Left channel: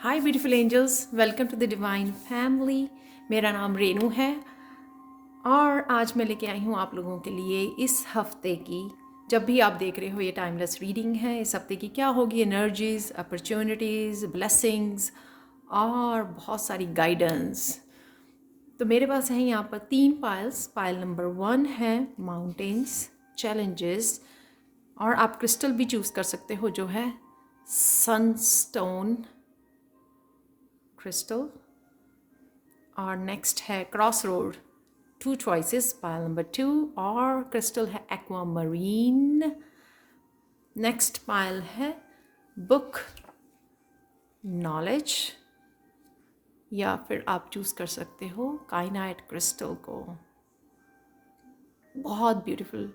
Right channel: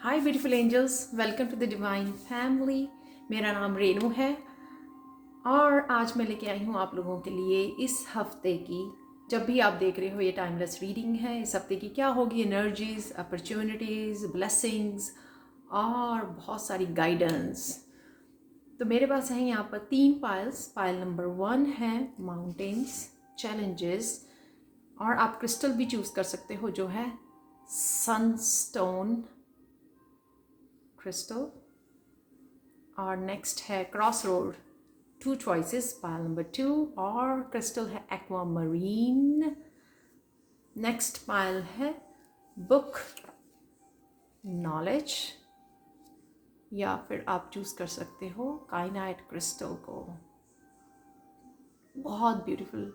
Hi beautiful angels, welcome to the divine family. मेरा नाम रेनू है और आज मैं लेके आई हूँ आप लोगों के लिए इस हफ्ते की, जब भी आप देख रहे हो ये टाइमलेस रीडिंग है, इस हफ्ते की क्या होगी एनर्जीज, अपॉर्चुनिटीज़, ब्लेसिंग्स और बहुत सारी गाइडेंस। तो मेरे पास है यहाँ पर 3 पाइल्स। पाइल नंबर 1 है माउंटेन्स, चैलेंजेस, और आप क्रिस्टल भी चूज़ कर सकते हो जो है सनस्टोन क्रिस्टल। और नेक्स्ट है cross road, 2 choices, pile number 2, और क्रिस्टल है एक्वामरीन। नेक्स्ट पाइल है बुक नॉलेज, या फिर आप चूज़ कर सकते हो काइनाइट क्रिस्टल को। बहुत ब्यूटीफुल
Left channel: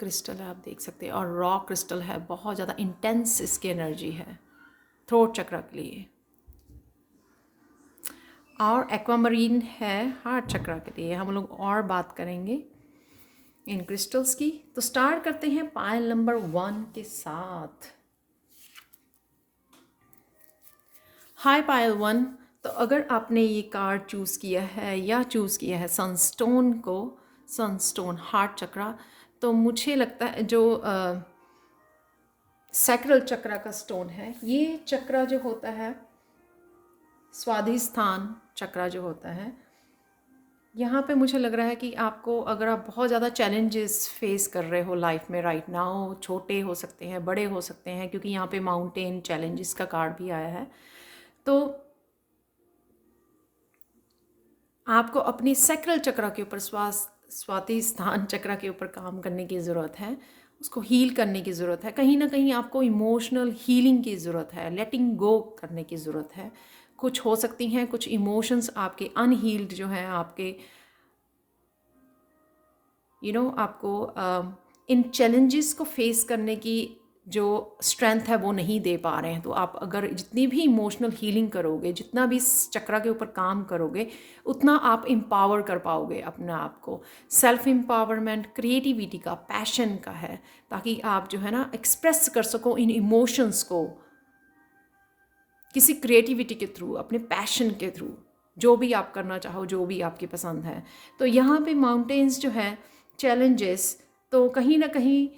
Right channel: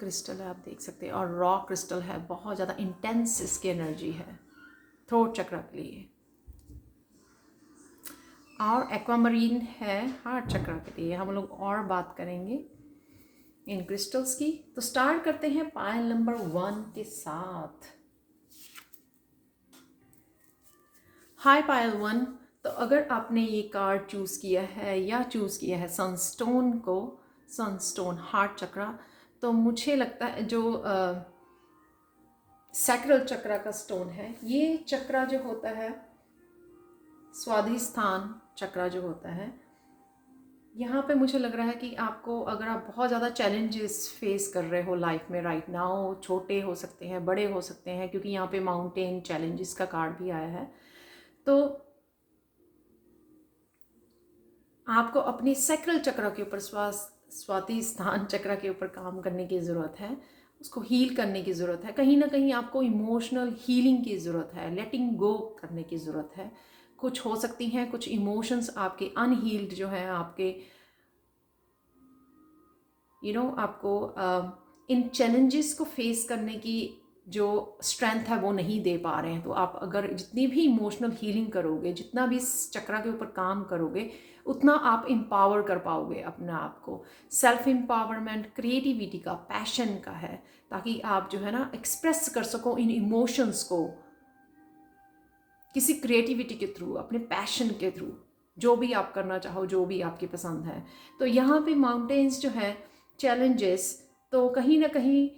क्रिस्टल है, आप देख सकते हैं, और रॉ क्रिस्टल है, बहुत ज़्यादा इंटेंस इसकी एनर्जी है थ्रोट चक्र के लिए। और एक्वामरीन है हार्ट चक्र के लिए। हम लोग और बात करेंगे इन क्रिस्टल्स की। तो स्टार्ट करते हैं पायल नंबर 1 के साथ। हाय पायल 1। तो अगर आपने ये कार्ड चूज़ किया है या चूज़ किया है सनस्टोन को, सनस्टोन हार्ट चक्र, तो मुझे लगता है जो सैक्रल चक्र का स्टोन है, ये चक्र जो होता है, स्वाधिष्ठान चक्र जो होता है, यहाँ पे मुझे लग रहा है कि आपको, अगर आप बहुत ज़्यादा चैलेंजेस फेस कर रहे हो लाइफ में राइट नाउ, छोटे हो सकते हैं, बड़े हो सकते हैं, क्योंकि यहाँ पे माउंटेन चैलेंजेस का कार्ड भी आया है, तो आपको अपनी सैक्रल चक्र के ऊपर, स्वादिष्ठान चक्र के ऊपर काम करने की ज़रूरत है, उसको हील करने की ज़रूरत है। कहीं ना कहीं आपको इमोशनल हीलिंग की ज़रूरत है, लेटिंग गो करने की ज़रूरत है। कुछ हो सकती हैं कुछ इमोशंस आपके अनहील्ड जो हैं, आपके आपको इन चैलेंजेस को फेस करने की जो स्ट्रेंथ है वो नहीं दे पा रहे हैं। तो आप अगर जितनी भी इमोशनल हीलिंग करोगे, जितना भी इस चक्र के ऊपर काम करोगे, उतना आप एम्पावर कर पाओगे अपने आप को। सेल्फ एम्पावरमेंट क्रिएटिविटी का, पैशन का है, ताकि आप जो है ना एक्सप्रेस कर सको इन इमोशंस को किसी क्रिएटिविटी के थ्रू, अपने पैशन के थ्रू, जो भी आप करना चाहो, जो भी आपकी पसंद है। तो यहाँ पे माउंटेन्स जो है चैलेंजेस, तो कहीं ना कहीं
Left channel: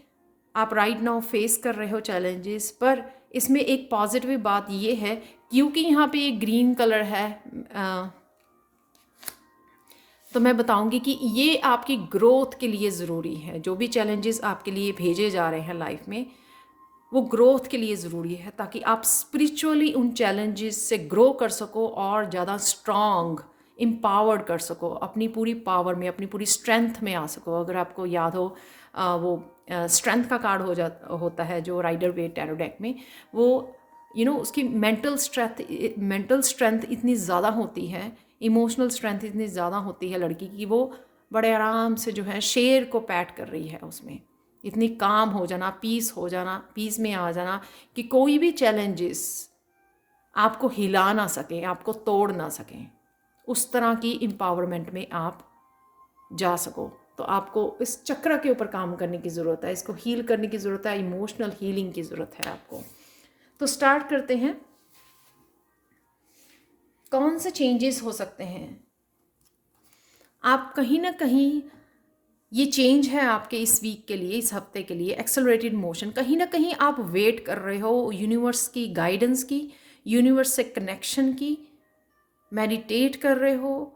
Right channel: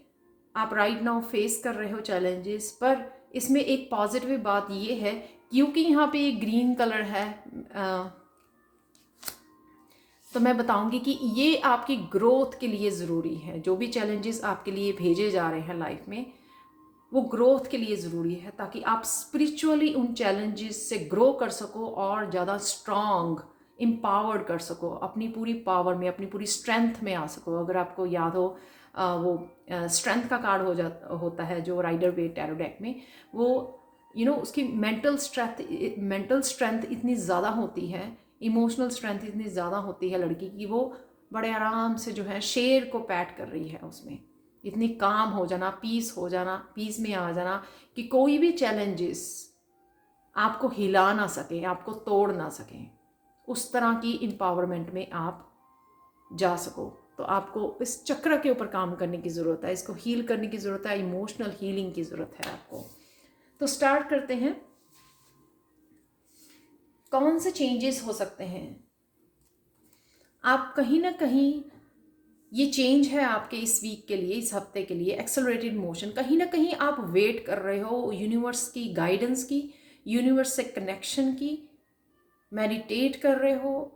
आप राइट नाउ फेस कर रहे हो चैलेंजेस, पर इसमें एक पॉजिटिव बात ये है, क्योंकि यहाँ पे एक ग्रीन कलर है, तो मैं बताऊंगी कि ये आपकी ग्रोथ के लिए ज़रूरी है। जो भी चैलेंजेस आपके लिए भेजे जा रहे हैं लाइफ में, वो ग्रोथ के लिए ज़रूरी है, ताकि आप स्पिरिचुअली उन चैलेंजेस से ग्रो कर सको और ज़्यादा स्ट्रॉन्ग, एम्पावर्ड कर सको, अपनी पूरी पावर में, अपनी पूरी स्ट्रेंथ में आ सको। अगर आपको याद हो, वो स्ट्रेंथ का कार्ड होता है जो राइडर वेट टैरो डेक में, वो उसकी मेंटल स्ट्रेंथ इतनी ज़्यादा होती है, इमोशनल स्ट्रेंथ इतनी ज़्यादा होती है लड़की की, वो बड़े आराम से जो है शेर को पैट कर रही है उसमें। इतनी काम हो जाना, पीस हो जाना, पीस में आ जाना, कि कोई भी चैलेंजेस आपको हिला ना सके, आपको तोड़ ना सकें, उस तरह की एम्पावरमेंट में आप जा सको। तो आपको इस चक्र के ऊपर काम करने की ज़रूरत है, इसको हील करने की ज़रूरत है, इमोशनल हीलिंग की ज़रूरत है आपको। तो स्टार्ट करते हैं, कौन से चेंजेस हो सकते हैं। आप कहीं ना कहीं, ये चेंज है आपके इस वीक के लिए, इस हफ्ते के लिए, एक्सेलरेटेड मोशन। कहीं ना कहीं आप वेट कर रहे हो यूनिवर्स की गाइडेंस की, यूनिवर्स से कनेक्शन की, मेडिटेट कर रहे हो।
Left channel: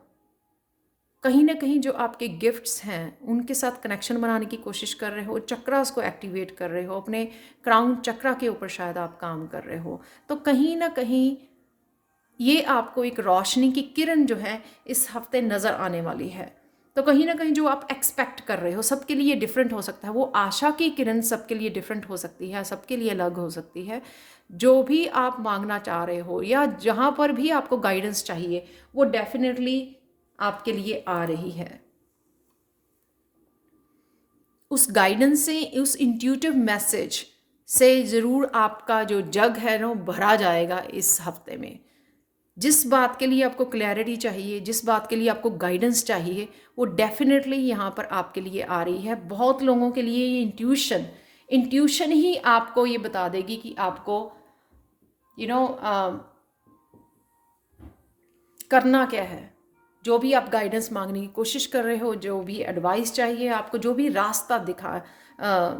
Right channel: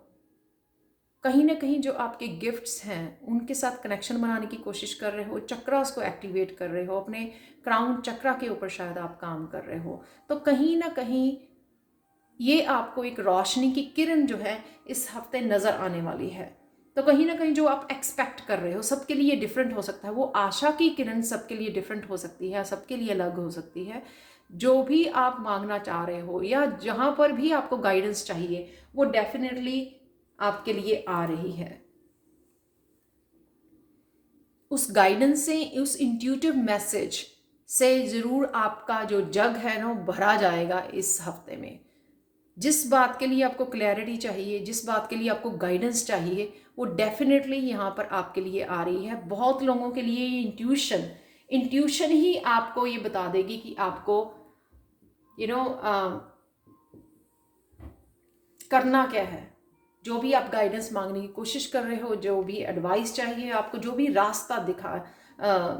कहीं ना कहीं जो आपके गिफ्ट्स हैं उनके साथ कनेक्शन बनाने की कोशिश कर रहे हो, चक्रास को एक्टिवेट कर रहे हो, अपने क्राउन चक्रा के ऊपर शायद आप काम कर रहे हो। तो कहीं ना कहीं ये आपको एक रोशनी की किरण जो है इस हफ्ते नज़र आने वाली है। तो कहीं ना कहीं जो आप एक्सपेक्ट कर रहे हो, सबके लिए डिफरेंट हो सकता है, वो आशा की किरण सबके लिए डिफरेंट हो सकती है, सबके लिए अलग हो सकती है। जो भी आप मांगना चाह रहे हो या जहाँ पर भी आपको गाइडेंस चाहिए, वो डेफिनेटली आपके लिए आ रही है। उस गाइडेंस से, उस इंट्यूटिव मैसेज से ज़रूर आपका जो जग है ना भरा जाएगा इस हफ्ते में। जिस बात के लिए आपको क्लैरिटी चाहिए, जिस बात के लिए आपको गाइडेंस चाहिए, वो डेफिनेटली यहाँ पर आपके लिए आ रही है। बहुत लोगों के लिए ये इंट्यूशन ही आपको ये बता देगी कि आपको करना क्या है, जो भी आप गाइडेंस मांगने की कोशिश कर रहे हो, जो भी एडवाइस चाहिए आपको, जो भी रास्ता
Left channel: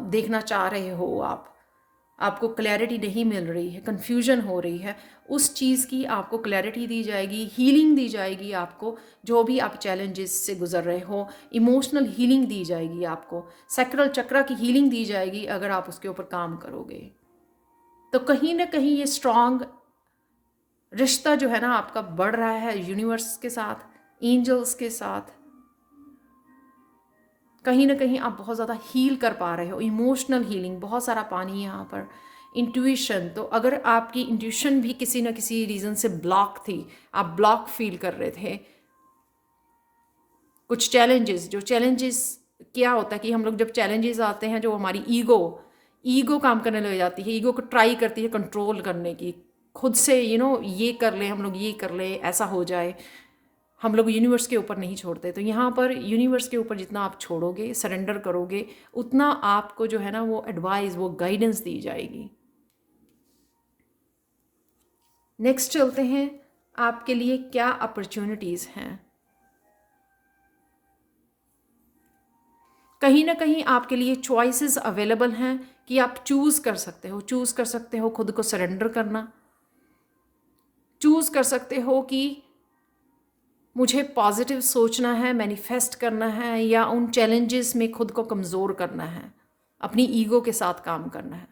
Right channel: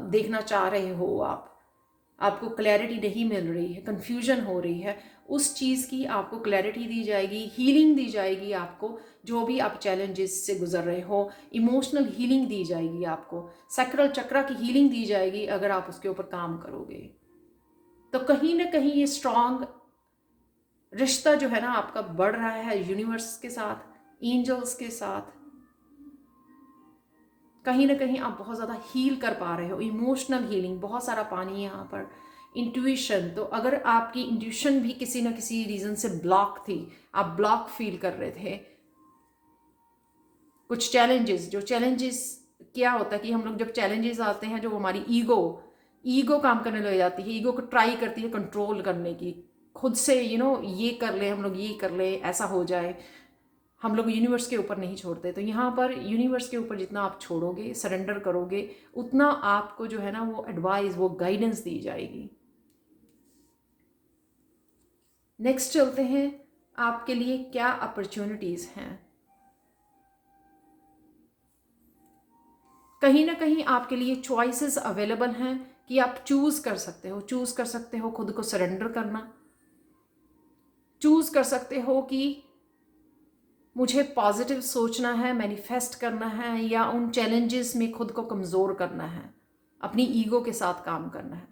देखना चाह रहे हो आपको क्लैरिटी नहीं मिल रही है, कन्फ्यूजन हो रही है, उस चीज़ की आपको क्लैरिटी दी जाएगी, हीलिंग दी जाएगी आपको। जो भी आप चैलेंजेस से गुजर रहे हो, इमोशनल हीलिंग दी जाएगी आपको, सैक्रल चक्रा की हीलिंग दी जाएगी अगर आप उसके ऊपर काम करोगे। तो कहीं ना कहीं ये स्ट्रांग रिश्ता जो है ना आपका बढ़ रहा है यूनिवर्स के साथ, एंजल्स के साथ। कहीं ना कहीं आप बहुत ज़्यादा हील कर पा रहे हो, इमोशनल हीलिंग, बहुत सारा पानी यहाँ पर। इंट्यूशन, तो अगर आपकी इंट्यूशन भी किसी न किसी रीज़न से ब्लॉक थी, आप ब्लॉक फील कर रहे थे, कुछ चैलेंजेस क्या होता है कि हम लोग जब चैलेंजेस आते हैं, जो हमारी ईगो काम करने लग जाती है, ईगो को ट्राई करती है कंट्रोल करने की, खुद से ये कर ले, हम लोग ये कर ले, ऐसा हो जाए, हम लोग यूनिवर्स के ऊपर नहीं छोड़ते। तो यहाँ पर यूनिवर्स के ऊपर जितना आप छोड़ोगे, सरेंडर करोगे, उतना आपको जो है ना वो एडवाइस, वो गाइडेंस दी जाएगी। नेक्स्ट चलते हैं, आपके लिए क्या अपॉर्चुनिटीज़ हैं। कहीं ना कहीं आपके लिए चॉइसेस अवेलेबल हैं कि आप चूज़ कर सकते हो खुद को सरेंडर करना, चूज़ कर सकते हो कि मुझे पॉजिटिव सोचना है, मैनिफेस्ट करना है, या उन चैलेंजेस में खुद को कमज़ोर करना है, अपनी ईगो के साथ काम करना है।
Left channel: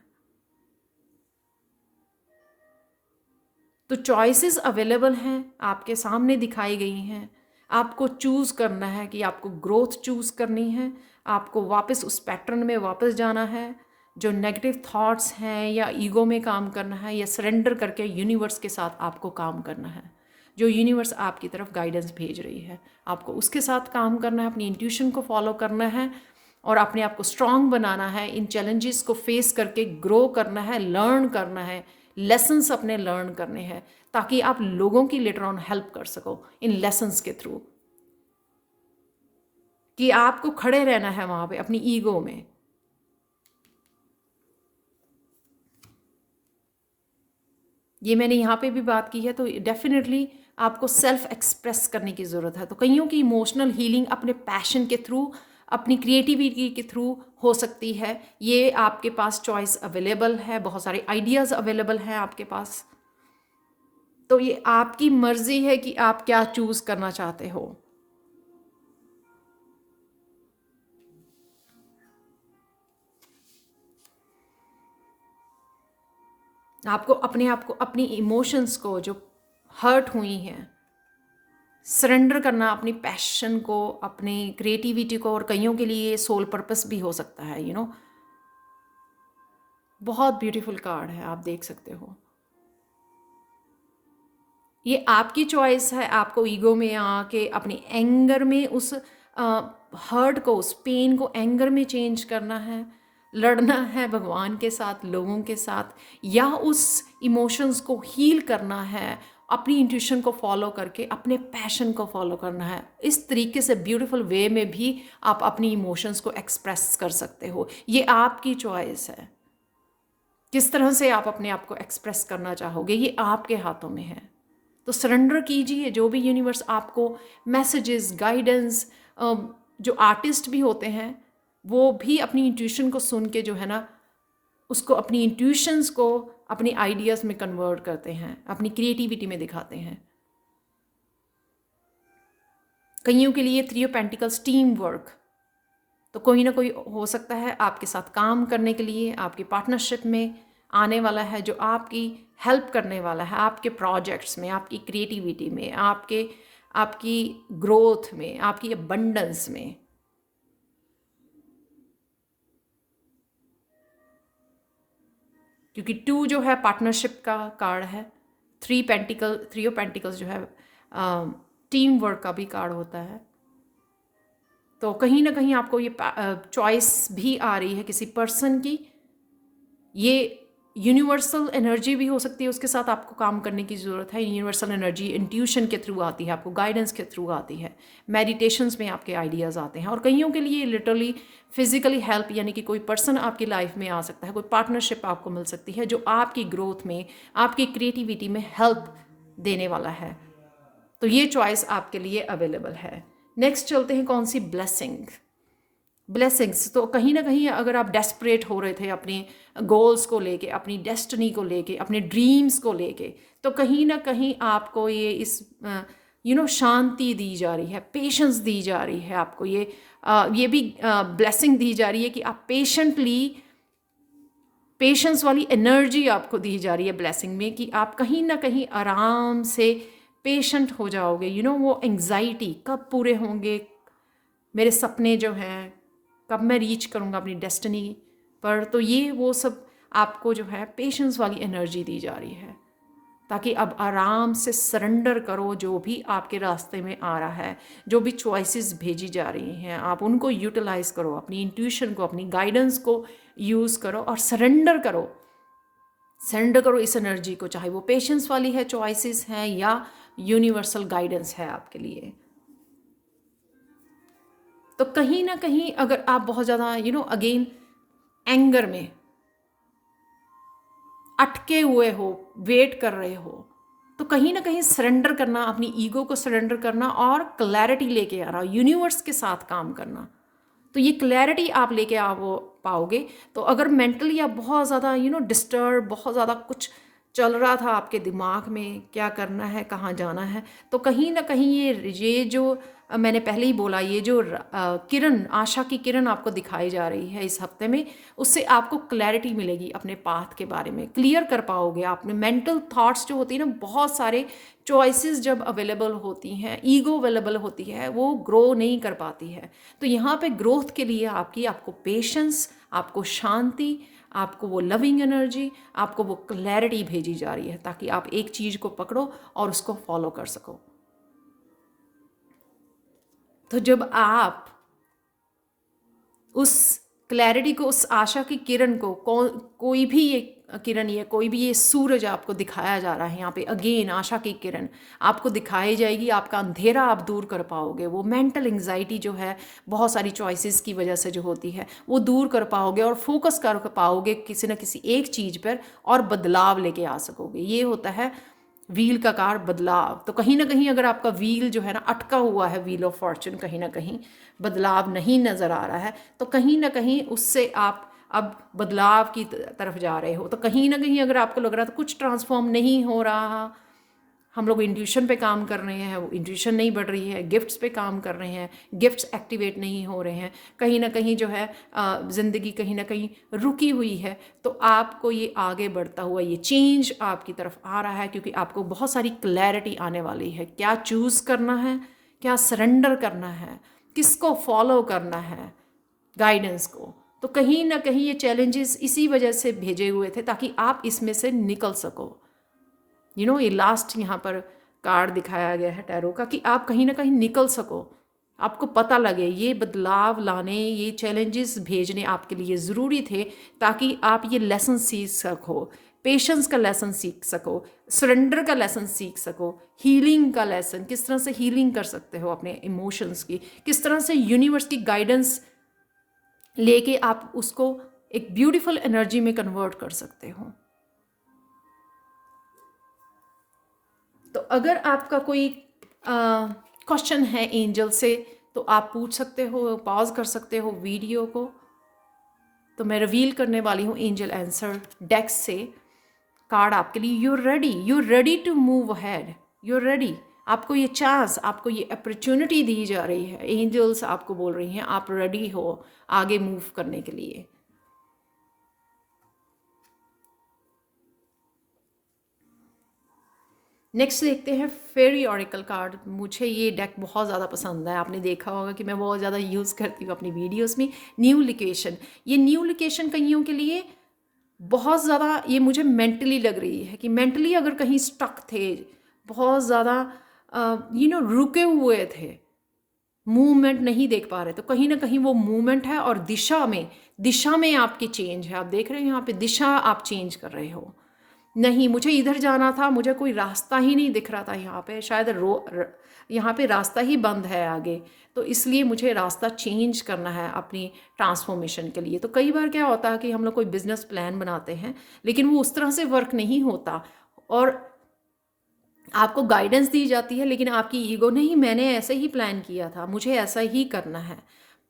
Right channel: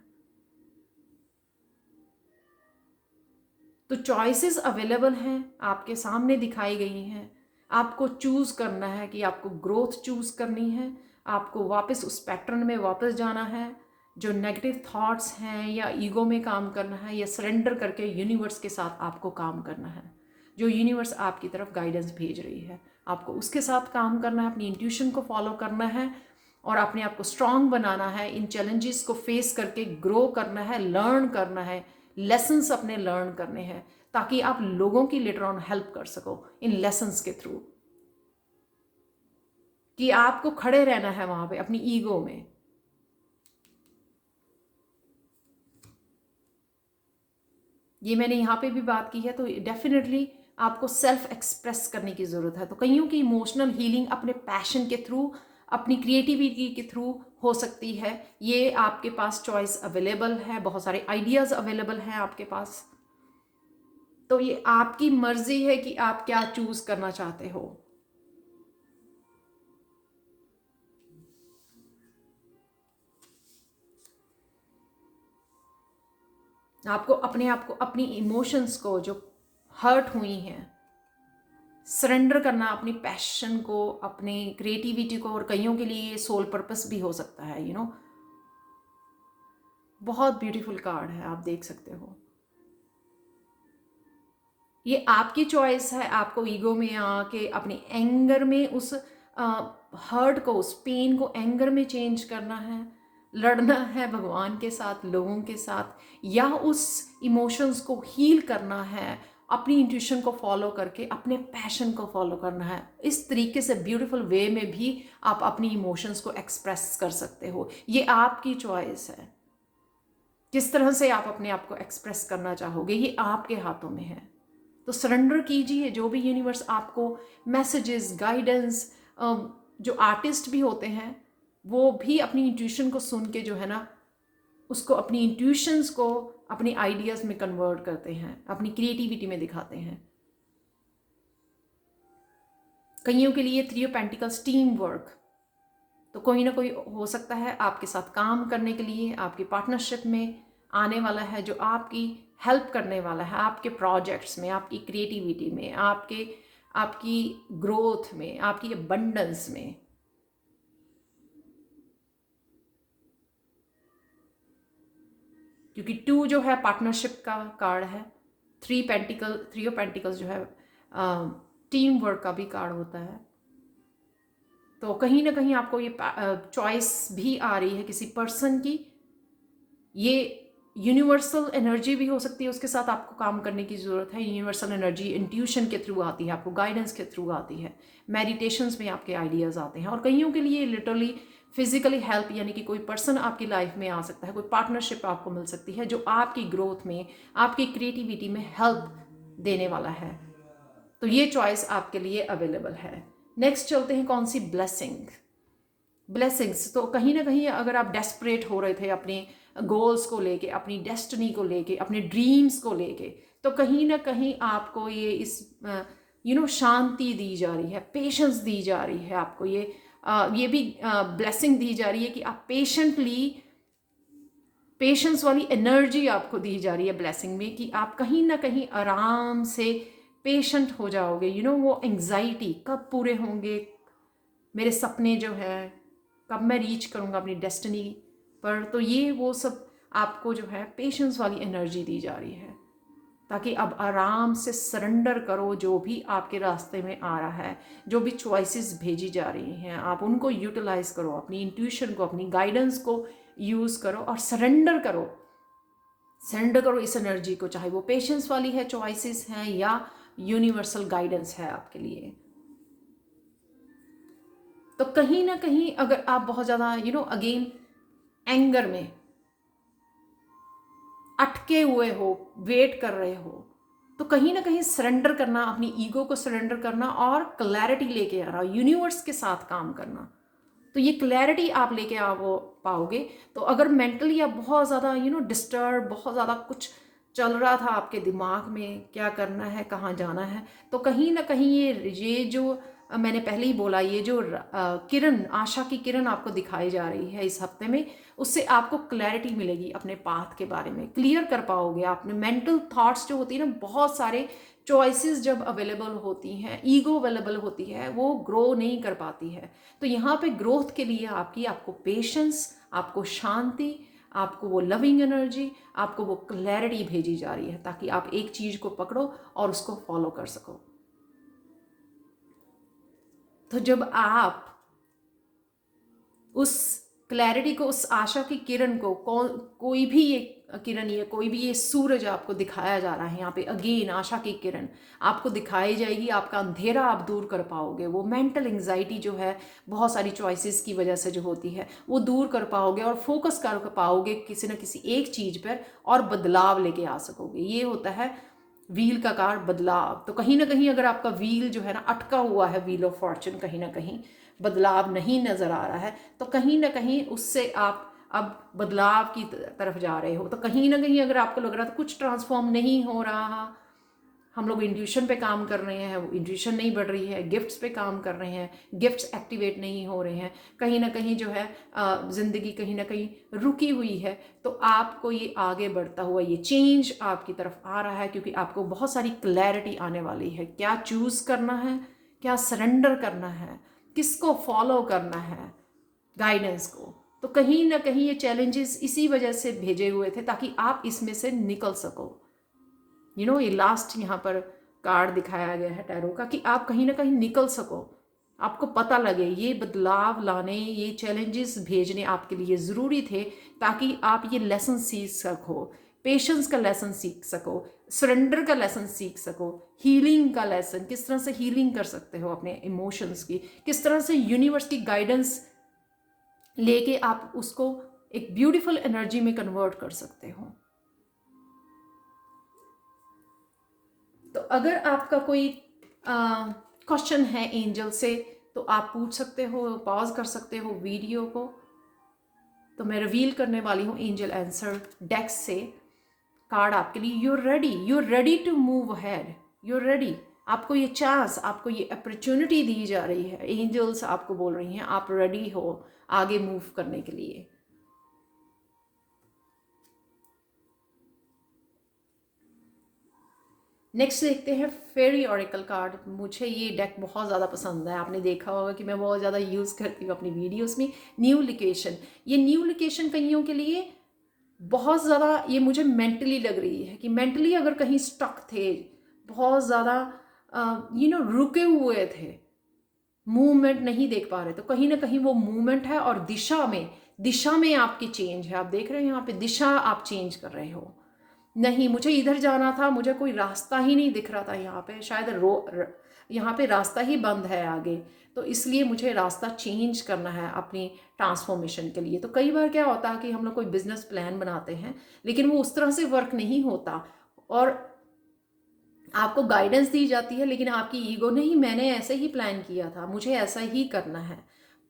तो चॉइसेस अवेलेबल हैं, आपके सामने दिखाई गई हैं। आपको चूज़ करना है कि आपको ग्रोथ चूज़ करनी है, आपको वापस उस पैटर्न में वापस जाना है, जो नेगेटिव थॉट्स हैं, या ईगो में काम करना है, या सरेंडर करके यूनिवर्स के साथ आपको काम करना है। जो यूनिवर्स आपकी तरफ गाइडेंस भेज रही है, आपको उसके साथ काम करना है, अपनी इंट्यूशन को फॉलो करना है, और अपने आप को स्ट्रांग बनाना है, इन चैलेंजेस को फेस करके ग्रो करना है, लर्न करना है, लेसन्स अपने लर्न करने हैं, ताकि आप लोगों की लेटर ऑन हेल्प कर सको इन लेसन्स के थ्रू। कि आपको खड़े रहना है वहाँ पे अपनी ईगो में। ये मैंने यहाँ पे भी बात की है, तो डेफिनेटली आपको सेल्फ एक्सप्रेस करने की ज़रूरत है। तो कईयों की इमोशनल हीलिंग अपने पैशन के थ्रू, अपनी क्रिएटिविटी के थ्रू हो सकती है। ये आपके पास चॉइस अवेलेबल है, बहुत सारे आइडियाज़ अवेलेबल हैं आपके पास। तो ये आपकी मर्जी है कि आप क्या चूज़ करना चाहते हो। आपको अपने आप को, अपनी इमोशंस को जो हर्ट हुई हैं, सरेंडर करना, अपनी पैशन को, अपनी क्रिएटिविटी को। और कईयों के लिए सोल पर्पस भी हो सकता है, बहुत ब्यूटीफुल कार्ड है, आप देख सकते हो। ये आपकी चॉइस है, आपको ईगो में आके अपनी एंगर में उस हर्ट को, उस पेन को एंगर में चेंज करना है, लड़ना है भगवान के साथ, लोगों के साथ, या उस इमोशंस को हील करना है, अपनी इंट्यूशन को फॉलो करके अपने पैशन को फॉलो करना है। इस तरीके से ब्यूटीफुल वे में भी आप अपनी इमोशंस को एक्सप्रेस कर सकते हो। ये आपकी चॉइस है, किस तरह से आप अपने आप को एक्सप्रेस करना चाहोगे, ये आपके हाथों में है। तो सरेंडर कीजिए, जो भी यूनिवर्स आपको मैसेजेस, गाइडेंस, जो आर्टिस्ट भी होते हैं वो भी अपनी इंट्यूशन को सुन के जो है ना, उसको, अपनी इंट्यूशंस को अपनी आइडियाज़ में कन्वर्ट करते हैं, अपनी क्रिएटिविटी में दिखाते हैं। कईयों के लिए 3 ऑफ पेंटिकल्स टीम वर्क, तो कोई ना कोई हो सकता है आपके साथ काम करने के लिए, आपकी पार्टनरशिप में आने वाला है, जो आपकी हेल्प करने वाला है, आपके प्रोजेक्ट्स में, आपकी क्रिएटिविटी में, आपकी ग्रोथ में, आपकी अबंडेंस में। क्योंकि 2 जो है पार्टनरशिप का कार्ड है, 3 ऑफ पेंटिकल्स जो है टीम वर्क का भी कार्ड होता है। तो कहीं ना कहीं आपको ये चॉइस भी आ रही है किसी पर्सन की। ये यूनिवर्सल एनर्जी भी हो सकती है, उसके साथ आपको काम करने की ज़रूरत है। यूनिवर्सल एनर्जी इंट्यूशन के थ्रू आती है, आपको गाइडेंस के थ्रू आती है, मेडिटेशंस में आपके आइडियाज़ आते हैं। और कईयों के लिए लिटरली फिजिकली हेल्प, यानी कि कोई पर्सन आपकी लाइफ में आ सकता है, कोई पार्टनरशिप आपको मिल सकती है जो आपकी ग्रोथ में, आपकी क्रिएटिविटी में हेल्प देने वाला है। तो ये चॉइस आपके लिए अवेलेबल है। नेक्स्ट चलते हैं कौन सी, ब्लेसिंग्स। तो कहीं ना कहीं अगर आप डेस्परेट हो रहे थे अपने गोल्स को लेके, अपनी डेस्टिनी को लेके, अपने ड्रीम्स को लेके, तो कहीं ना कहीं आपको ये इस शांति दी जा रही है, पेशेंस दी जा रही है आपको, ये भी ब्लेसिंग दी जा रही है कि आप पेशेंस वाली एनर्जी आपको दी जा रही है ब्लेसिंग में, कि आप कहीं ना कहीं आराम से पेशेंट हो जाओगे। वो एंग्जाइटी कब पूरे होंगे मेरे सपने जो हैं, कब मैं रीच करूँगा अपनी डेस्टिनी पर, तो ये वो सब आपको जो है पेशेंस वाली एनर्जी दी जा रही है, ताकि अब आराम से सरेंडर करो जो भी आपके रास्ते में आ रहा है, जो भी चॉइसेस भेजी जा रही हैं, आप उनको यूटिलाइज करो, अपनी इंट्यूशन को, अपनी गाइडेंस को यूज़ करो और सरेंडर करो इस एनर्जी को, चाहे वो पेशेंस वाली है, चॉइसेस हैं, या यूनिवर्सल गाइडेंस है आपके लिए। तो कहीं ना कहीं अगर आप बहुत ज़्यादा अगेन एंगर में अटके हुए हो, वेट कर रहे हो, तो कहीं ना कहीं सरेंडर करना, अपनी ईगो को सरेंडर करना और क्लैरिटी लेके आना, यूनिवर्स के साथ काम करना, तो ये क्लैरिटी आप लेके पाओगे। तो अगर मेंटली आप बहुत ज़्यादा डिस्टर्ब, बहुत ज़्यादा कुछ चल रहा था आपके दिमाग में, क्या करना है, कहाँ जाना है, तो कहीं ना कहीं ये जो मैंने पहले ही बोला, ये जो किरण, आशा की किरण आपको दिखाई जा रही है इस हफ्ते में, उससे आपको क्लैरिटी मिलेगी अपने पाथ के बारे में, क्लियर कर पाओगे। आपने मेंटल थॉट्स जो होती है ना, बहुत सारे चॉइसेस जब अवेलेबल होती हैं, ईगो अवेलेबल होती है, वो ग्रो नहीं कर पाती है। तो यहाँ पे ग्रोथ के लिए आपको पेशेंस, आपको शांति, आपको वो लविंग एनर्जी, आपको वो क्लैरिटी भेजी जा रही है, ताकि आप एक चीज़ को पकड़ो और उसको फॉलो कर सको। तो जब आप उस क्लैरिटी को, उस आशा की किरण को, कोई भी ये किरण, ये कोई भी ये सूरज आपको दिखाया जा रहा है यहाँ पे, अगेन आशा की किरण आपको दिखाई जाएगी, आपका अंधेरा आप दूर कर पाओगे, वो मेंटल एंग्जाइटी जो है बहुत सारी चॉइसेस की वजह से जो होती है, वो दूर कर पाओगे और फोकस कर पाओगे किसी ना किसी एक चीज़ पर, और बदलाव लेके आ सकोगे। ये होता है व्हील का कार, बदलाव। तो कहीं ना कहीं अगर आपका व्हील जो है ना अटका हुआ है, व्हील ऑफ फॉर्चून, कहीं ना कहीं बदलाव नहीं नज़र आ रहा है, तो कहीं ना कहीं उससे आप अब बदलाव की तरफ जा रहे हो। तो कहीं ना कहीं अगर आपको लग रहा है तो कुछ ट्रांसफॉर्म नहीं हो रहा, हम लोग इंट्यूशन पे काम कर रहे हैं, वो इंट्यूशन नहीं बढ़ रही है, गिफ्ट्स पे काम कर रहे हैं, गिफ्ट्स एक्टिवेट नहीं हो रहे हैं, कहीं ना कहीं जो है ज़िंदगी कहीं ना कहीं रुकी हुई है, तो आपको ये आगे बढ़ता हुआ ये चेंज आपकी तरफ आ रहा है, क्योंकि आपको बहुत सारी क्लैरिटी आने वाली है, क्या चूज़ करना है, क्या सरेंडर करना है, किसको फॉलो करना है, गाइडेंस को। तो कहीं ना कहीं ये चैलेंजेस इसी वजह से भेजे हुए थे, ताकि आप इसमें से निकल सको। ये लास्ट यहाँ पर कार्ड दिखाया गया है टैरो का, कि आप कहीं ना कहीं निकल सको, आपको पता लगे ये बदलाव लाने, ये चैलेंजेस भेजने आपके लिए ज़रूरी थे, ताकि आप ये लेसन सीख सको, पेशेंस का लेसन सीख सको, सरेंडर का लेसन सीख सको, हीलिंग का लेसन, किस तरह से हीलिंग कर सकते हो अपने इमोशंस की, किस तरह से यूनिवर्स की गाइडेंस लेके आप उसको एक ब्यूटीफुल एनर्जी में कन्वर्ट कर सकते हो। तो अगर आपका कोई क्वेश्चन है एंजल से, तो आप पूछ सकते हो, पॉज कर सकते हो वीडियो को। तो मैं रिवील करने वाली हूँ एंजल आंसर डेक से कार्ड आपके लिए। You ready to move ahead, you ready. आपको ये चांस, आपको ये अपॉर्चुनिटी दी जा रही है, एंजल्स आपको बोल रही हैं आप रेडी हो आगे मूव करने के लिए। नेक्स्ट देखते हैं फेरी ऑरिकल कार्ड। मुझे ये डेक बहुत ज़्यादा पसंद है, आपने देखा होगा कि मैं बहुत ज़्यादा यूज़ करती हूँ अपनी वीडियोस में। न्यू लोकेशन, ये न्यू लोकेशन कईयों के लिए बहुत ज़्यादा ये मुझे मेंटली लग रही है, कि मेंटली अगर कहीं स्टक थे, बहुत ज़्यादा रुके हुए थे, मूवमेंट नहीं देख पा रहे, तो कहीं ना कहीं वो मूवमेंट है, और दिशा में आपकी चेंज है। आप देख रहे हो यहाँ पे दिशा आप चेंज कर रहे हो। नहीं, मुझे इधर जाना था, मुझे कोई रास्ता ही नहीं दिख रहा था यहाँ पे, शायद यहाँ पे रास्ता ही बंद है आगे, तो इसलिए मुझे रास्ता चेंज करना है अपनी ट्रांसफॉर्मेशन के लिए। तो कई बार क्या होता है कि हम लोग कोई बिजनेस प्लान बनाते हैं, लेकिन वो उस तरह से वर्क नहीं होता, और आपको गाइडेंस दी जाती है, लेकिन आपकी ईगो नहीं, मैंने ऐसे ही प्लान किया था, मुझे ऐसा ही करना है।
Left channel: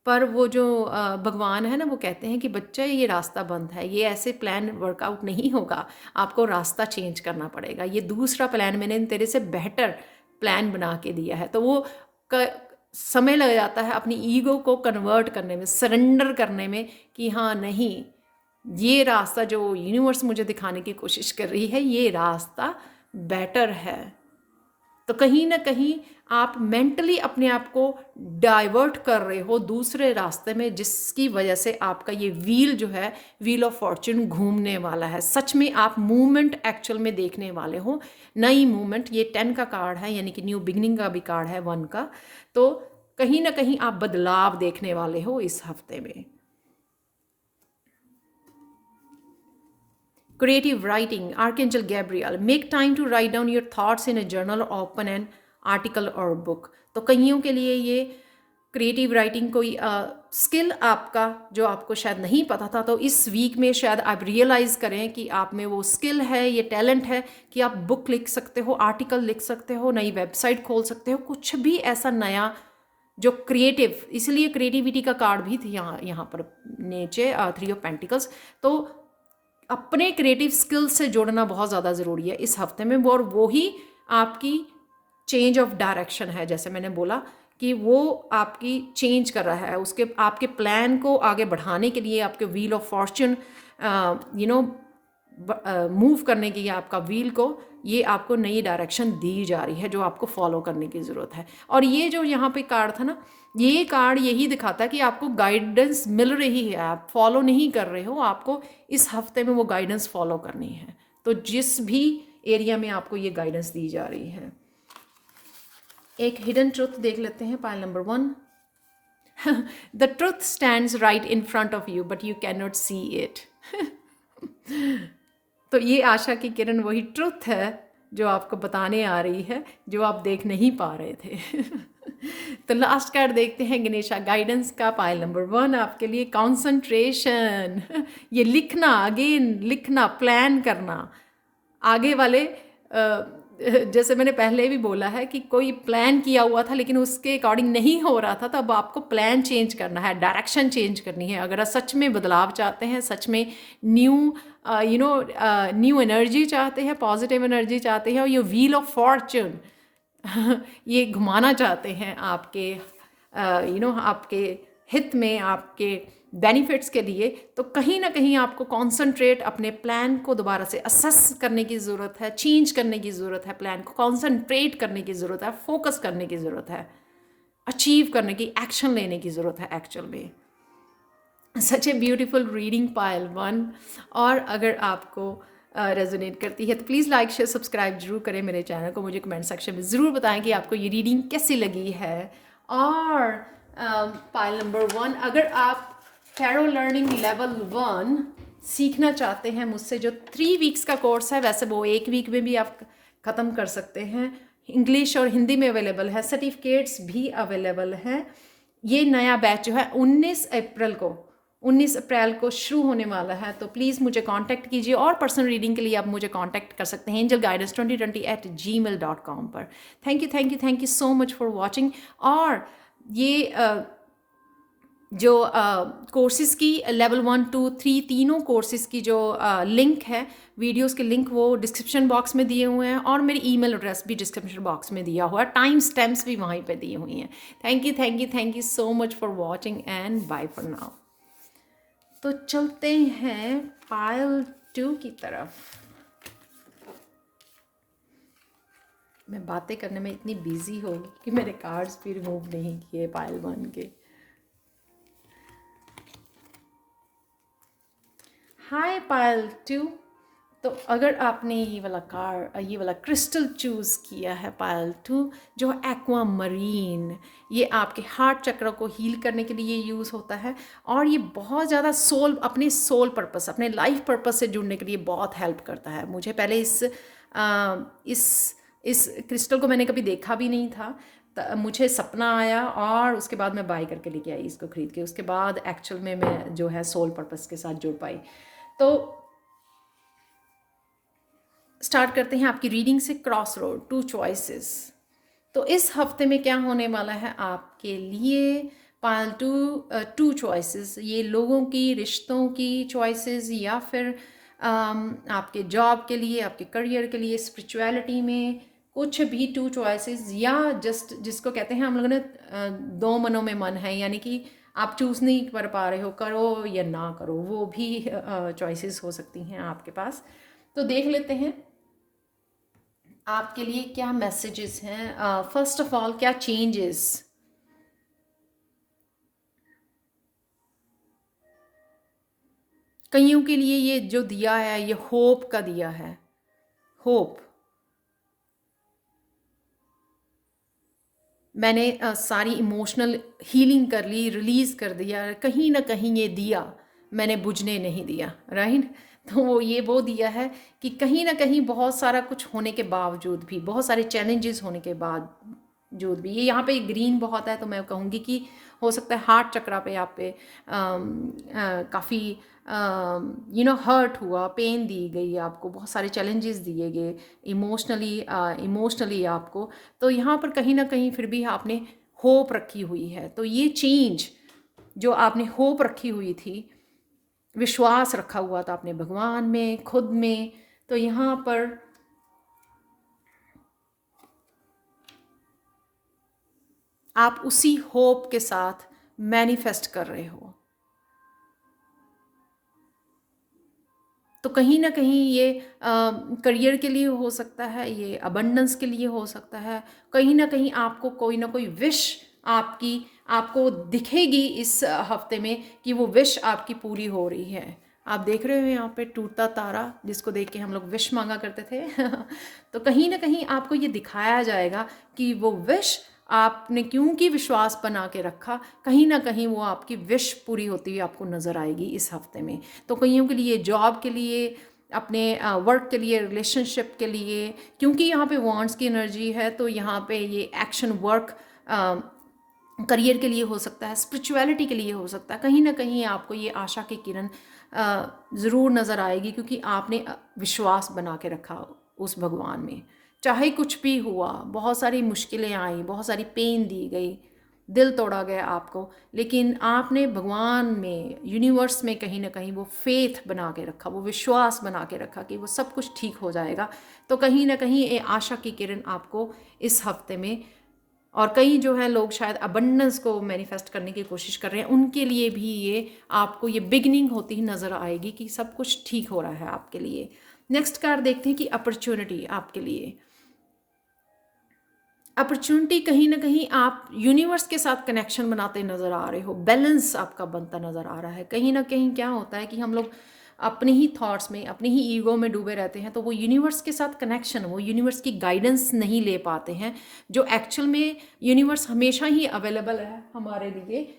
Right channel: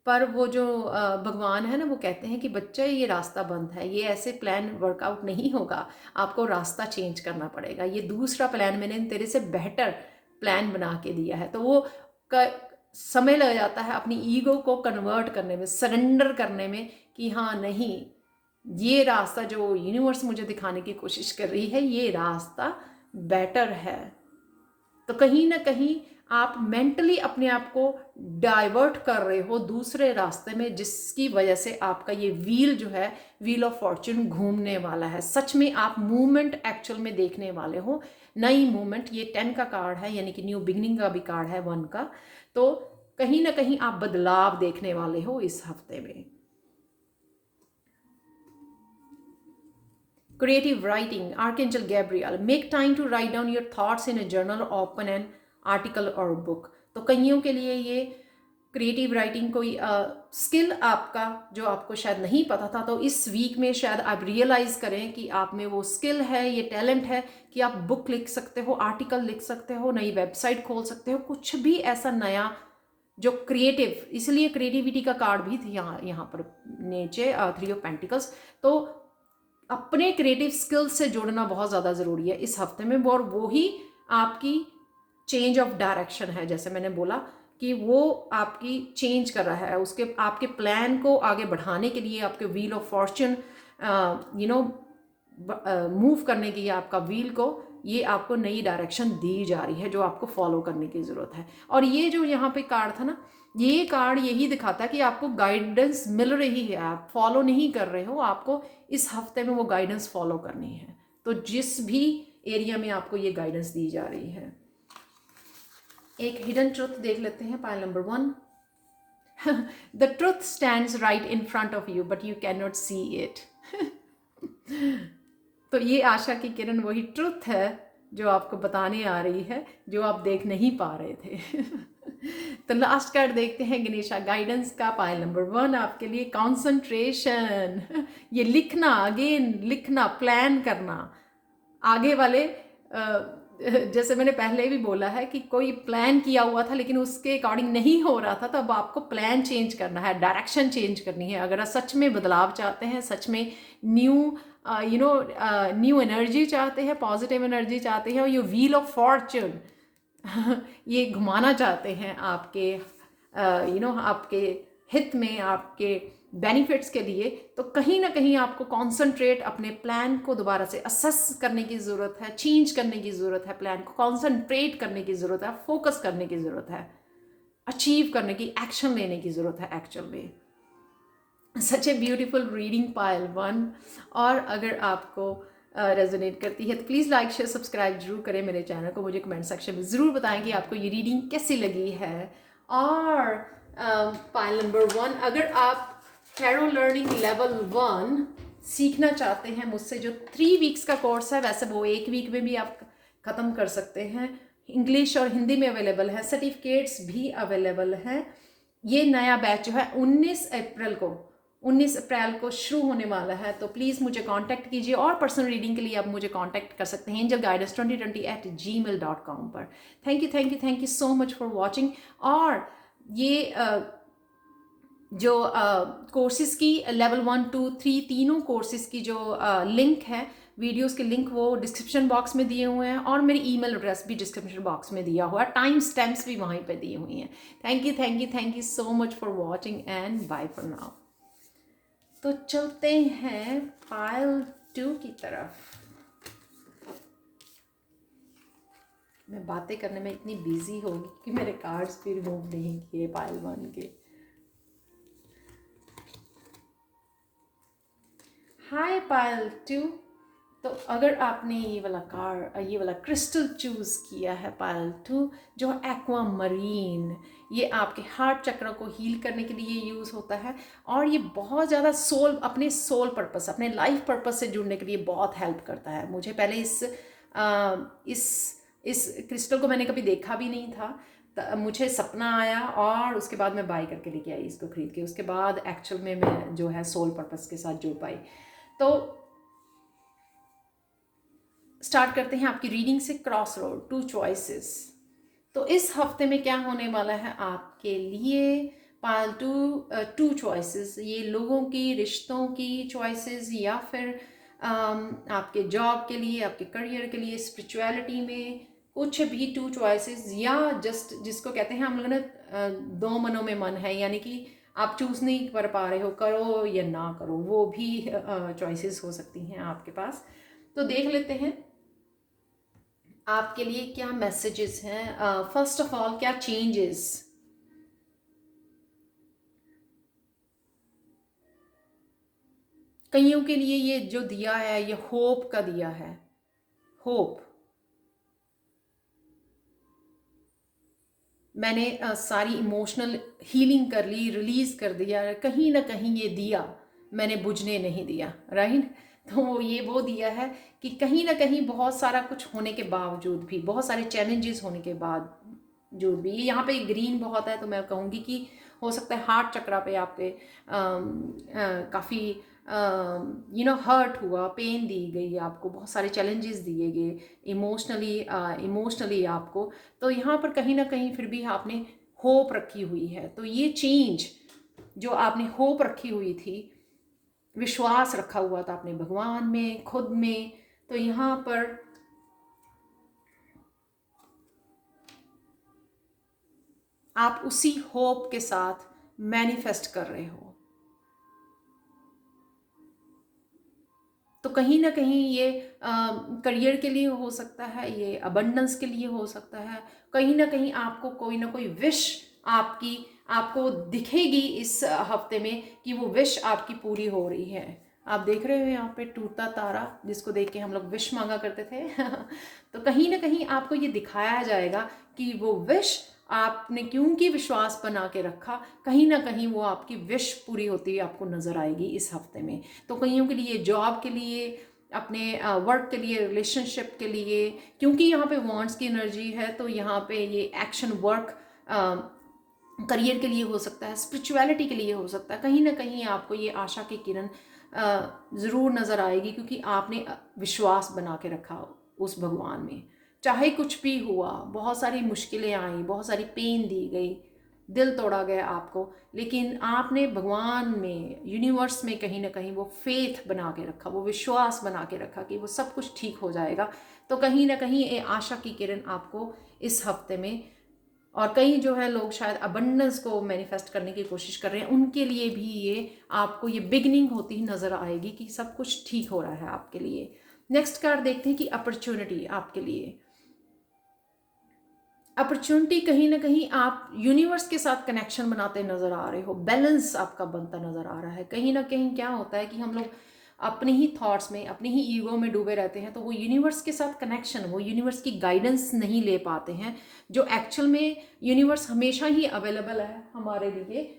पर वो जो भगवान है ना, वो कहते हैं कि बच्चे ये रास्ता बंद है, ये ऐसे प्लान वर्कआउट नहीं होगा, आपको रास्ता चेंज करना पड़ेगा, ये दूसरा प्लान मैंने तेरे से बेहतर प्लान बना के दिया है। तो वो समय लग जाता है अपनी ईगो को कन्वर्ट करने में, सरेंडर करने में, कि हाँ नहीं, ये रास्ता जो यूनिवर्स मुझे दिखाने की कोशिश कर रही है, ये रास्ता बेटर है। तो कहीं ना कहीं आप मेंटली अपने आप को डाइवर्ट कर रहे हो दूसरे रास्ते में, जिसकी वजह से आपका ये व्हील जो है, व्हील ऑफ फॉर्चून घूमने वाला है। सच में आप मूवमेंट एक्चुअल में देखने वाले हो, नई मूवमेंट। ये 10 का कार्ड है, यानी कि न्यू बिगनिंग का भी कार्ड है 1 का। तो कहीं ना कहीं आप बदलाव देखने वाले हो इस हफ्ते में। Creative writing, Archangel Gabriel, make time to write down your thoughts in a journal or open an article or book। तो कईयों के लिए ये क्रिएटिव राइटिंग कोई स्किल आपका जो आपको शायद नहीं पता था, तो इस वीक में शायद आप रियलाइज करें कि आप में वो स्किल है, ये टैलेंट है कि आप बुक लिख सकते हो, आर्टिकल लिख सकते हो, नई वेबसाइट खोल सकते हो, कुछ भी ऐसा नया जो क्रिएटिव। इसलिए क्रिएटिविटी का कार्ड भी थी यहाँ पर नीचे, 3 ऑफ पेंटिकल्स। तो अपने क्रिएटिव स्किल्स से जोड़ना बहुत ज़्यादा ज़रूरी है इस हफ्ते में, और वो ही आपकी चेंज ऑफ डायरेक्शन है। जैसे मैंने बोला कि वो आपकी चेंज कर रहा है, उसके आपके प्लान को आगे बढ़ाने के लिए, आपके व्हील ऑफ फॉर्चून मूव करने की, आपका व्हील को, ये आपको नई डायरेक्शन दी जा रही है जो आपको फॉलो करने की ज़रूरत है। और ये जो यहाँ पे कार्ड था ना, ये कार्ड यही दिखाता है कि आपको गाइडेंस मिल रही है, आप फॉलो नहीं कर रहे हो, आपको इस हफ्ते में वो गाइडेंस फॉलो करनी है। तो जिस भी एरिया में आपको ये गाइडेंस दी जा रही है। एक हिडन ट्रुथ देख लेते हैं, pile number 1। The truth stands right in front of you but you can not see it. तो ये आशा की किरण वही ट्रुथ है जो आपको बताने आ रही है, जो आप देख नहीं पा रहे थे। तो लास्ट कार्ड देखते हैं गणेशा गाइडेंस का, पाइल नंबर 1 आपके लिए कंसंट्रेशन। ये लिखना, अगेन लिखना, प्लान करना, आगे वाले जैसे मैंने पहले भी बोला है कि कोई प्लान किया हुआ था लेकिन उसके अकॉर्डिंग नहीं हो रहा था, तब आपको प्लान चेंज करना है, डायरेक्शन चेंज करनी है। अगर आप सच में बदलाव चाहते हैं, सच में न्यू एनर्जी चाहते हैं, पॉजिटिव एनर्जी चाहते हैं, और ये व्हील ऑफ फॉर्चून ये घुमाना चाहते हैं आपके आपके हित में, आपके बेनिफिट्स के लिए, तो कहीं ना कहीं आपको कॉन्सेंट्रेट, अपने प्लान को दोबारा से असेस करने की ज़रूरत है, चेंज करने की ज़रूरत है, प्लान को कॉन्सेंट्रेट करने की ज़रूरत है, फोकस करने की ज़रूरत है, अचीव करने की, एक्शन लेने की ज़रूरत है एक्चुअल में। सच ए ब्यूटीफुल रीडिंग पाइल 1। और अगर आपको रेजोनेट करती है तो प्लीज़ लाइक शेयर सब्सक्राइब जरूर करें मेरे चैनल को, मुझे कमेंट सेक्शन में ज़रूर बताएं कि आपको ये रीडिंग कैसी लगी है। और पाइल नंबर 1, अगर आप टैरो लर्निंग लेवल 1 सीखना चाहते हैं मुझसे, जो 3 वीक्स का कोर्स है, वैसे वो 1 वीक में भी आप ख़त्म कर सकते हैं, इंग्लिश और हिंदी में अवेलेबल है, सर्टिफिकेट्स भी अवेलेबल हैं। ये नया बैच जो है 19 अप्रैल को शुरू होने वाला है। तो प्लीज़ मुझे कांटेक्ट कीजिए, और पर्सनल रीडिंग के लिए आप मुझे कांटेक्ट कर सकते हैं angelguidance2020@gmail.com पर। Thank you so much for watching. और ये जो कोर्सेज़ की लेवल 1, 2, 3 तीनों कोर्सेज़ की जो लिंक है, वीडियोस के लिंक, वो डिस्क्रिप्शन बॉक्स में दिए हुए हैं, और मेरी ईमेल एड्रेस भी डिस्क्रिप्शन बॉक्स में दिया हुआ है, टाइम स्टैम्प्स भी वहीं पे दिए हुई हैं। Thank you so much for watching and bye for now. तो चलते हैं पाइल 2 की तरफ। मैं बातें करने में इतनी बिजी हो कि मेरे कार्ड्स भी रिमूव नहीं किए पाइल 1 के। हाय पाइल 2। तो अगर आपने ये वाला क्रिस्टल चूज़ किया है पाइल 2, जो एक्वा मरीन, ये आपके हार्ट चक्र को हील करने के लिए यूज़ होता है, और ये बहुत ज़्यादा अपने सोल पर्पस, अपने लाइफ पर्पस से जुड़ने के लिए बहुत हेल्प करता है। मुझे पहले इस क्रिस्टल को मैंने कभी देखा भी नहीं था, मुझे सपना आया, और उसके बाद मैं बाय करके लेके आई इसको खरीद के। उसके बाद एक्चुअल में मैं जो है सोल पर्पस के साथ जुड़ पाई। तो स्टार्ट करते हैं आपकी रीडिंग से, क्रॉस रोड, टू चॉइसेस। तो इस हफ्ते में क्या होने वाला है आपके लिए? पालतू टू चॉइसेस, ये लोगों की, रिश्तों की चॉइसेस, या फिर आपके जॉब के लिए, आपके करियर के लिए, स्पिरिचुअलिटी में कुछ भी टू चॉइसेस, या जस्ट जिसको कहते हैं हम लोगों ने दो मनों में मन है, यानी कि आप चूज़ नहीं कर पा रहे हो, करो या ना करो, वो भी चॉइसेस हो सकती हैं आपके पास। तो देख लेते हैं आपके लिए क्या मैसेजेस हैं। फर्स्ट ऑफ ऑल, क्या चेंजेस? कईयों के लिए ये जो दिया है, ये होप का दिया है। होप, मैंने सारी इमोशनल हीलिंग कर ली, रिलीज कर दिया, कहीं ना कहीं ये दिया मैंने बुझने नहीं दिया, राइट? तो ये वो दिया है कि कहीं ना कहीं बहुत सारा कुछ होने के बावजूद भी, बहुत सारे चैलेंजेस होने के बावजूद भी, ये यहाँ पे ग्रीन बहुत है, तो मैं कहूँगी कि हो सकता है हार्ट चक्रा पे आप पे काफ़ी हर्ट हुआ, पेन दी गई आपको, बहुत सारे चैलेंजेस दिए गए इमोशनली आपको। तो यहाँ पर कहीं ना कहीं फिर भी आपने होप रखी हुई है। तो ये चेंज जो आपने होप रखी हुई थी, विश्वास रखा हुआ था आपने भगवान में, खुद में, तो यहाँ पर आप उसी होप के साथ मैनिफेस्ट कर रहे हो। तो कहीं ना कहीं ये करियर के लिए हो सकता है, ये अबंडेंस के लिए हो सकता है, कहीं ना कहीं आपको कोई ना कोई विश आपकी आपको दिखेगी इस हफ्ते में कि वो विश आपकी पूरी हो रही है। आप देख रहे हो यहाँ पे टूटता तारा, जिसको देख के हम लोग विश मांगा करते थे तो कहीं ना कहीं आपको ये दिखाया जाएगा कि वो विश आपने क्योंकि विश्वास बना के रखा, कहीं ना कहीं वो आपकी विश पूरी होती हुई आपको नज़र आएगी इस हफ्ते में। तो कईयों के लिए जॉब के लिए, अपने वर्क के लिए, रिलेशनशिप के लिए, क्योंकि यहाँ पे वॉन्ट्स की एनर्जी है, तो यहाँ पे ये एक्शन वर्क करियर के लिए हो सकता है, स्पिरिचुअलिटी के लिए हो सकता है। कहीं ना कहीं आपको ये आशा की किरण ज़रूर नज़र आएगी, क्योंकि आपने विश्वास बना के रखा उस भगवान में। चाहे कुछ भी हुआ, बहुत सारी मुश्किलें आई, बहुत सारी पेन दी गई, दिल तोड़ा गया आपको, लेकिन आपने भगवान में, यूनिवर्स में कहीं ना कहीं वो फेथ बना के रखा, वो विश्वास बना के रखा कि वो सब कुछ ठीक हो जाएगा। तो कहीं ना कहीं ये आशा की किरण आपको इस हफ्ते में, और कई जो है लोग शायद अबंडेंस को मैनिफेस्ट करने की कोशिश कर रहे हैं, उनके लिए भी ये आपको ये बिगनिंग होती ही नज़र आएगी कि सब कुछ ठीक हो रहा है आपके लिए। नेक्स्ट कार्ड देखते हैं कि अपॉर्चुनिटी आपके लिए। अपॉर्चुनिटी, कहीं ना कहीं आप यूनिवर्स के साथ कनेक्शन बनाते नज़र आ रहे हो, बैलेंस आपका बनता नज़र आ रहा है। कहीं ना कहीं क्या होता है कि हम लोग अपने ही थॉट्स में, अपने ही ईगो में डूबे रहते हैं, तो वो यूनिवर्स के साथ कनेक्शन, वो यूनिवर्स की गाइडेंस नहीं ले पाते हैं, जो एक्चुअल में यूनिवर्स हमेशा ही अवेलेबल है हमारे लिए,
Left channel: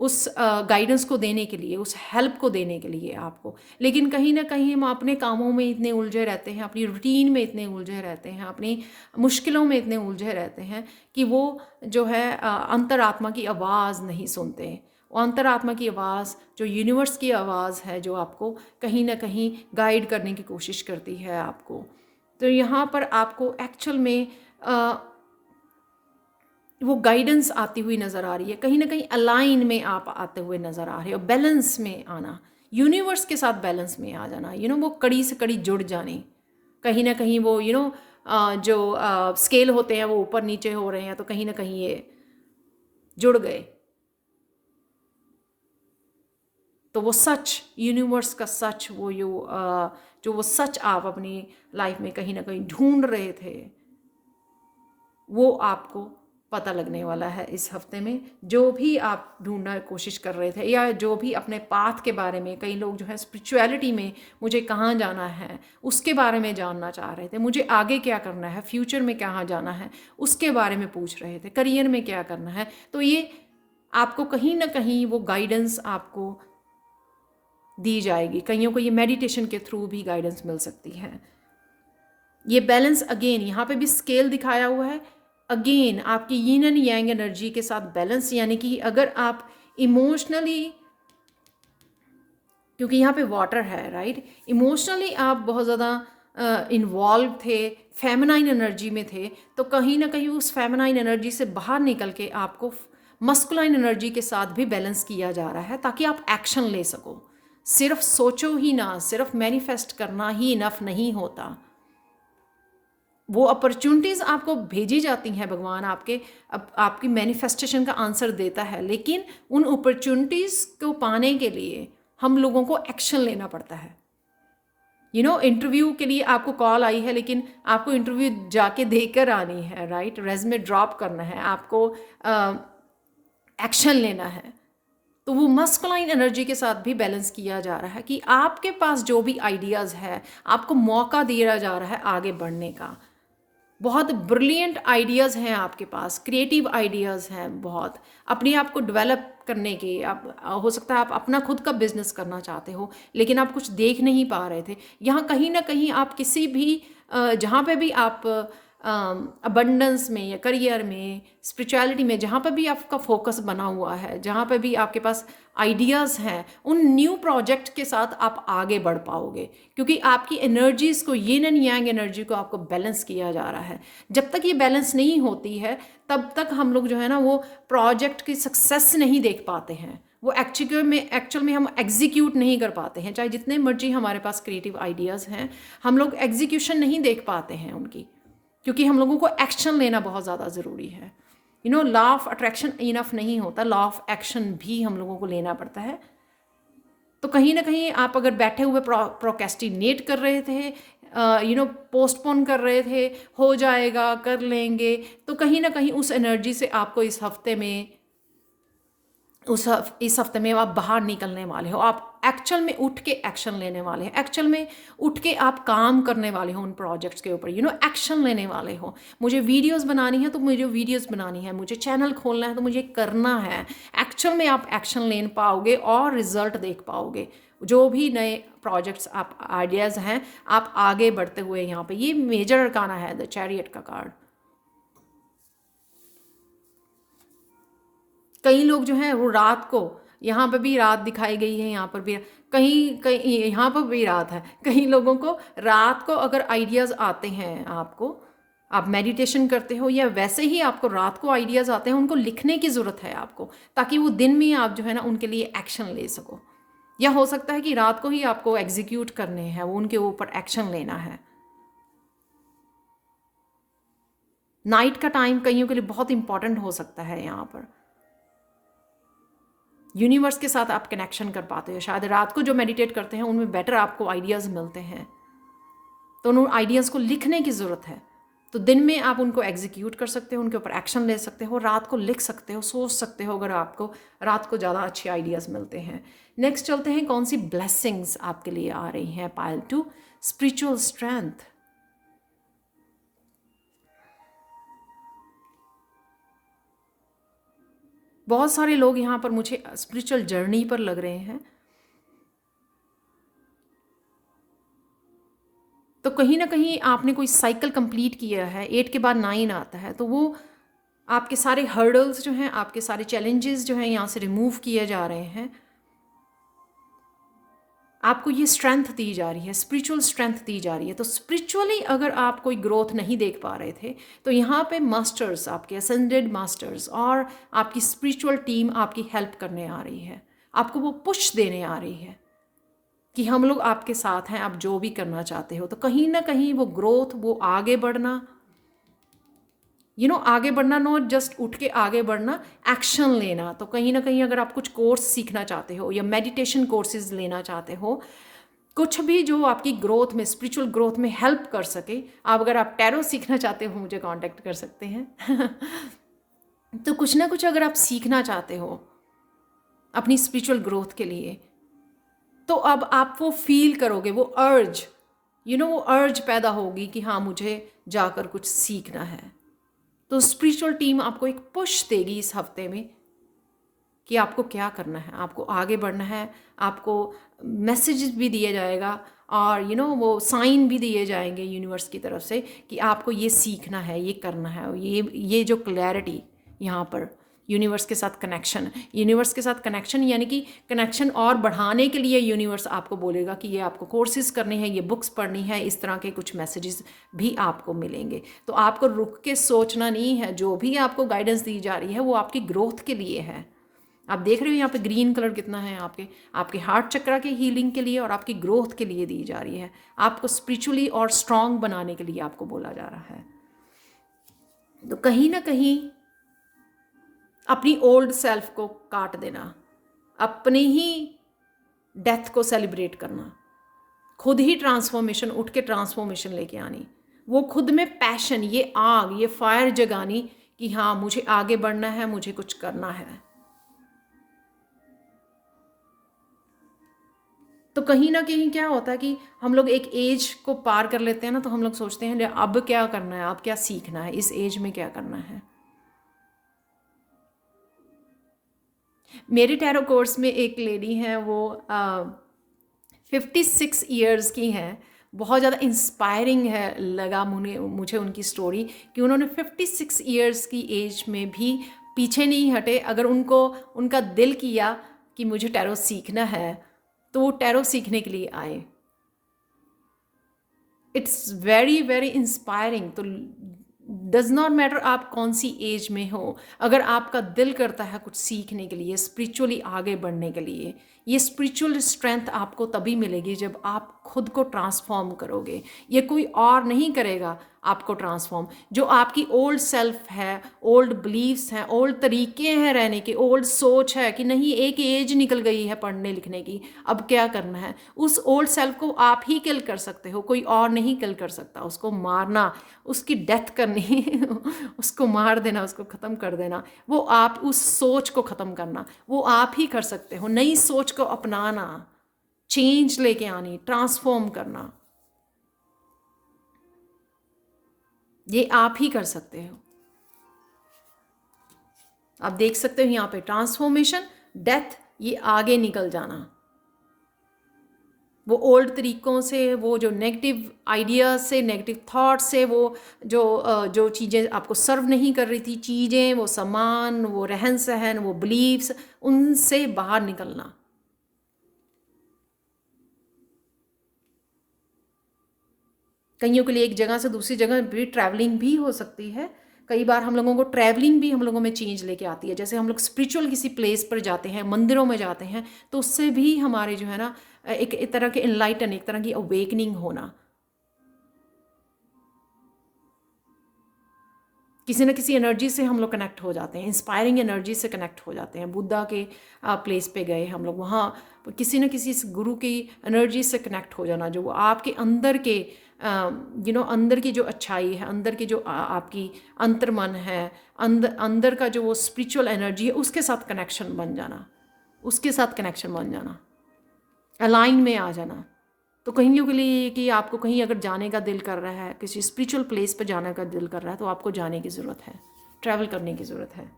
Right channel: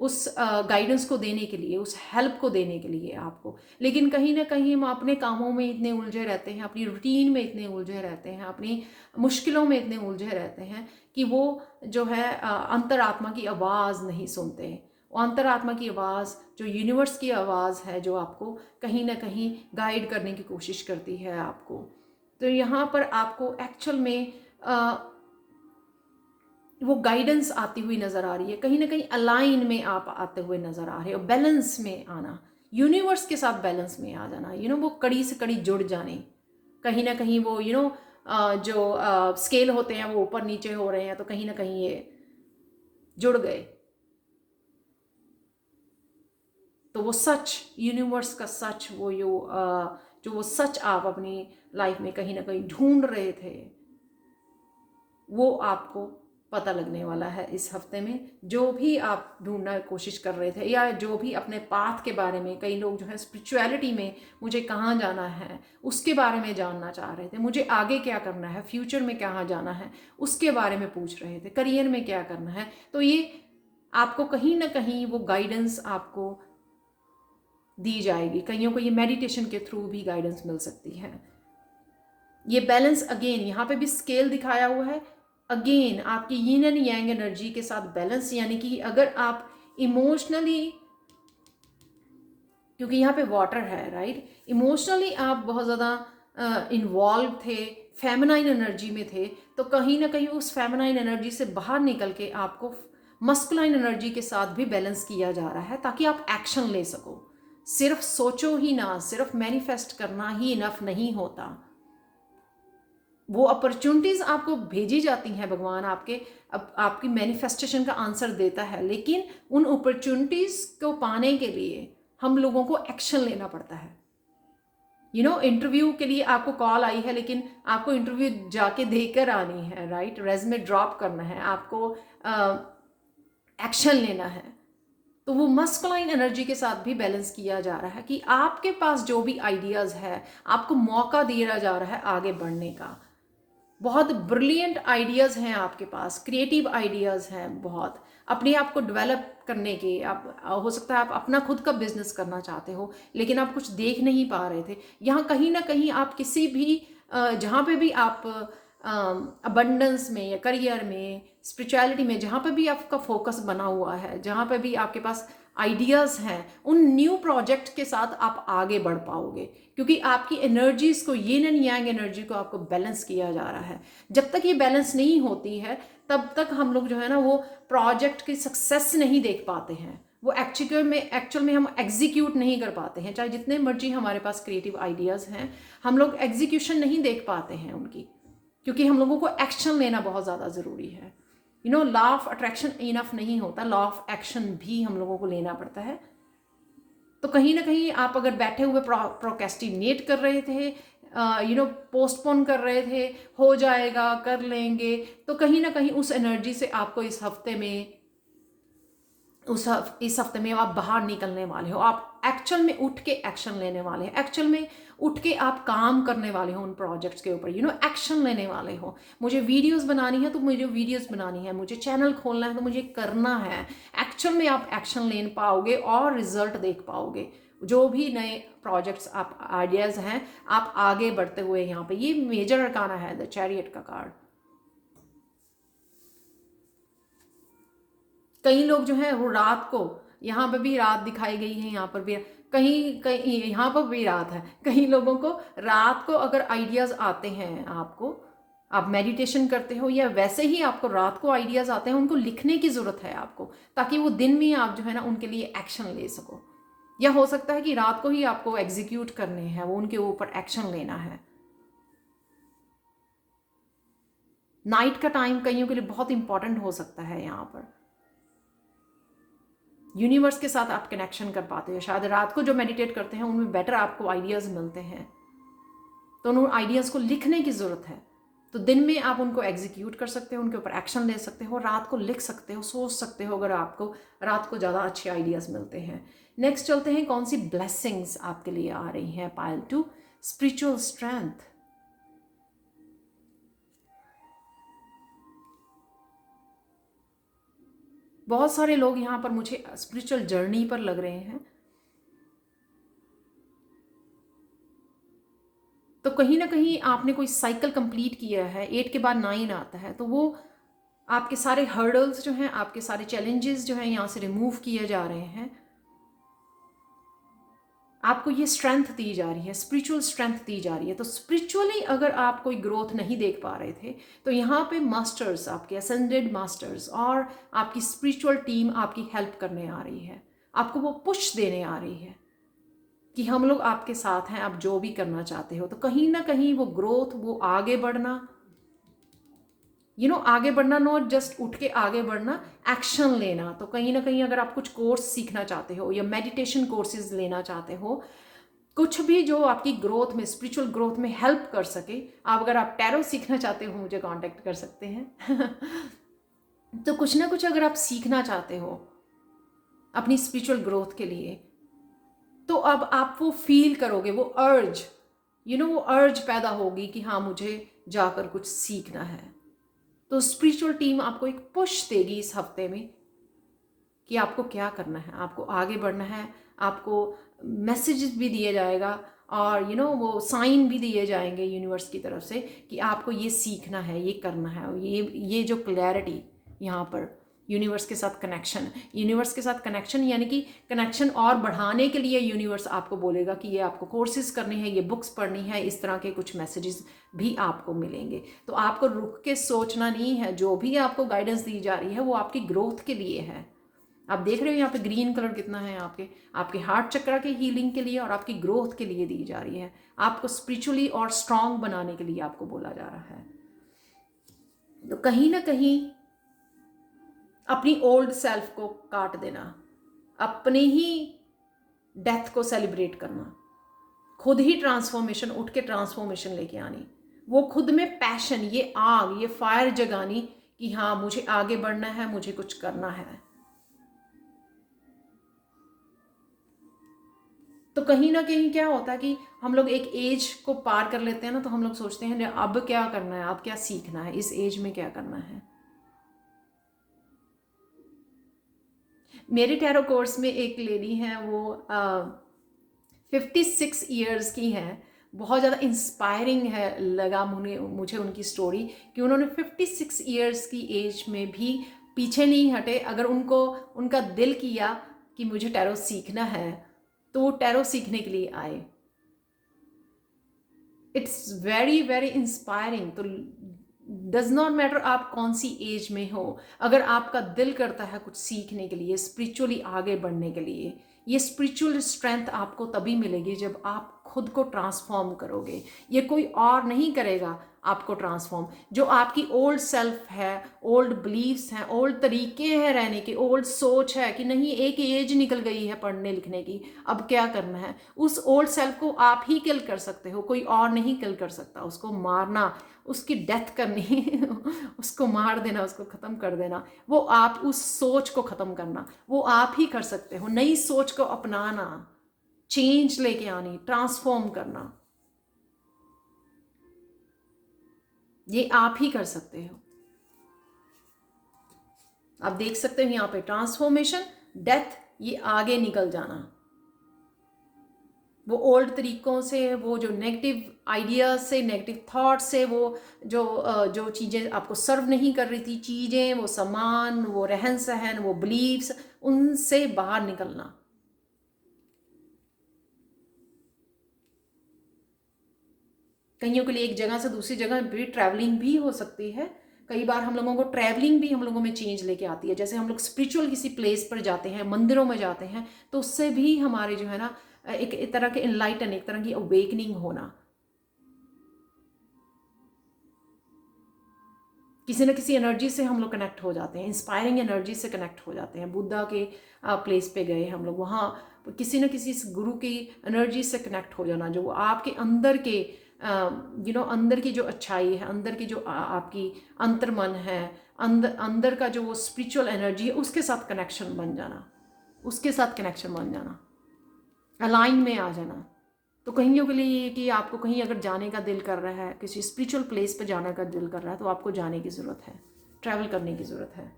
उस गाइडेंस को देने के लिए, उस हेल्प को देने के लिए आपको। लेकिन कहीं ना कहीं हम अपने कामों में इतने उलझे रहते हैं, अपनी रूटीन में इतने उलझे रहते हैं, अपनी मुश्किलों में इतने उलझे रहते हैं कि वो जो है अंतरात्मा की आवाज़ नहीं सुनते। अंतरात्मा की आवाज़, जो यूनिवर्स की आवाज़ है, जो आपको कहीं ना कहीं गाइड करने की कोशिश करती है आपको। तो यहाँ पर आपको एक्चुअल में वो गाइडेंस आती हुई नज़र आ रही है, कहीं ना कहीं अलाइन में आप आते हुए नज़र आ रहे हो, बैलेंस में आना, यूनिवर्स के साथ बैलेंस में आ जाना, वो कड़ी से कड़ी जुड़ जाने। कहीं ना कहीं वो जो स्केल होते हैं वो ऊपर नीचे हो रहे हैं, तो कहीं ना कहीं ये जुड़ गए। तो वो सच, यूनिवर्स का सच, वो जो वो सच आप अपनी लाइफ में कहीं ना कहीं ढूंढ रहे थे, वो आपको पता लगने वाला है इस हफ्ते में। जो भी आप ढूंढना कोशिश कर रहे थे, या जो भी अपने पाथ के बारे में, कई लोग जो है स्पिरिचुअलिटी में मुझे कहाँ जाना है उसके बारे में जानना चाह रहे थे, मुझे आगे क्या करना है, फ्यूचर में कहाँ जाना है उसके बारे में पूछ रहे थे, करियर में क्या करना है, तो ये आपको कहीं ना कहीं वो गाइडेंस आपको दी जाएगी। कईयों को ये मेडिटेशन के थ्रू भी गाइडेंस मिल सकती है। ये बैलेंस, अगेन यहाँ पे भी स्केल दिखाया हुआ है, अगेन आपकी यीन एंड यांग एनर्जी के साथ बैलेंस, यानी कि अगर आप इमोशनली, क्योंकि यहाँ पे वाटर है, राइट, इमोशनली आप बहुत ज़्यादा इन्वॉल्व थे, फेमिनाइन एनर्जी में थे, तो कहीं ना कहीं उस फेमिनाइन एनर्जी से बाहर निकल के आपको मस्कुलाइन एनर्जी के साथ भी बैलेंस किया जा रहा है, ताकि आप एक्शन ले सको। सिर्फ सोचो ही ना, सिर्फ मैनिफेस्ट करना ही इनफ नहीं होता। वो अपॉर्चुनिटीज़ आपको भेजी जाती हैं, भगवान आपकी मैनिफेस्टेशन का आंसर देता है, लेकिन उन अपॉर्चुनिटीज़ को पाने के लिए हम लोगों को एक्शन लेना पड़ता है। इंटरव्यू के लिए आपको कॉल आई है, लेकिन आपको इंटरव्यू जाके देकर आनी है, राइट? रेज़्यूमे ड्रॉप करना है, आपको एक्शन लेना है। तो वो मस्कुलाइन एनर्जी के साथ भी बैलेंस किया जा रहा है कि आपके पास जो भी आइडियाज़ है, आपको मौका दिया जा रहा है आगे बढ़ने का। बहुत ब्रिलियंट आइडियाज़ हैं आपके पास, क्रिएटिव आइडियाज़ हैं बहुत, अपने आप को डेवलप करने के। आप हो सकता है आप अपना खुद का बिजनेस करना चाहते हो, लेकिन आप कुछ देख नहीं पा रहे थे। यहाँ कहीं ना कहीं आप किसी भी जहाँ पे भी आप अबंडेंस में या करियर में, स्पिरिचुअलिटी में, जहाँ पे भी आपका फोकस बना हुआ है, जहाँ पे भी आपके पास आइडियाज़ हैं, उन न्यू प्रोजेक्ट के साथ आप आगे बढ़ पाओगे, क्योंकि आपकी एनर्जीज़ को, यिन एंड यांग एनर्जी को आपको बैलेंस किया जा रहा है। जब तक ये बैलेंस नहीं होती है, तब तक हम लोग जो है ना, वो प्रोजेक्ट की सक्सेस नहीं देख पाते हैं। वो एक्चुअल में हम एग्जीक्यूट नहीं कर पाते हैं, चाहे जितने मर्जी हमारे पास क्रिएटिव आइडियाज़ हैं, हम लोग एग्जीक्यूशन नहीं देख पाते हैं उनकी, क्योंकि हम लोगों को एक्शन लेना बहुत ज़्यादा ज़रूरी है। लॉ ऑफ अट्रैक्शन इनफ नहीं होता, लॉ ऑफ एक्शन भी हम लोगों को लेना पड़ता है। तो कहीं ना कहीं आप अगर बैठे हुए प्रोकेस्टिनेट कर रहे थे, पोस्टपोन कर रहे थे, हो जाएगा, कर लेंगे, तो कहीं ना कहीं उस एनर्जी से आपको इस हफ्ते में आप बाहर निकलने वाले हो। आप एक्चुअल में उठ के एक्शन लेने वाले हैं, एक्चुअल में उठ के आप काम करने वाले हो उन प्रोजेक्ट्स के ऊपर, एक्शन लेने वाले हो। मुझे वीडियोस बनानी है तो मुझे वीडियोस बनानी है, मुझे चैनल खोलना है तो मुझे करना है। एक्चुअल में आप एक्शन ले पाओगे और रिजल्ट देख पाओगे। जो भी नए प्रोजेक्ट्स, आप आइडियाज़ हैं, आप आगे बढ़ते हुए यहाँ पे, ये मेजर अरकाना है द चैरियट का कार्ड। कई लोग जो हैं वो रात को, यहाँ पर भी रात दिखाई गई है, यहाँ पर भी कहीं कहीं यहाँ पर भी रात है। कई लोगों को रात को अगर आइडियाज़ आते हैं, आप मेडिटेशन करते हो या वैसे ही आपको रात को आइडियाज़ आते हैं, उनको लिखने की ज़रूरत है आपको, ताकि वो दिन में आप जो है ना उनके लिए एक्शन ले सको। या हो सकता है कि रात को ही आपको एग्जीक्यूट करने हैं, वो उनके ऊपर एक्शन लेना है। नाइट का टाइम कईयों के लिए बहुत इंपॉर्टेंट हो सकता है। यहाँ पर यूनिवर्स के साथ आप कनेक्शन कर पाते हो। शायद रात को जो मेडिटेट करते हैं उनमें बेटर आपको आइडियाज़ मिलते हैं, तो उन आइडियाज़ को लिखने की ज़रूरत है। तो दिन में आप उनको एग्जीक्यूट कर सकते हो, उनके ऊपर एक्शन ले सकते हो, रात को लिख सकते हो, सोच सकते हो, अगर आपको रात को ज़्यादा अच्छे आइडियाज़ मिलते हैं। नेक्स्ट चलते हैं, कौन सी ब्लेसिंग्स आपके लिए आ रही हैं। Pile 2, spiritual strength. बहुत सारे लोग यहाँ पर मुझे स्पिरिचुअल जर्नी पर लग रहे हैं, तो कहीं ना कहीं आपने कोई साइकिल कंप्लीट किया है। 8 के बाद 9 आता है, तो वो आपके सारे हर्डल्स जो हैं, आपके सारे चैलेंजेस जो हैं, यहाँ से रिमूव किए जा रहे हैं। आपको ये स्ट्रेंथ दी जा रही है, स्पिरिचुअल स्ट्रेंथ दी जा रही है। तो स्पिरिचुअली अगर आप कोई ग्रोथ नहीं देख पा रहे थे, तो यहाँ पे मास्टर्स, आपके असेंडेड मास्टर्स और आपकी स्पिरिचुअल टीम आपकी हेल्प करने आ रही है, आपको वो पुश देने आ रही है कि हम लोग आपके साथ हैं, आप जो भी करना चाहते हो। तो कहीं ना कहीं वो ग्रोथ, वो आगे बढ़ना, आगे बढ़ना, नॉट जस्ट उठ के आगे बढ़ना, एक्शन लेना। तो कहीं ना कहीं अगर आप कुछ कोर्स सीखना चाहते हो या मेडिटेशन कोर्सेज लेना चाहते हो, कुछ भी जो आपकी ग्रोथ में, स्पिरिचुअल ग्रोथ में हेल्प कर सके, अगर आप टैरो सीखना चाहते हो मुझे कांटेक्ट कर सकते हैं। तो कुछ ना कुछ अगर आप सीखना चाहते हो अपनी स्पिरिचुअल ग्रोथ के लिए, तो अब आप वो फील करोगे, वो अर्ज, वो अर्ज पैदा होगी कि हाँ, मुझे जाकर कुछ सीखना है। तो स्पिरिचुअल टीम आपको एक पुश देगी इस हफ्ते में कि आपको क्या करना है, आपको आगे बढ़ना है। आपको मैसेज भी दिया जाएगा और वो साइन भी दिए जाएंगे यूनिवर्स की तरफ से कि आपको ये सीखना है, ये करना है। ये जो क्लैरिटी यहाँ पर यूनिवर्स के साथ कनेक्शन, यूनिवर्स के साथ कनेक्शन यानी कि कनेक्शन और बढ़ाने के लिए यूनिवर्स आपको बोलेगा कि ये आपको कोर्सेज करने हैं, ये बुक्स पढ़नी है, इस तरह के कुछ मैसेजेस भी आपको मिलेंगे। तो आपको रुक के सोचना नहीं है, जो भी आपको गाइडेंस दी जा रही है वो आपकी ग्रोथ के लिए है। आप देख रहे हो यहाँ पे ग्रीन कलर कितना है, आपके आपके हार्ट चक्र के हीलिंग के लिए और आपकी ग्रोथ के लिए दी जा रही है। आपको स्पिरिचुअली और स्ट्रांग बनाने के लिए आपको बोला जा रहा है। तो कहीं ना कहीं अपनी ओल्ड सेल्फ को काट देना, अपनी ही डेथ को सेलिब्रेट करना, खुद ही ट्रांसफॉर्मेशन, उठ के ट्रांसफॉर्मेशन लेके आनी, वो खुद में पैशन, ये आग, ये फायर जगानी कि हाँ मुझे आगे बढ़ना है, मुझे कुछ करना है। तो कहीं ना कहीं क्या होता है कि हम लोग एक एज को पार कर लेते हैं ना, तो हम लोग सोचते हैं अब क्या करना है, अब क्या सीखना है, इस एज में क्या करना है। मेरे टैरो कोर्स में एक लेडी है, वो 56 ईयर्स की हैं। बहुत ज़्यादा इंस्पायरिंग है लगा मुझे उनकी स्टोरी कि उन्होंने 56 ईयर्स की एज में भी पीछे नहीं हटे। अगर उनको उनका दिल किया कि मुझे टैरो सीखना है तो वो टैरो सीखने के लिए आए। It's very very inspiring. तो डज नॉट मैटर आप कौन सी एज में हो, अगर आपका दिल करता है कुछ सीखने के लिए, स्पिरिचुअली आगे बढ़ने के लिए, ये स्पिरिचुअल स्ट्रेंथ आपको तभी मिलेगी जब आप खुद को ट्रांसफॉर्म करोगे। ये कोई और नहीं करेगा आपको ट्रांसफॉर्म। जो आपकी ओल्ड सेल्फ है, ओल्ड बिलीव्स हैं, ओल्ड तरीके हैं रहने के, ओल्ड सोच है कि नहीं एक एज निकल गई है पढ़ने लिखने की, अब क्या करना है, उस ओल्ड सेल्फ को आप ही किल कर सकते हो, कोई और नहीं किल कर सकता। उसको मारना, उसकी डेथ करनी उसको मार देना, उसको ख़त्म कर देना, वो आप उस सोच को ख़त्म करना वो आप ही कर सकते हो। नई सोच को अपनाना, चेंज लेके आनी, ट्रांसफॉर्म करना, ये आप ही कर सकते हो। आप देख सकते हो यहाँ पे ट्रांसफॉर्मेशन, डेथ, ये आगे निकल जाना, वो ओल्ड तरीकों से, वो जो नेगेटिव आइडियाज से, नेगेटिव थॉट से, वो जो चीज़ें आपको सर्व नहीं कर रही थी, चीज़ें, वो सामान, वो रहन सहन, वो बिलीव्स, उनसे बाहर निकलना। कईयों के लिए एक जगह से दूसरी जगह भी ट्रैवलिंग भी हो सकती है। कई बार हम लोगों को ट्रैवलिंग भी हम लोगों में चेंज लेके आती है। जैसे हम लोग स्पिरिचुअल किसी प्लेस पर जाते हैं, मंदिरों में जाते हैं, तो उससे भी हमारे जो है ना एक तरह के इनलाइटन, एक तरह की अवेकनिंग होना, किसी न किसी एनर्जी से हम लोग कनेक्ट हो जाते हैं, इंस्पायरिंग एनर्जी से कनेक्ट हो जाते हैं। बुद्धा के प्लेस पे गए हम लोग, वहाँ किसी न किसी गुरु की एनर्जी से कनेक्ट हो जाना, जो आपके अंदर के अंदर की जो अच्छाई है, अंदर की जो आपकी अंतर्मन है, अंदर का जो वो स्पिरिचुअल एनर्जी है, उसके साथ कनेक्शन बन जाना, उसके साथ कनेक्शन बन जाना, अलाइन में आ जाना। तो कहीं के लिए कि आपको कहीं अगर जाने का दिल कर रहा है, किसी स्पिरिचुअल प्लेस पर जाने का दिल कर रहा है, तो आपको जाने की ज़रूरत है, ट्रैवल करने की ज़रूरत है।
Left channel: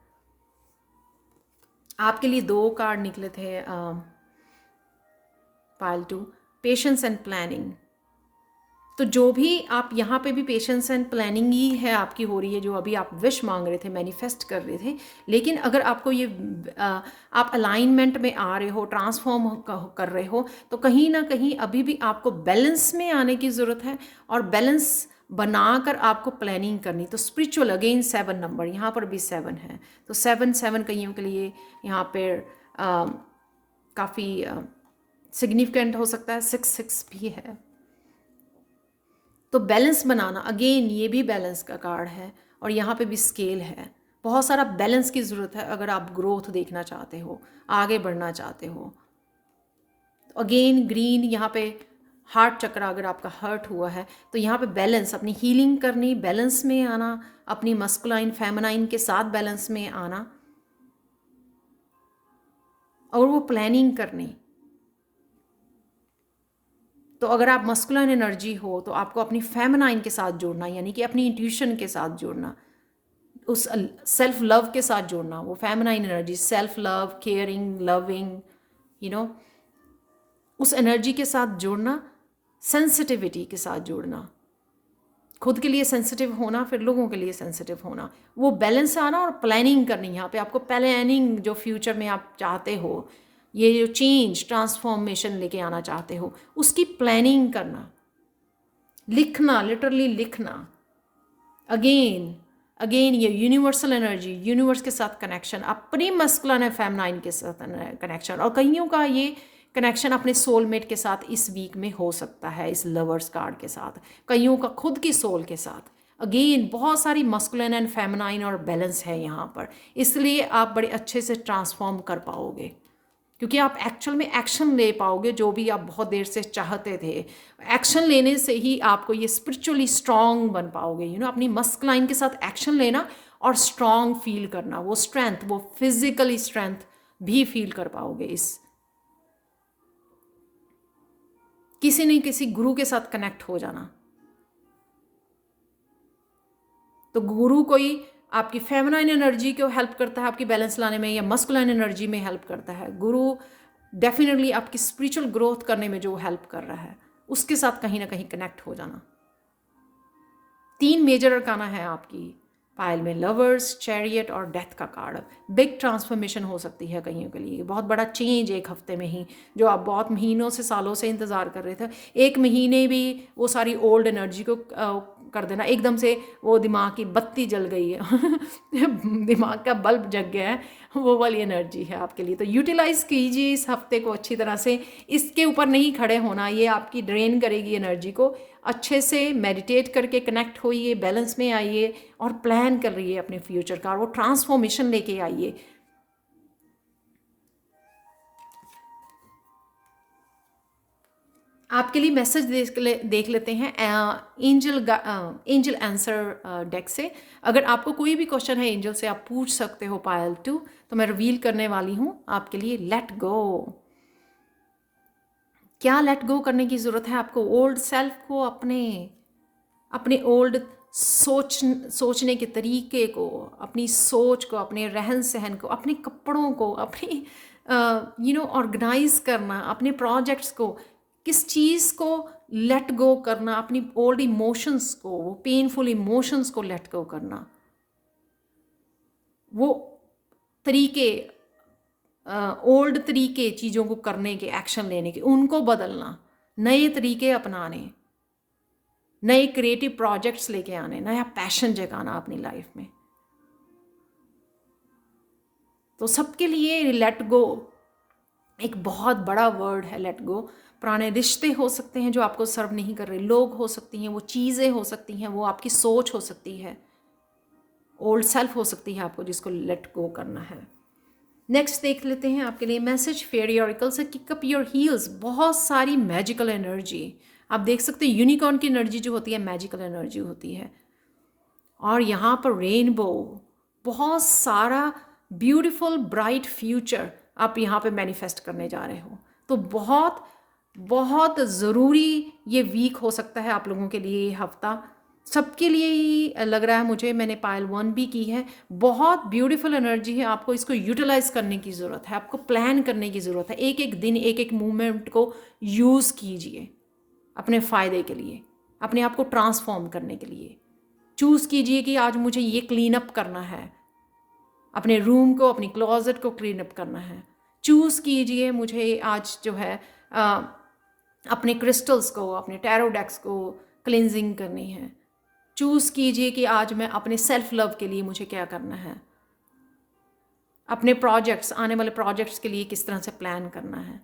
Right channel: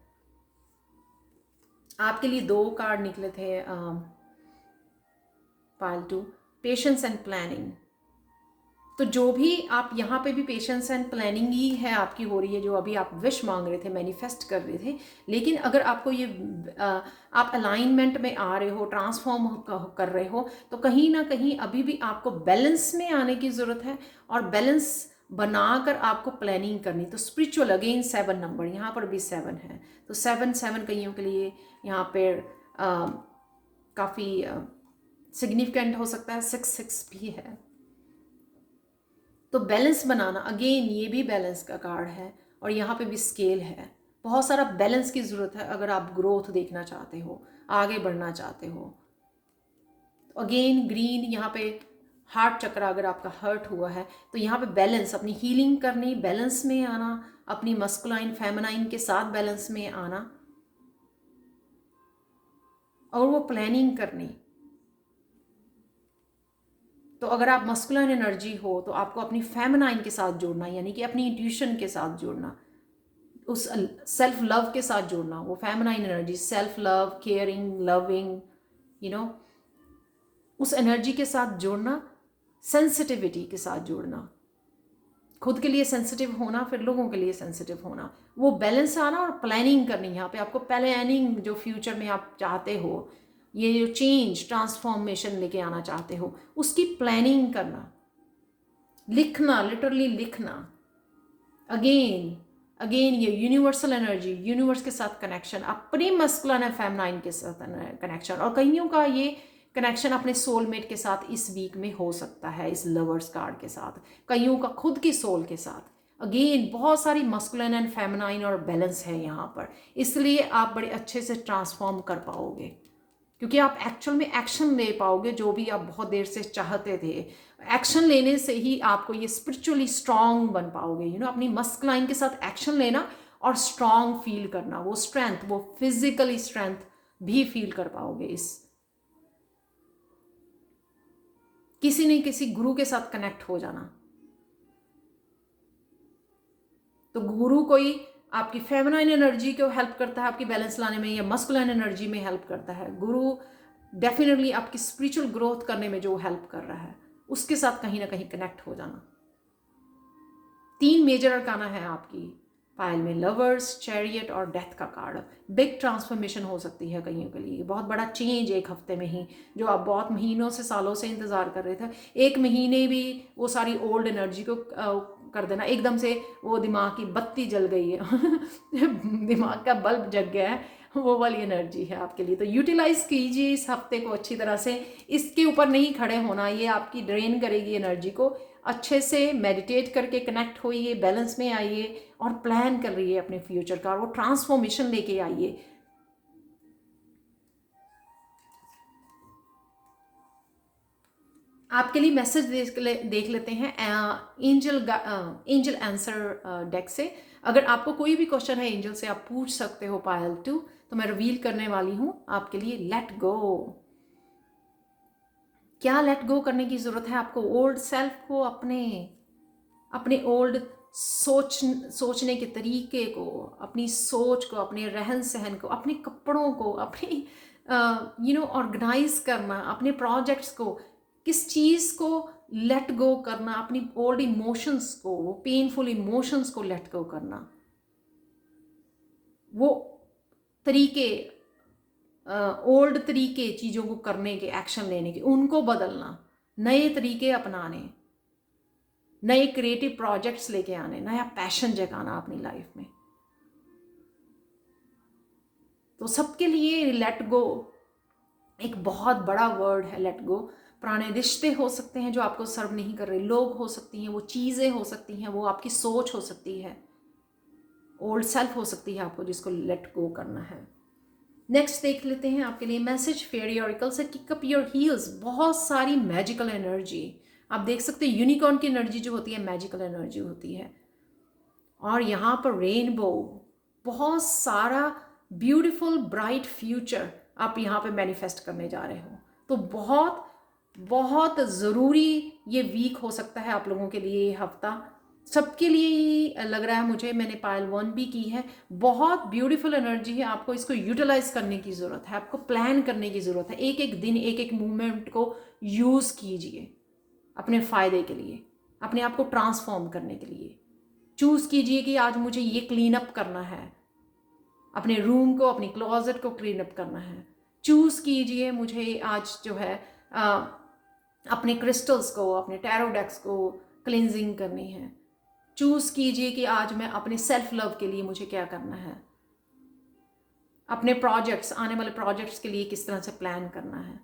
आपके लिए 2 कार्ड निकले थे, पाइल 2, पेशेंस एंड प्लानिंग। तो जो भी आप यहाँ पे भी पेशेंस एंड प्लानिंग ही है आपकी हो रही है, जो अभी आप विश मांग रहे थे, मैनिफेस्ट कर रहे थे। लेकिन अगर आपको ये आप अलाइनमेंट में आ रहे हो, ट्रांसफॉर्म कर रहे हो, तो कहीं ना कहीं अभी भी आपको बैलेंस में आने की ज़रूरत है, और बैलेंस बनाकर आपको प्लानिंग करनी। तो स्पिरिचुअल अगेन 7 नंबर, यहाँ पर भी 7 है। तो 7 कईयों के लिए यहाँ पर काफ़ी सिग्निफिकेंट हो सकता है। 6 भी है। तो बैलेंस बनाना, अगेन ये भी बैलेंस का कार्ड है, और यहाँ पे भी स्केल है। बहुत सारा बैलेंस की ज़रूरत है अगर आप ग्रोथ देखना चाहते हो, आगे बढ़ना चाहते हो। तो अगेन ग्रीन, यहाँ पे हार्ट चक्र, अगर आपका हर्ट हुआ है तो यहाँ पे बैलेंस, अपनी हीलिंग करनी, बैलेंस में आना, अपनी मस्कुलाइन फेमिनाइन के साथ बैलेंस में आना, और वो प्लानिंग करनी। तो अगर आप मस्कुलिन एनर्जी हो तो आपको अपनी फेमिनाइन के साथ जोड़ना, यानी कि अपनी इंट्यूशन के साथ जोड़ना, उस सेल्फ लव के साथ जोड़ना। वो feminine energy, self love, caring, loving, you know, उस एनर्जी के साथ जोड़ना, सेंसिटिविटी के साथ जोड़ना, खुद के लिए सेंसिटिव होना, फिर लोगों के लिए सेंसिटिव होना, वो बैलेंस आना और प्लानिंग करनी। यहाँ पे आपको प्लानिंग, जो फ्यूचर में आप चाहते हो, ये जो चेंज ट्रांसफॉर्मेशन लेके आना चाहते हो, उसकी प्लानिंग करना, लिखना, लिटरली लिखना। अगेन अगेन ये यूनिवर्सल एनर्जी, यूनिवर्स के साथ कनेक्शन, अपने मस्कुलिन और फेमिनाइन के साथ कनेक्शन, और कईयों का ये कनेक्शन अपने सोलमेट के साथ इस वीक में हो सकता है, इस लवर्स कार्ड के साथ, कईयों का खुद की सोल के साथ। अगेन बहुत सारी मस्कुलिन एंड फेमिनाइन और बैलेंस है यहाँ पर, इसलिए आप बड़े अच्छे से ट्रांसफॉर्म कर पाओगे, क्योंकि आप एक्चुअल में एक्शन ले पाओगे जो भी आप बहुत देर से चाहते थे। एक्शन लेने से ही आपको ये स्पिरिचुअली स्ट्रांग बन पाओगे। अपनी मस्कुलाइन के साथ एक्शन लेना और स्ट्रांग फील करना, वो स्ट्रेंथ, वो फिजिकली स्ट्रेंथ भी फील कर पाओगे। इस किसी न किसी गुरु के साथ कनेक्ट हो जाना, तो गुरु कोई आपकी फेमिनाइन एनर्जी को हेल्प करता है आपकी बैलेंस लाने में, या मस्कुलाइन एनर्जी में हेल्प करता है। गुरु डेफिनेटली आपकी स्पिरिचुअल ग्रोथ करने में जो हेल्प कर रहा है, उसके साथ कहीं ना कहीं कनेक्ट हो जाना। 3 मेजर अरकाना है आपकी पायल में, लवर्स, चैरियट और डेथ का कार्ड। बिग ट्रांसफॉर्मेशन हो सकती है कईयों के लिए, बहुत बड़ा चेंज एक हफ्ते में ही, जो आप बहुत महीनों से सालों से इंतज़ार कर रहे थे, एक महीने भी वो सारी ओल्ड एनर्जी को कर देना, एकदम से वो दिमाग की बत्ती जल गई है दिमाग का बल्ब जग गया है, वो वाली एनर्जी है आपके लिए। तो यूटिलाइज़ कीजिए इस हफ्ते को अच्छी तरह से, इसके ऊपर नहीं खड़े होना, ये आपकी ड्रेन करेगी एनर्जी को। अच्छे से मेडिटेट करके कनेक्ट होइए, बैलेंस में आइए और प्लान कर रही है अपने फ्यूचर का, वो ट्रांसफॉर्मेशन लेके आइए। आपके लिए मैसेज देख लेते हैं एंजल आंसर डेक से। अगर आपको कोई भी क्वेश्चन है एंजल से, आप पूछ सकते हो पायल 2, तो मैं रिवील करने वाली हूँ आपके लिए। Let go. क्या लेट गो करने की ज़रूरत है आपको? ओल्ड सेल्फ को, अपने ओल्ड सोचने के तरीके को, अपनी सोच को, अपने रहन सहन को, अपने कपड़ों को, अपनी ऑर्गेनाइज करना, अपने प्रोजेक्ट्स को, किस चीज़ को लेट गो करना, अपनी ओल्ड इमोशंस को, वो पेनफुल इमोशंस को लेट गो करना, वो तरीके, ओल्ड तरीके चीज़ों को करने के, एक्शन लेने के, उनको बदलना, नए तरीके अपनाने, नए क्रिएटिव प्रोजेक्ट्स लेके आने, नया पैशन जगाना अपनी लाइफ में। तो सबके लिए लेट गो एक बहुत बड़ा वर्ड है। लेट गो पुराने रिश्ते हो सकते हैं जो आपको सर्व नहीं कर रहे, लोग हो सकती हैं, वो चीज़ें हो सकती हैं, वो आपकी सोच हो सकती है, ओल्ड सेल्फ हो सकती है आपको जिसको लेट गो करना है। नेक्स्ट देख लेते हैं आपके लिए मैसेज फेयरी ऑरिकल से, किक अप योर हील्स। बहुत सारी मैजिकल एनर्जी आप देख सकते हैं, यूनिकॉर्न की एनर्जी जो होती है मैजिकल एनर्जी होती है, और यहाँ पर रेनबो, बहुत सारा ब्यूटीफुल ब्राइट फ्यूचर आप यहाँ पे मैनिफेस्ट करने जा रहे हो। तो बहुत बहुत ज़रूरी ये वीक हो सकता है आप लोगों के लिए, ये हफ्ता सबके लिए ही लग रहा है मुझे। मैंने पायल 1 भी की है, बहुत ब्यूटीफुल एनर्जी है, आपको इसको यूटिलाइज करने की ज़रूरत है, आपको प्लान करने की ज़रूरत है। एक एक दिन, एक एक मूवमेंट को यूज़ कीजिए अपने फ़ायदे के लिए, अपने आप को ट्रांसफॉर्म करने के लिए। चूज़ कीजिए कि आज मुझे ये क्लीन अप करना है, अपने रूम को, अपनी क्लोजेट को क्लीन अप करना है। चूज़ कीजिए मुझे आज जो है अपने क्रिस्टल्स को, अपने टैरो डेक्स को क्लिनजिंग करनी है। चूज़ कीजिए कि आज मैं अपने सेल्फ लव के लिए मुझे क्या करना है, अपने प्रोजेक्ट्स, आने वाले प्रोजेक्ट्स के लिए किस तरह से प्लान करना है।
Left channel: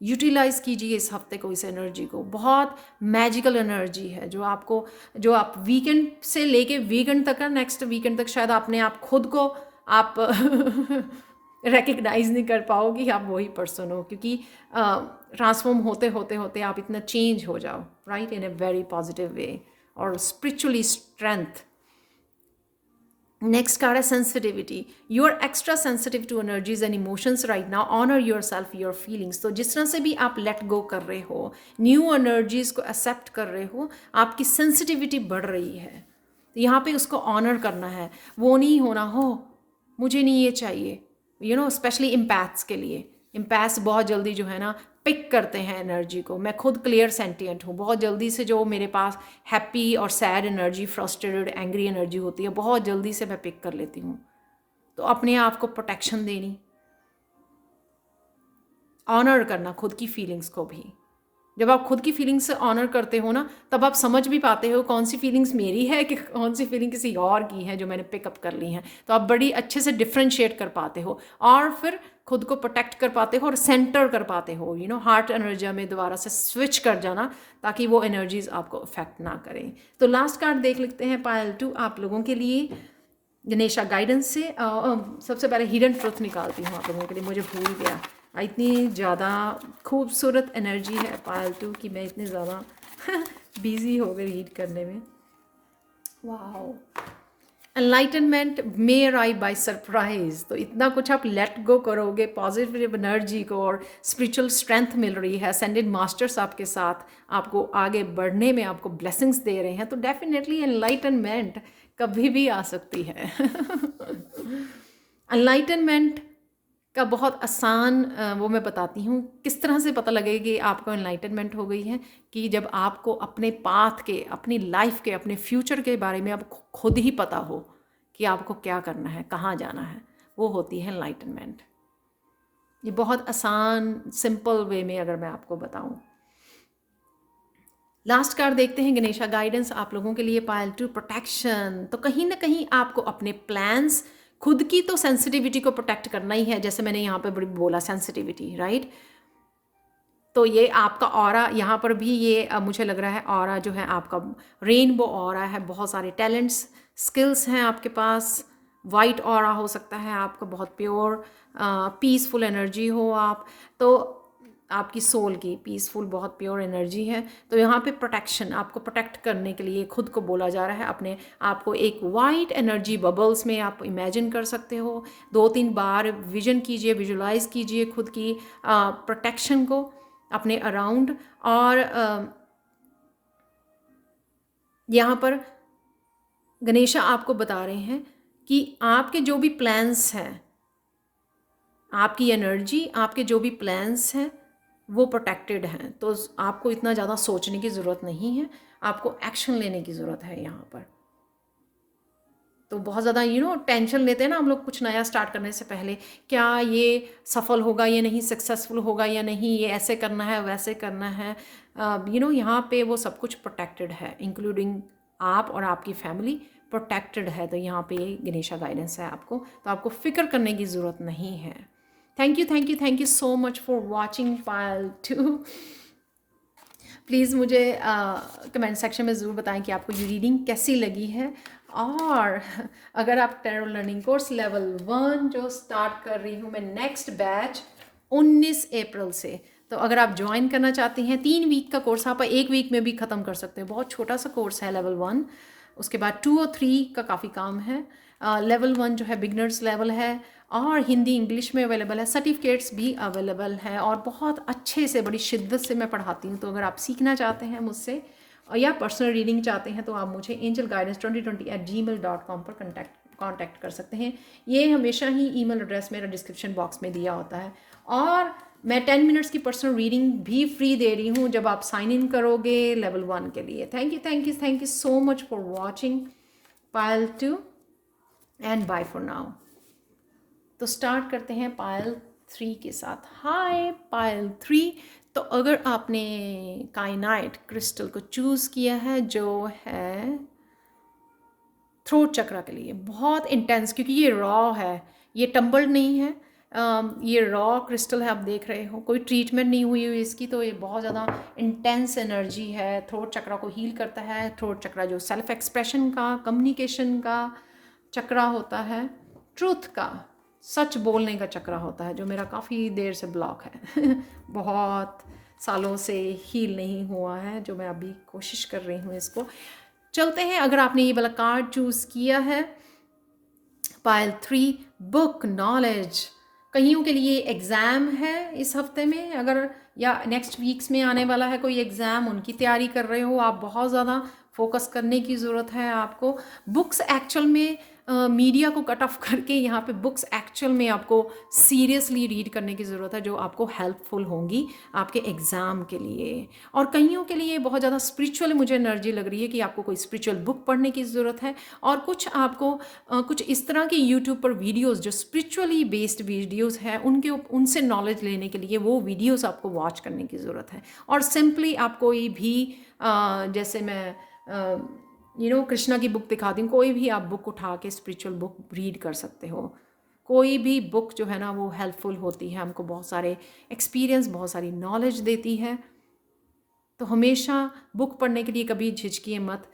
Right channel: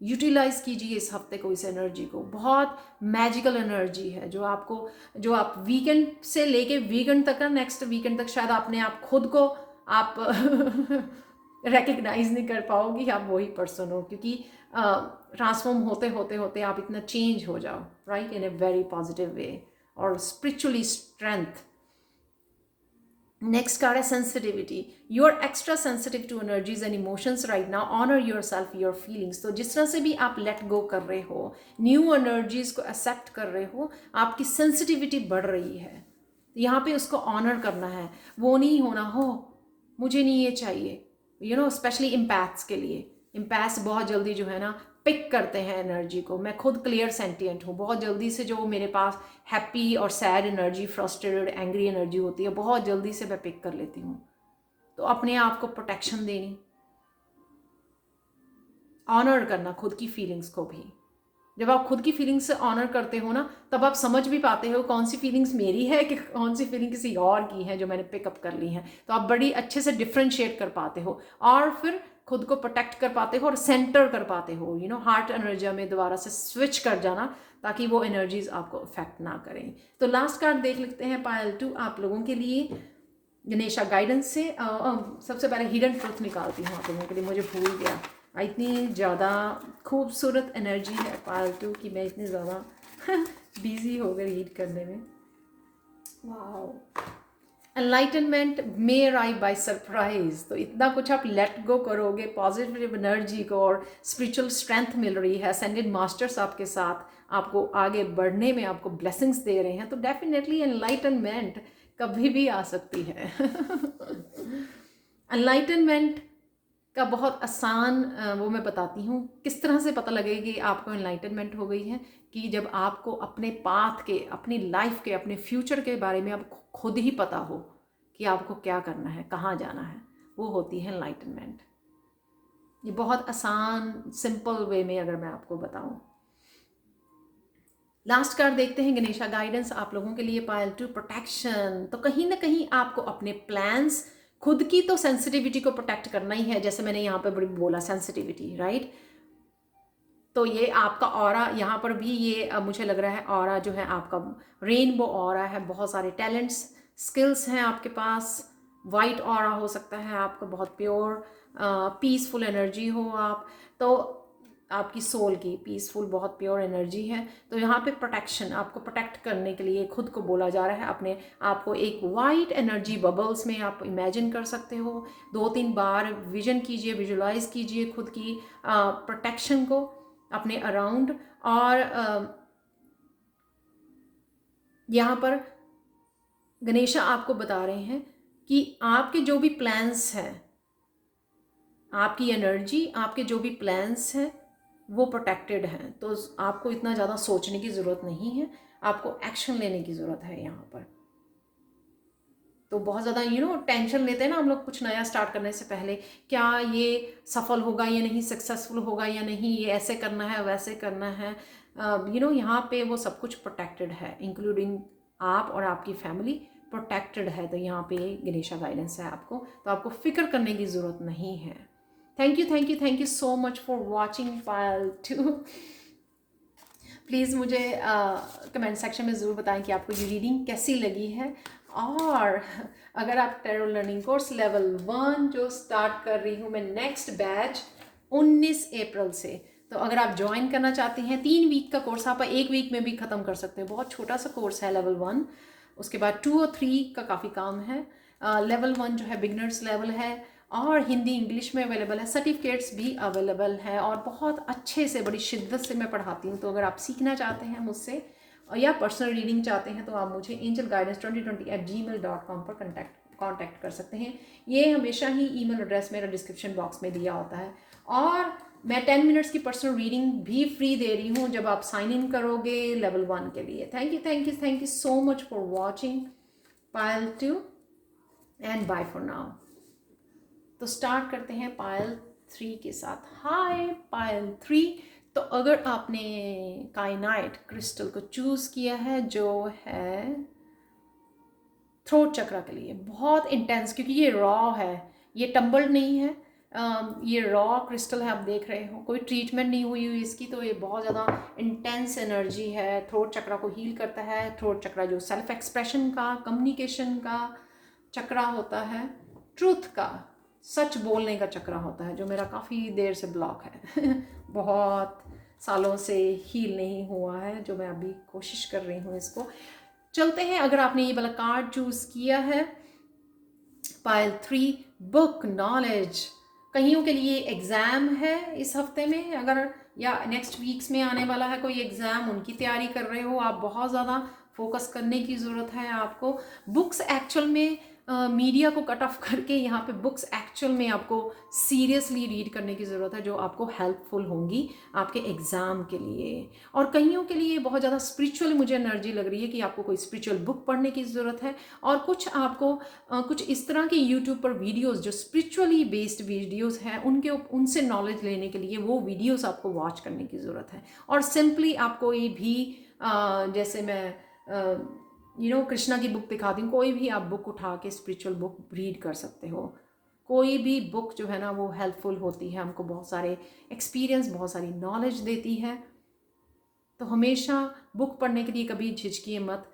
यूटिलाइज कीजिए इस हफ्ते को, इस एनर्जी को। बहुत मैजिकल एनर्जी है जो आपको, जो आप वीकेंड से लेके वीकेंड तक का, नेक्स्ट वीकेंड तक शायद अपने आप खुद को आप रिकग्नाइज नहीं कर पाओगी आप वही पर्सन हो, क्योंकि ट्रांसफॉर्म होते होते होते आप इतना चेंज हो जाओ, right, in a very positive way, और स्पिरिचुअली स्ट्रेंथ। नेक्स्ट कार्ड है sensitivity. You are extra sensitive to energies and emotions right now, honour yourself, your feelings. तो जिस तरह से भी आप लेट गो कर रहे हो, न्यू एनर्जीज को एक्सेप्ट कर रहे हो, आपकी सेंसिटिविटी बढ़ रही है। तो यहाँ पे उसको ऑनर करना है, वो नहीं होना हो मुझे नहीं ये चाहिए, स्पेशली इम्पैथ्स के लिए। इम्पैथ्स बहुत जल्दी जो है ना पिक करते हैं एनर्जी को। मैं खुद क्लियर सेंटिएंट हूँ, बहुत जल्दी से जो मेरे पास हैप्पी और sad energy, frustrated, angry energy होती है, बहुत जल्दी से मैं पिक कर लेती हूँ। तो अपने आप को प्रोटेक्शन देनी, ऑनर करना खुद की फीलिंग्स को भी। जब आप खुद की फीलिंग्स से ऑनर करते हो ना, तब आप समझ भी पाते हो कौन सी फीलिंग्स मेरी है कि कौन सी फीलिंग किसी और की है जो मैंने पिकअप कर ली है। तो आप बड़ी अच्छे से डिफ्रेंशिएट कर पाते हो और फिर खुद को प्रोटेक्ट कर पाते हो और सेंटर कर पाते हो, हार्ट एनर्जी में दोबारा से स्विच कर जाना, ताकि वो एनर्जीज आपको अफेक्ट ना करें। तो लास्ट कार्ड देख लेते हैं पायल 2 आप लोगों के लिए गणेशा गाइडेंस से। सबसे पहले हिडन ट्रुथ निकालती हूँ आप लोगों के लिए, मुझे भूल गया। इतनी ज़्यादा खूबसूरत एनर्जी है पायल 2 की, मैं इतनी ज़्यादा बिजी हो गई रीड करने में। वाह, enlightenment may arrive by surprise. तो इतना कुछ आप लेट गो करोगे, पॉजिटिव एनर्जी को और स्पिरिचुअल स्ट्रेंथ मिल रही है, असेंडेड मास्टर्स आपके साथ आपको आगे बढ़ने में आपको ब्लेसिंग्स दे रहे हैं, तो डेफिनेटली एनलाइटनमेंट कभी भी आ सकती है। एनलाइटनमेंट का बहुत आसान वो मैं बताती हूँ किस तरह से पता लगेगा कि आपको एनलाइटनमेंट हो गई है, कि जब आपको अपने पाथ के, अपनी लाइफ के, अपने फ्यूचर के बारे में आप खुद ही पता हो कि आपको क्या करना है, कहाँ जाना है, वो होती है एनलाइटनमेंट। ये बहुत आसान सिंपल वे में अगर मैं आपको बताऊँ। लास्ट कार्ड देखते हैं गणेशा गाइडेंस आप लोगों के लिए पायल 2 प्रोटेक्शन। तो कहीं ना कहीं आपको अपने प्लान्स, खुद की तो सेंसिटिविटी को प्रोटेक्ट करना ही है, जैसे मैंने यहाँ पे बड़ी बोला सेंसिटिविटी, राइट। तो ये आपका ऑरा, यहाँ पर भी ये मुझे लग रहा है ऑरा जो है आपका रेनबो ऑरा है, बहुत सारे टैलेंट्स, स्किल्स हैं आपके पास। वाइट ऑरा हो सकता है आपका, बहुत प्योर पीसफुल एनर्जी हो आप, तो आपकी सोल की पीसफुल बहुत प्योर एनर्जी है। तो यहाँ पे प्रोटेक्शन, आपको प्रोटेक्ट करने के लिए खुद को बोला जा रहा है। अपने आपको एक वाइट एनर्जी बबल्स में आप इमेजिन कर सकते हो, 2-3 बार विजन कीजिए, विजुलाइज कीजिए खुद की प्रोटेक्शन को अपने अराउंड। और यहाँ पर गणेशा आपको बता रहे हैं कि आपके जो भी प्लान्स हैं, आपकी एनर्जी, आपके जो भी प्लान्स हैं वो प्रोटेक्टेड हैं। तो आपको इतना ज़्यादा सोचने की ज़रूरत नहीं है, आपको एक्शन लेने की ज़रूरत है यहाँ पर। तो बहुत ज़्यादा टेंशन लेते हैं ना हम लोग कुछ नया स्टार्ट करने से पहले, क्या ये सफल होगा या नहीं, सक्सेसफुल होगा या नहीं, ये ऐसे करना है वैसे करना है। यहाँ पे वो सब कुछ प्रोटेक्टेड है, इंक्लूडिंग आप और आपकी फैमिली प्रोटेक्टेड है। तो यहाँ पे गणेशा गाइडेंस है आपको, तो आपको फिक्र करने की ज़रूरत नहीं है। Thank you so much for watching Payal 2। Please मुझे कमेंट सेक्शन में ज़रूर बताएं कि आपको ये रीडिंग कैसी लगी है। और अगर आप टैरो लर्निंग कोर्स लेवल 1 जो स्टार्ट कर रही हूँ मैं, नेक्स्ट बैच 19 अप्रैल से, तो अगर आप ज्वाइन करना चाहते हैं, 3 वीक का कोर्स आप 1 वीक में भी ख़त्म कर सकते हो, बहुत छोटा सा कोर्स है लेवल 1। उसके बाद 2 और 3 का काफ़ी काम है। लेवल 1 जो है बिगनर्स लेवल है और हिंदी इंग्लिश में अवेलेबल है, सर्टिफिकेट्स भी अवेलेबल हैं और बहुत अच्छे से, बड़ी शिद्दत से मैं पढ़ाती हूँ। तो अगर आप सीखना चाहते हैं मुझसे और या पर्सनल रीडिंग चाहते हैं, तो आप मुझे angelguidance2020@gmail.com पर कांटेक्ट कर सकते हैं। ये हमेशा ही ईमेल एड्रेस मेरा डिस्क्रिप्शन बॉक्स में दिया होता है। और मैं 10 मिनट्स की पर्सनल रीडिंग भी फ्री दे रही हूँ जब आप साइन इन करोगे लेवल 1 के लिए। Thank you so much for watching Payal 2 and bye for now. तो स्टार्ट करते हैं पायल 3 के साथ। हाय पायल 3। तो अगर आपने काइनाइट क्रिस्टल को चूज़ किया है जो है थ्रोट चक्रा के लिए, बहुत इंटेंस, क्योंकि ये रॉ है, ये टम्बल्ड नहीं है, ये रॉ क्रिस्टल है, आप देख रहे हो, कोई ट्रीटमेंट नहीं हुई हुई इसकी। तो ये बहुत ज़्यादा इंटेंस एनर्जी है, थ्रोट चक्रा को हील करता है। थ्रोट चक्रा जो सेल्फ एक्सप्रेशन का, कम्युनिकेशन का चक्रा होता है, ट्रूथ का, सच बोलने का चक्रा होता है, जो मेरा काफ़ी देर से ब्लॉक है बहुत सालों से हील नहीं हुआ है, जो मैं अभी कोशिश कर रही हूँ इसको। चलते हैं, अगर आपने ये वाला कार्ड चूज़ किया है पायल 3, बुक नॉलेज, कईयों के लिए एग्ज़ाम है इस हफ्ते में, अगर या नेक्स्ट वीक्स में आने वाला है कोई एग्ज़ाम, उनकी तैयारी कर रहे हो आप, बहुत ज़्यादा फोकस करने की ज़रूरत है आपको। बुक्स एक्चुअल में मीडिया को कट ऑफ करके यहाँ पे बुक्स एक्चुअल में आपको सीरियसली रीड करने की ज़रूरत है, जो आपको हेल्पफुल होंगी आपके एग्ज़ाम के लिए। और कईयों के लिए बहुत ज़्यादा स्पिरिचुअल मुझे एनर्जी लग रही है कि आपको कोई स्पिरिचुअल बुक पढ़ने की ज़रूरत है, और कुछ आपको कुछ इस तरह की यूट्यूब पर वीडियोज़ जो स्पिरिचुअली बेस्ड वीडियोज़ हैं उनसे नॉलेज लेने के लिए वो वीडियोज़ आपको वॉच करने की ज़रूरत है। और सिंपली आप कोई भी जैसे मैं कृष्णा की बुक दिखाती हूँ, कोई भी आप बुक उठा के स्पिरिचुअल बुक रीड कर सकते हो। कोई भी बुक जो है ना वो हेल्पफुल होती है, हमको बहुत सारे एक्सपीरियंस, बहुत सारी नॉलेज देती है। तो हमेशा बुक पढ़ने के लिए कभी झिझकिए मत।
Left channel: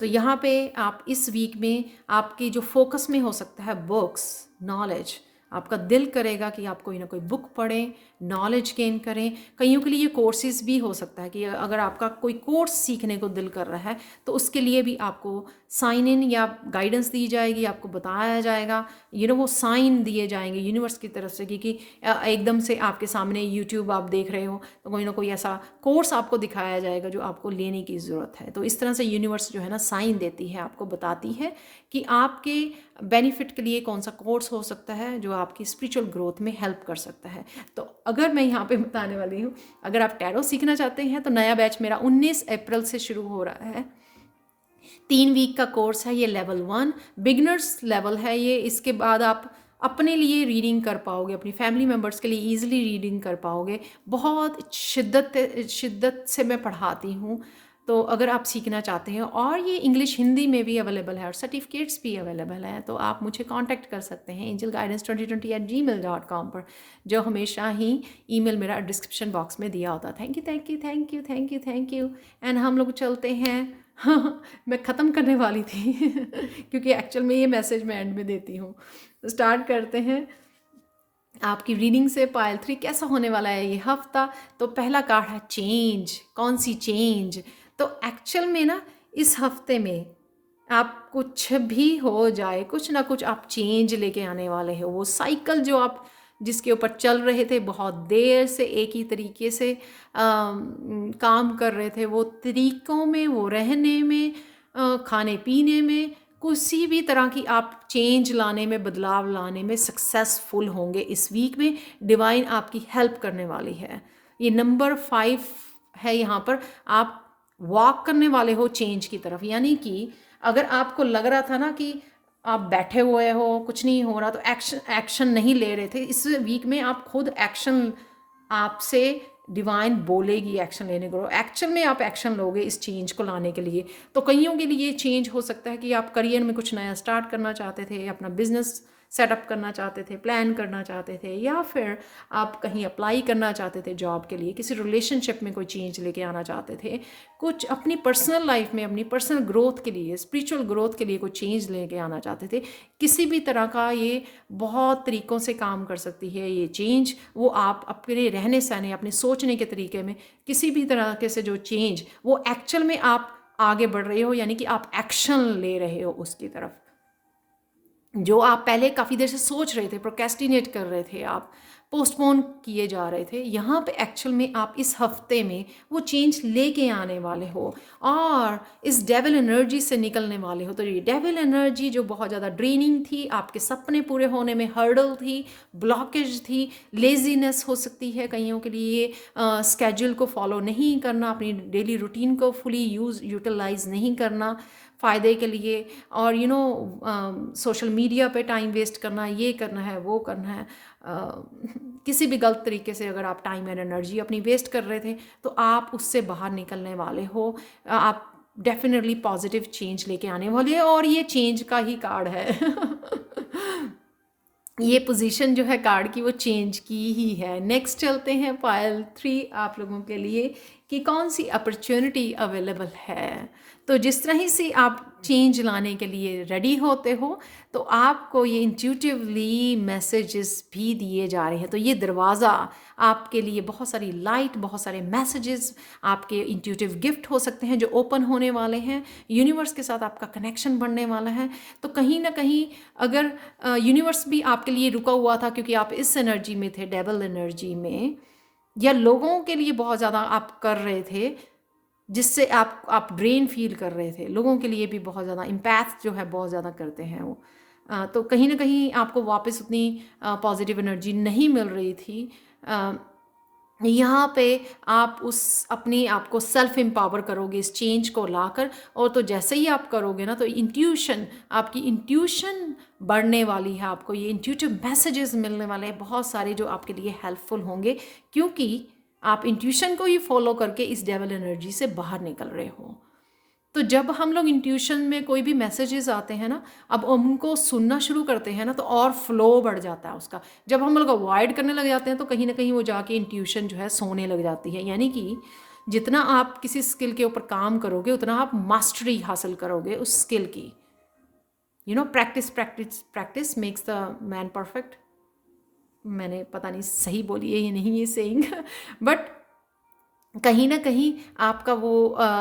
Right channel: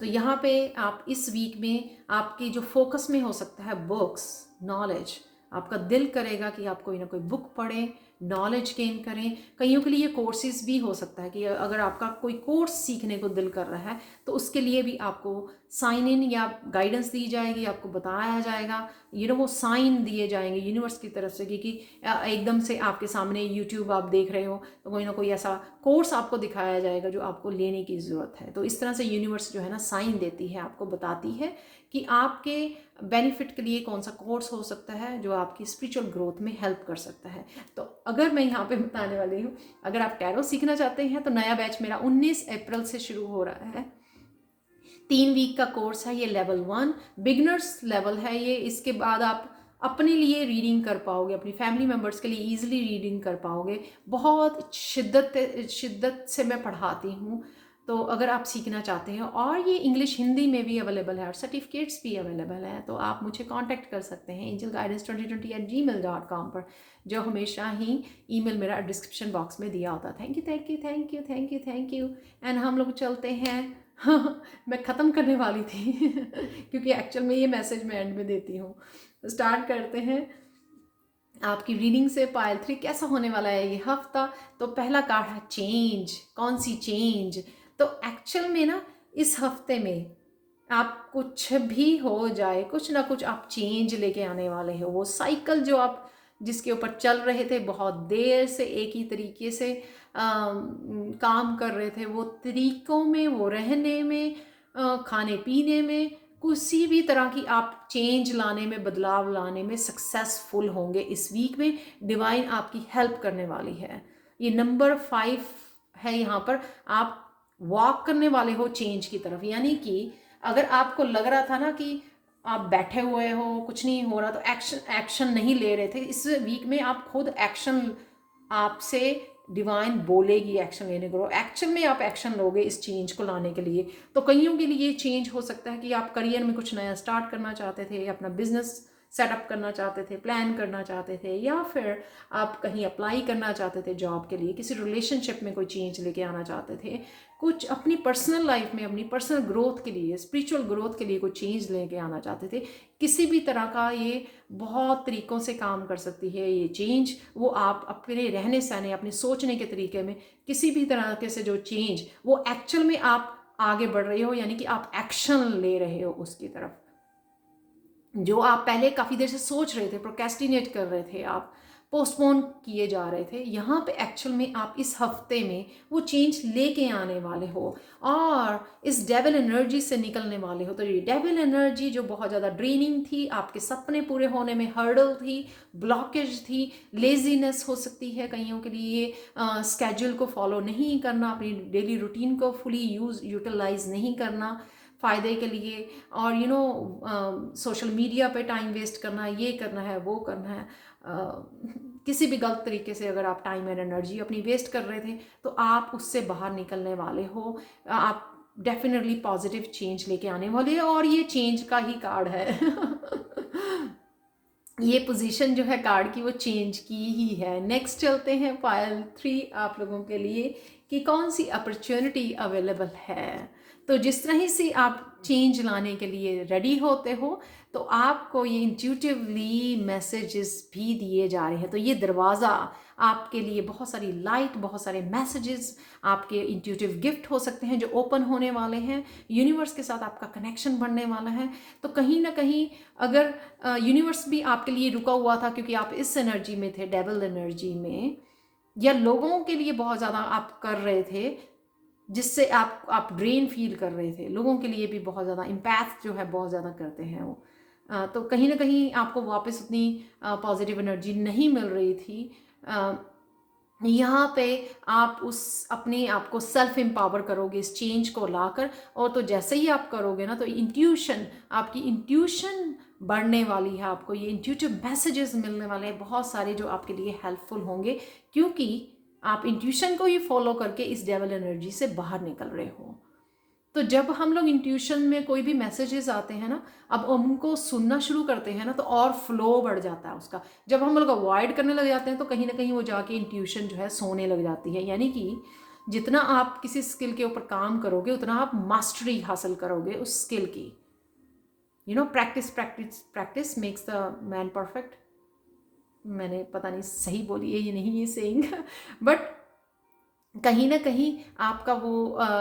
तो यहाँ पे आप इस वीक में आपके जो फोकस में हो सकता है बुक्स, नॉलेज, आपका दिल करेगा कि आप कोई ना कोई बुक पढ़ें, नॉलेज गेन करें। कईयों के लिए कोर्सेज भी हो सकता है कि अगर आपका कोई कोर्स सीखने को दिल कर रहा है तो उसके लिए भी आपको साइन इन या गाइडेंस दी जाएगी, आपको बताया जाएगा, वो साइन दिए जाएंगे यूनिवर्स की तरफ से कि एकदम से आपके सामने यूट्यूब आप देख रहे हो तो कोई ना कोई ऐसा कोर्स आपको दिखाया जाएगा जो आपको लेने की ज़रूरत है। तो इस तरह से यूनिवर्स जो है ना साइन देती है, आपको बताती है कि आपके बेनिफिट के लिए कौन सा कोर्स हो सकता है जो आपकी स्पिरिचुअल ग्रोथ में हेल्प कर सकता है। तो अगर मैं यहाँ पे बताने वाली हूँ, अगर आप टैरो सीखना चाहते हैं तो नया बैच मेरा 19 अप्रैल से शुरू हो रहा है। 3 वीक का कोर्स है, ये लेवल 1 बिगनर्स लेवल है ये। इसके बाद आप अपने लिए रीडिंग कर पाओगे, अपनी फैमिली मेम्बर्स के लिए ईजिली रीडिंग कर पाओगे। बहुत शिद्दत से मैं पढ़ाती हूँ। तो अगर आप सीखना चाहते हैं, और ये इंग्लिश हिंदी में भी अवेलेबल है और सर्टिफिकेट्स भी अवेलेबल हैं, तो आप मुझे कांटेक्ट कर सकते हैं angelguidance2020@gmail.com पर, जो हमेशा ही ईमेल मेरा डिस्क्रिप्शन बॉक्स में दिया होता है। Thank you thank you thank you thank you thank you. And हम लोग चलते हैं मैं ख़त्म करने वाली थी क्योंकि एक्चुअल में ये मैसेज मैं एंड में देती हूँ। तो स्टार्ट करते हैं आपकी रीडिंग से। पायल 3 कैसा होने वाला है ये हफ्ता। तो पहला कार्ड है चेंज। कौन सी चेंज? तो एक्चुअल में ना इस हफ्ते में आप कुछ भी हो जाए, कुछ ना कुछ आप चेंज लेके आने वाले हो। वो साइकिल जो आप जिसके ऊपर चल रहे थे, बहुत देर से एक ही तरीके से काम कर रहे थे, वो तरीक़ों में, वो रहने में, खाने पीने में, किसी भी तरह की आप चेंज लाने में, बदलाव लाने में सक्सेसफुल होंगे। इस वीक में डिवाइन आपकी हेल्प करने वाली है। ये नंबर 5 है यहाँ पर। आप वॉक करने वाले हो चेंज की तरफ। यानी कि अगर आपको लग रहा था ना कि आप बैठे हुए हो, कुछ नहीं हो रहा, तो एक्शन नहीं ले रहे थे, इस वीक में आप खुद एक्शन, आपसे डिवाइन बोलेगी एक्शन लेने को। एक्चुअल में आप एक्शन लोगे इस चेंज को लाने के लिए। तो कईयों के लिए चेंज हो सकता है कि आप करियर में कुछ नया स्टार्ट करना चाहते थे, अपना बिजनेस सेटअप करना चाहते थे, प्लान करना चाहते थे, या फिर आप कहीं अप्लाई करना चाहते थे जॉब के लिए, किसी रिलेशनशिप में कोई चेंज लेके आना चाहते थे, कुछ अपनी पर्सनल लाइफ में, अपनी पर्सनल ग्रोथ के लिए, स्पिरिचुअल ग्रोथ के लिए कोई चेंज लेके आना चाहते थे। किसी भी तरह का ये बहुत तरीक़ों से काम कर सकती है ये चेंज। वो आप अपने रहने सहने, अपने सोचने के तरीके में किसी भी तरह के से जो चेंज, वो एक्चुअल में आप आगे बढ़ रहे हो, यानी कि आप एक्शन ले रहे हो उसकी तरफ। जो आप पहले काफ़ी देर से सोच रहे थे, प्रोक्रेस्टिनेट कर रहे थे, आप पोस्टपोन किए जा रहे थे, यहाँ पे एक्चुअल में आप इस हफ्ते में वो चेंज लेके आने वाले हो और इस डेविल एनर्जी से निकलने वाले हो। तो ये डेविल एनर्जी जो बहुत ज़्यादा ड्रेनिंग थी, आपके सपने पूरे होने में हर्डल थी, ब्लॉकेज थी, लेजीनेस हो सकती है कईयों के लिए, स्केड्यूल को फॉलो नहीं करना, अपनी डेली रूटीन को फुली यूटिलाइज नहीं करना फ़ायदे के लिए, और सोशल मीडिया पे टाइम वेस्ट करना, ये करना है, वो करना है, किसी भी गलत तरीके से अगर आप टाइम एंड एनर्जी अपनी वेस्ट कर रहे थे, तो आप उससे बाहर निकलने वाले हो। आप डेफिनेटली पॉजिटिव चेंज लेके आने वाले हैं, और ये चेंज का ही कार्ड है ये पोजीशन जो है कार्ड की वो चेंज की ही है। नेक्स्ट चलते हैं पायल 3 आप लोगों के लिए कि कौन सी अपॉर्चुनिटी अवेलेबल है। तो जिस तरह ही से आप चेंज लाने के लिए रेडी होते हो, तो आपको ये इंट्यूटिवली मैसेजेस भी दिए जा रहे हैं। तो ये दरवाज़ा आपके लिए बहुत सारी लाइट, बहुत सारे मैसेजेस, आपके इंट्यूटिव गिफ्ट हो सकते हैं जो ओपन होने वाले हैं। यूनिवर्स के साथ आपका कनेक्शन बढ़ने वाला है। तो कहीं ना कहीं अगर यूनिवर्स भी आपके लिए रुका हुआ था क्योंकि आप इस एनर्जी में थे, डेबल एनर्जी में, या लोगों के लिए बहुत ज़्यादा आप कर रहे थे, जिससे आप ड्रेन फील कर रहे थे। लोगों के लिए भी बहुत ज़्यादा इम्पैक्ट जो है बहुत ज़्यादा करते हैं वो। तो कहीं न कहीं आपको वापस उतनी पॉजिटिव एनर्जी नहीं मिल रही थी। अ, यहाँ पे आप उस अपने आप को सेल्फ एम्पावर करोगे इस चेंज को लाकर, और तो जैसे ही आप करोगे ना, तो इंट्यूशन, आपकी इंट्यूशन बढ़ने वाली है। आपको ये इंट्यूटिव मैसेजेस मिलने वाले हैं बहुत सारे जो आपके लिए हेल्पफुल होंगे, क्योंकि आप इंट्यूशन को ही फॉलो करके इस डेवल एनर्जी से बाहर निकल रहे हो। तो जब हम लोग इंट्यूशन में कोई भी मैसेजेस आते हैं ना, अब उनको सुनना शुरू करते हैं ना, तो और फ्लो बढ़ जाता है उसका। जब हम लोग अवॉइड करने लग जाते हैं तो कहीं ना कहीं वो जाके इंट्यूशन जो है सोने लग जाती है। यानी कि जितना आप किसी स्किल के ऊपर काम करोगे उतना आप मास्टरी हासिल करोगे उस स्किल की। Practice practice practice makes the man perfect. मैंने पता नहीं सही बोली है या नहीं ये सेइंग बट कहीं ना कहीं आपका वो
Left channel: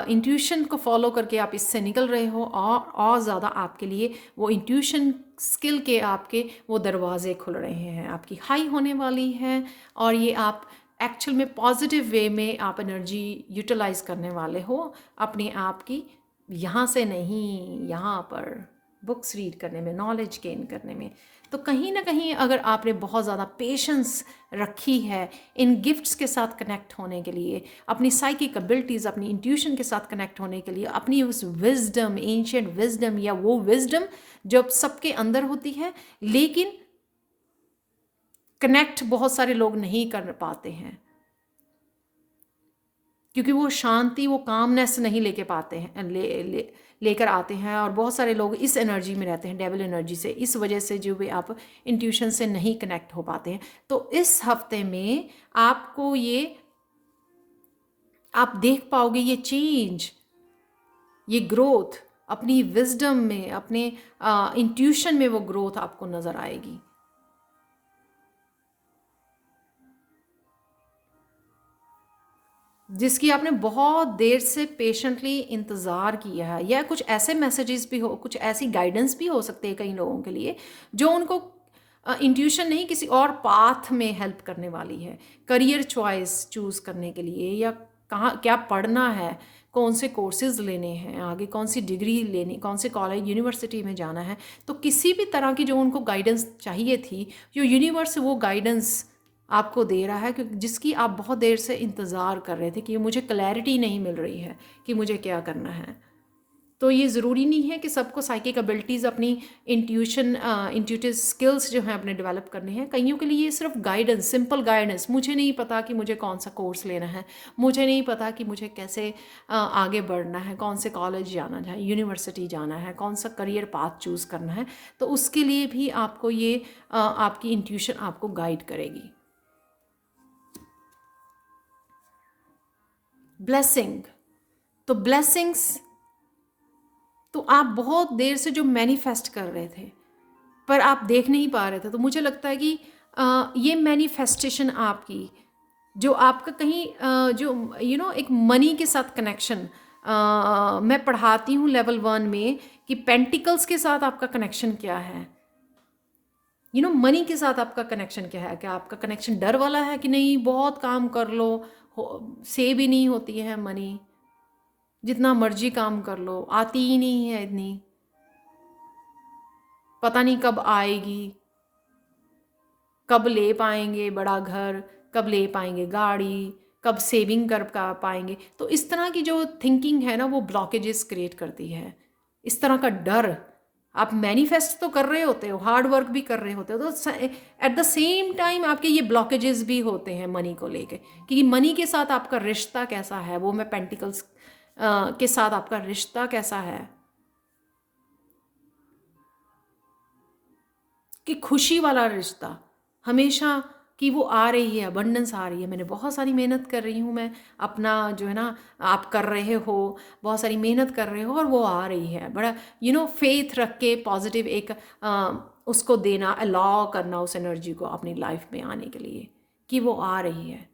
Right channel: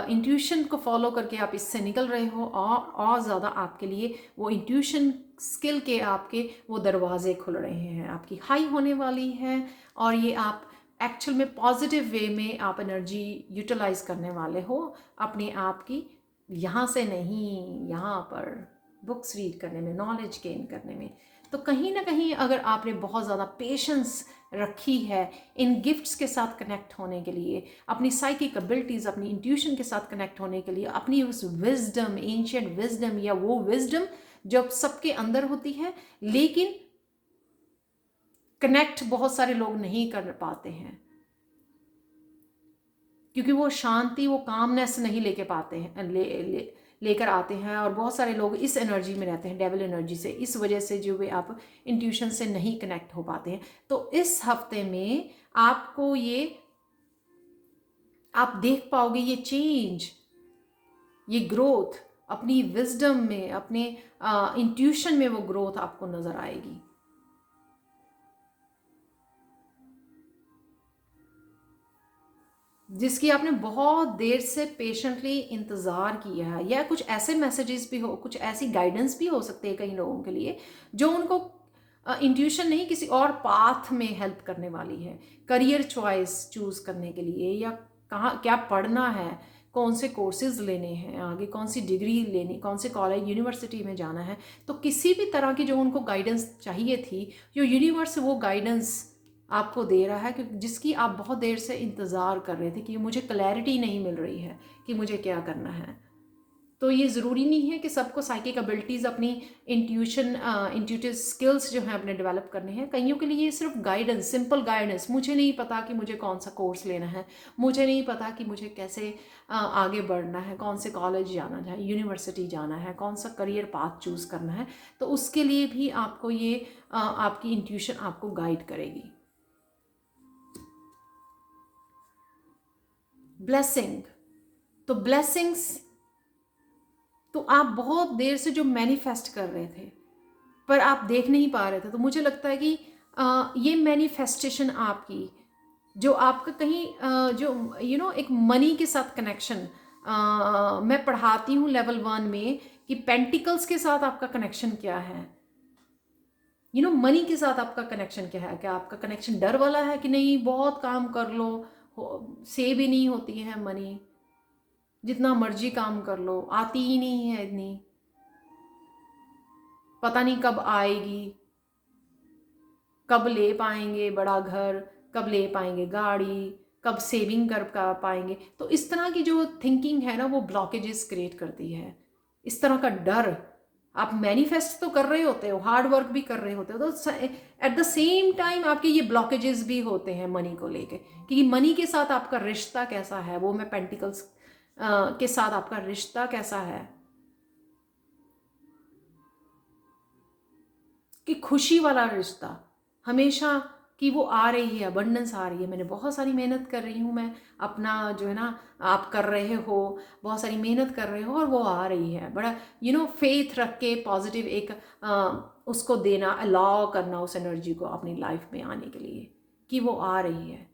इंट्यूशन को फॉलो करके आप इससे निकल रहे हो, और ज़्यादा आपके लिए वो इंट्यूशन स्किल के आपके वो दरवाजे खुल रहे हैं, आपकी हाई होने वाली हैं, और ये आप एक्चुअल में पॉजिटिव वे में आप एनर्जी यूटिलाइज करने वाले हो अपने आप की। यहाँ से नहीं, यहाँ पर बुक्स रीड करने में, नॉलेज गेन करने में। तो कहीं ना कहीं अगर आपने बहुत ज़्यादा पेशेंस रखी है इन गिफ्ट्स के साथ कनेक्ट होने के लिए, अपनी साइकिक एबिलिटीज़, अपनी इंट्यूशन के साथ कनेक्ट होने के लिए, अपनी उस विजडम, एंशिएंट विजडम, या वो विजडम जो सबके अंदर होती है, लेकिन कनेक्ट बहुत सारे लोग नहीं कर पाते हैं क्योंकि वो शांति, वो कामनेस नहीं लेके पाते हैं, लेकर आते हैं। और बहुत सारे लोग इस एनर्जी में रहते हैं, डेविल एनर्जी से, इस वजह से जो भी आप इंट्यूशन से नहीं कनेक्ट हो पाते हैं। तो इस हफ्ते में आपको ये, आप देख पाओगे ये चेंज, ये ग्रोथ अपनी विजडम में, अपने इंट्यूशन में, वो ग्रोथ आपको नजर आएगी। जिसकी आपने बहुत देर से पेशेंटली इंतज़ार किया है, या कुछ ऐसे मैसेजेस भी हो, कुछ ऐसी गाइडेंस भी हो सकती है कई लोगों के लिए, जो उनको इंट्यूशन नहीं किसी और पाथ में हेल्प करने वाली है। करियर चॉइस चूज़ करने के लिए, या कहाँ क्या पढ़ना है, कौन से कोर्सेज लेने हैं आगे, कौन सी डिग्री लेनी, कौन से कॉलेज यूनिवर्सिटी में जाना है। तो किसी भी तरह की जो उनको गाइडेंस चाहिए थी, जो यूनिवर्स वो गाइडेंस आपको दे रहा है, क्योंकि जिसकी आप बहुत देर से इंतज़ार कर रहे थे कि मुझे क्लैरिटी नहीं मिल रही है कि मुझे क्या करना है। तो ये ज़रूरी नहीं है कि सबको साइकिक एबिलिटीज़, अपनी इंट्यूशन, इंट्यूटिव स्किल्स जो हैं अपने डेवलप करने हैं। कईयों के लिए ये सिर्फ गाइडेंस, सिंपल गाइडेंस, मुझे नहीं पता कि मुझे कौन सा कोर्स लेना है, मुझे नहीं पता कि मुझे कैसे आगे बढ़ना है, कौन से कॉलेज जाना है, यूनिवर्सिटी जाना है, कौन सा करियर पाथ चूज़ करना है। तो उसके लिए भी आपको ये आपकी इंट्यूशन आपको गाइड करेगी। ब्लेसिंग, तो ब्लेसिंग्स तो आप बहुत देर से जो मैनिफेस्ट कर रहे थे पर आप देख नहीं पा रहे थे, तो मुझे लगता है कि ये मैनिफेस्टेशन आपकी, जो आपका कहीं जो एक मनी के साथ कनेक्शन, मैं पढ़ाती हूँ लेवल 1 में कि पेंटिकल्स के साथ आपका कनेक्शन क्या है, मनी के साथ आपका कनेक्शन क्या है। क्या आपका कनेक्शन डर वाला है कि नहीं बहुत काम कर लो, सेव ही नहीं होती है मनी, जितना मर्जी काम कर लो आती ही नहीं है इतनी, पता नहीं कब आएगी, कब ले पाएंगे बड़ा घर, कब ले पाएंगे गाड़ी, कब सेविंग कर पाएंगे। तो इस तरह की जो थिंकिंग है ना, वो ब्लॉकेजेस क्रिएट करती है। इस तरह का डर, आप मैनिफेस्ट तो कर रहे होते हो, हार्ड वर्क भी कर रहे होते हो, तो एट द सेम टाइम आपके ये ब्लॉकेजेस भी होते हैं मनी को लेके, कि मनी के साथ आपका रिश्ता कैसा है। वो मैं पेंटिकल्स के साथ आपका रिश्ता कैसा है, कि खुशी वाला रिश्ता हमेशा, कि वो आ रही है, अबंडेंस आ रही है, मैंने बहुत सारी मेहनत कर रही हूँ, मैं अपना जो है ना, आप कर रहे हो, बहुत सारी मेहनत कर रहे हो और वो आ रही है। बड़ा फेथ रख के पॉजिटिव एक उसको देना, अलाउ करना उस एनर्जी को अपनी लाइफ में आने के लिए, कि वो आ रही है।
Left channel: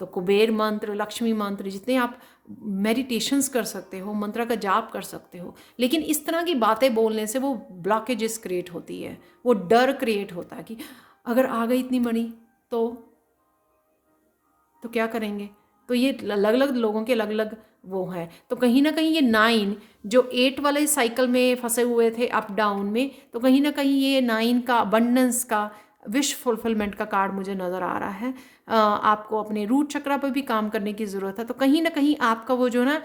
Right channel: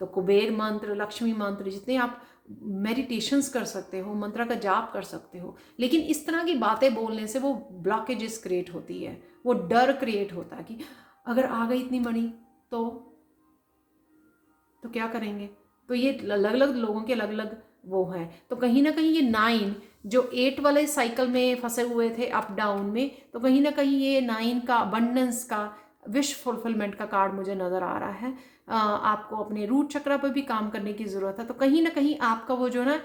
तो कुबेर मंत्र, लक्ष्मी मंत्र, जितने आप मेडिटेशंस कर सकते हो, मंत्र का जाप कर सकते हो, लेकिन इस तरह की बातें बोलने से वो ब्लॉकेजेस क्रिएट होती है, वो डर क्रिएट होता है कि अगर आ गई इतनी मनी तो क्या करेंगे, तो ये अलग अलग लोगों के अलग अलग वो हैं। तो कहीं ना कहीं ये 9 जो 8 वाले साइकिल में फंसे हुए थे अप डाउन में, तो कहीं ना कहीं ये 9 का अबंडेंस का, विश फुलफिलमेंट का कार्ड मुझे नज़र आ रहा है। आपको अपने रूट चक्रा पर भी काम करने की ज़रूरत है। तो कहीं ना कहीं आपका वो जो ना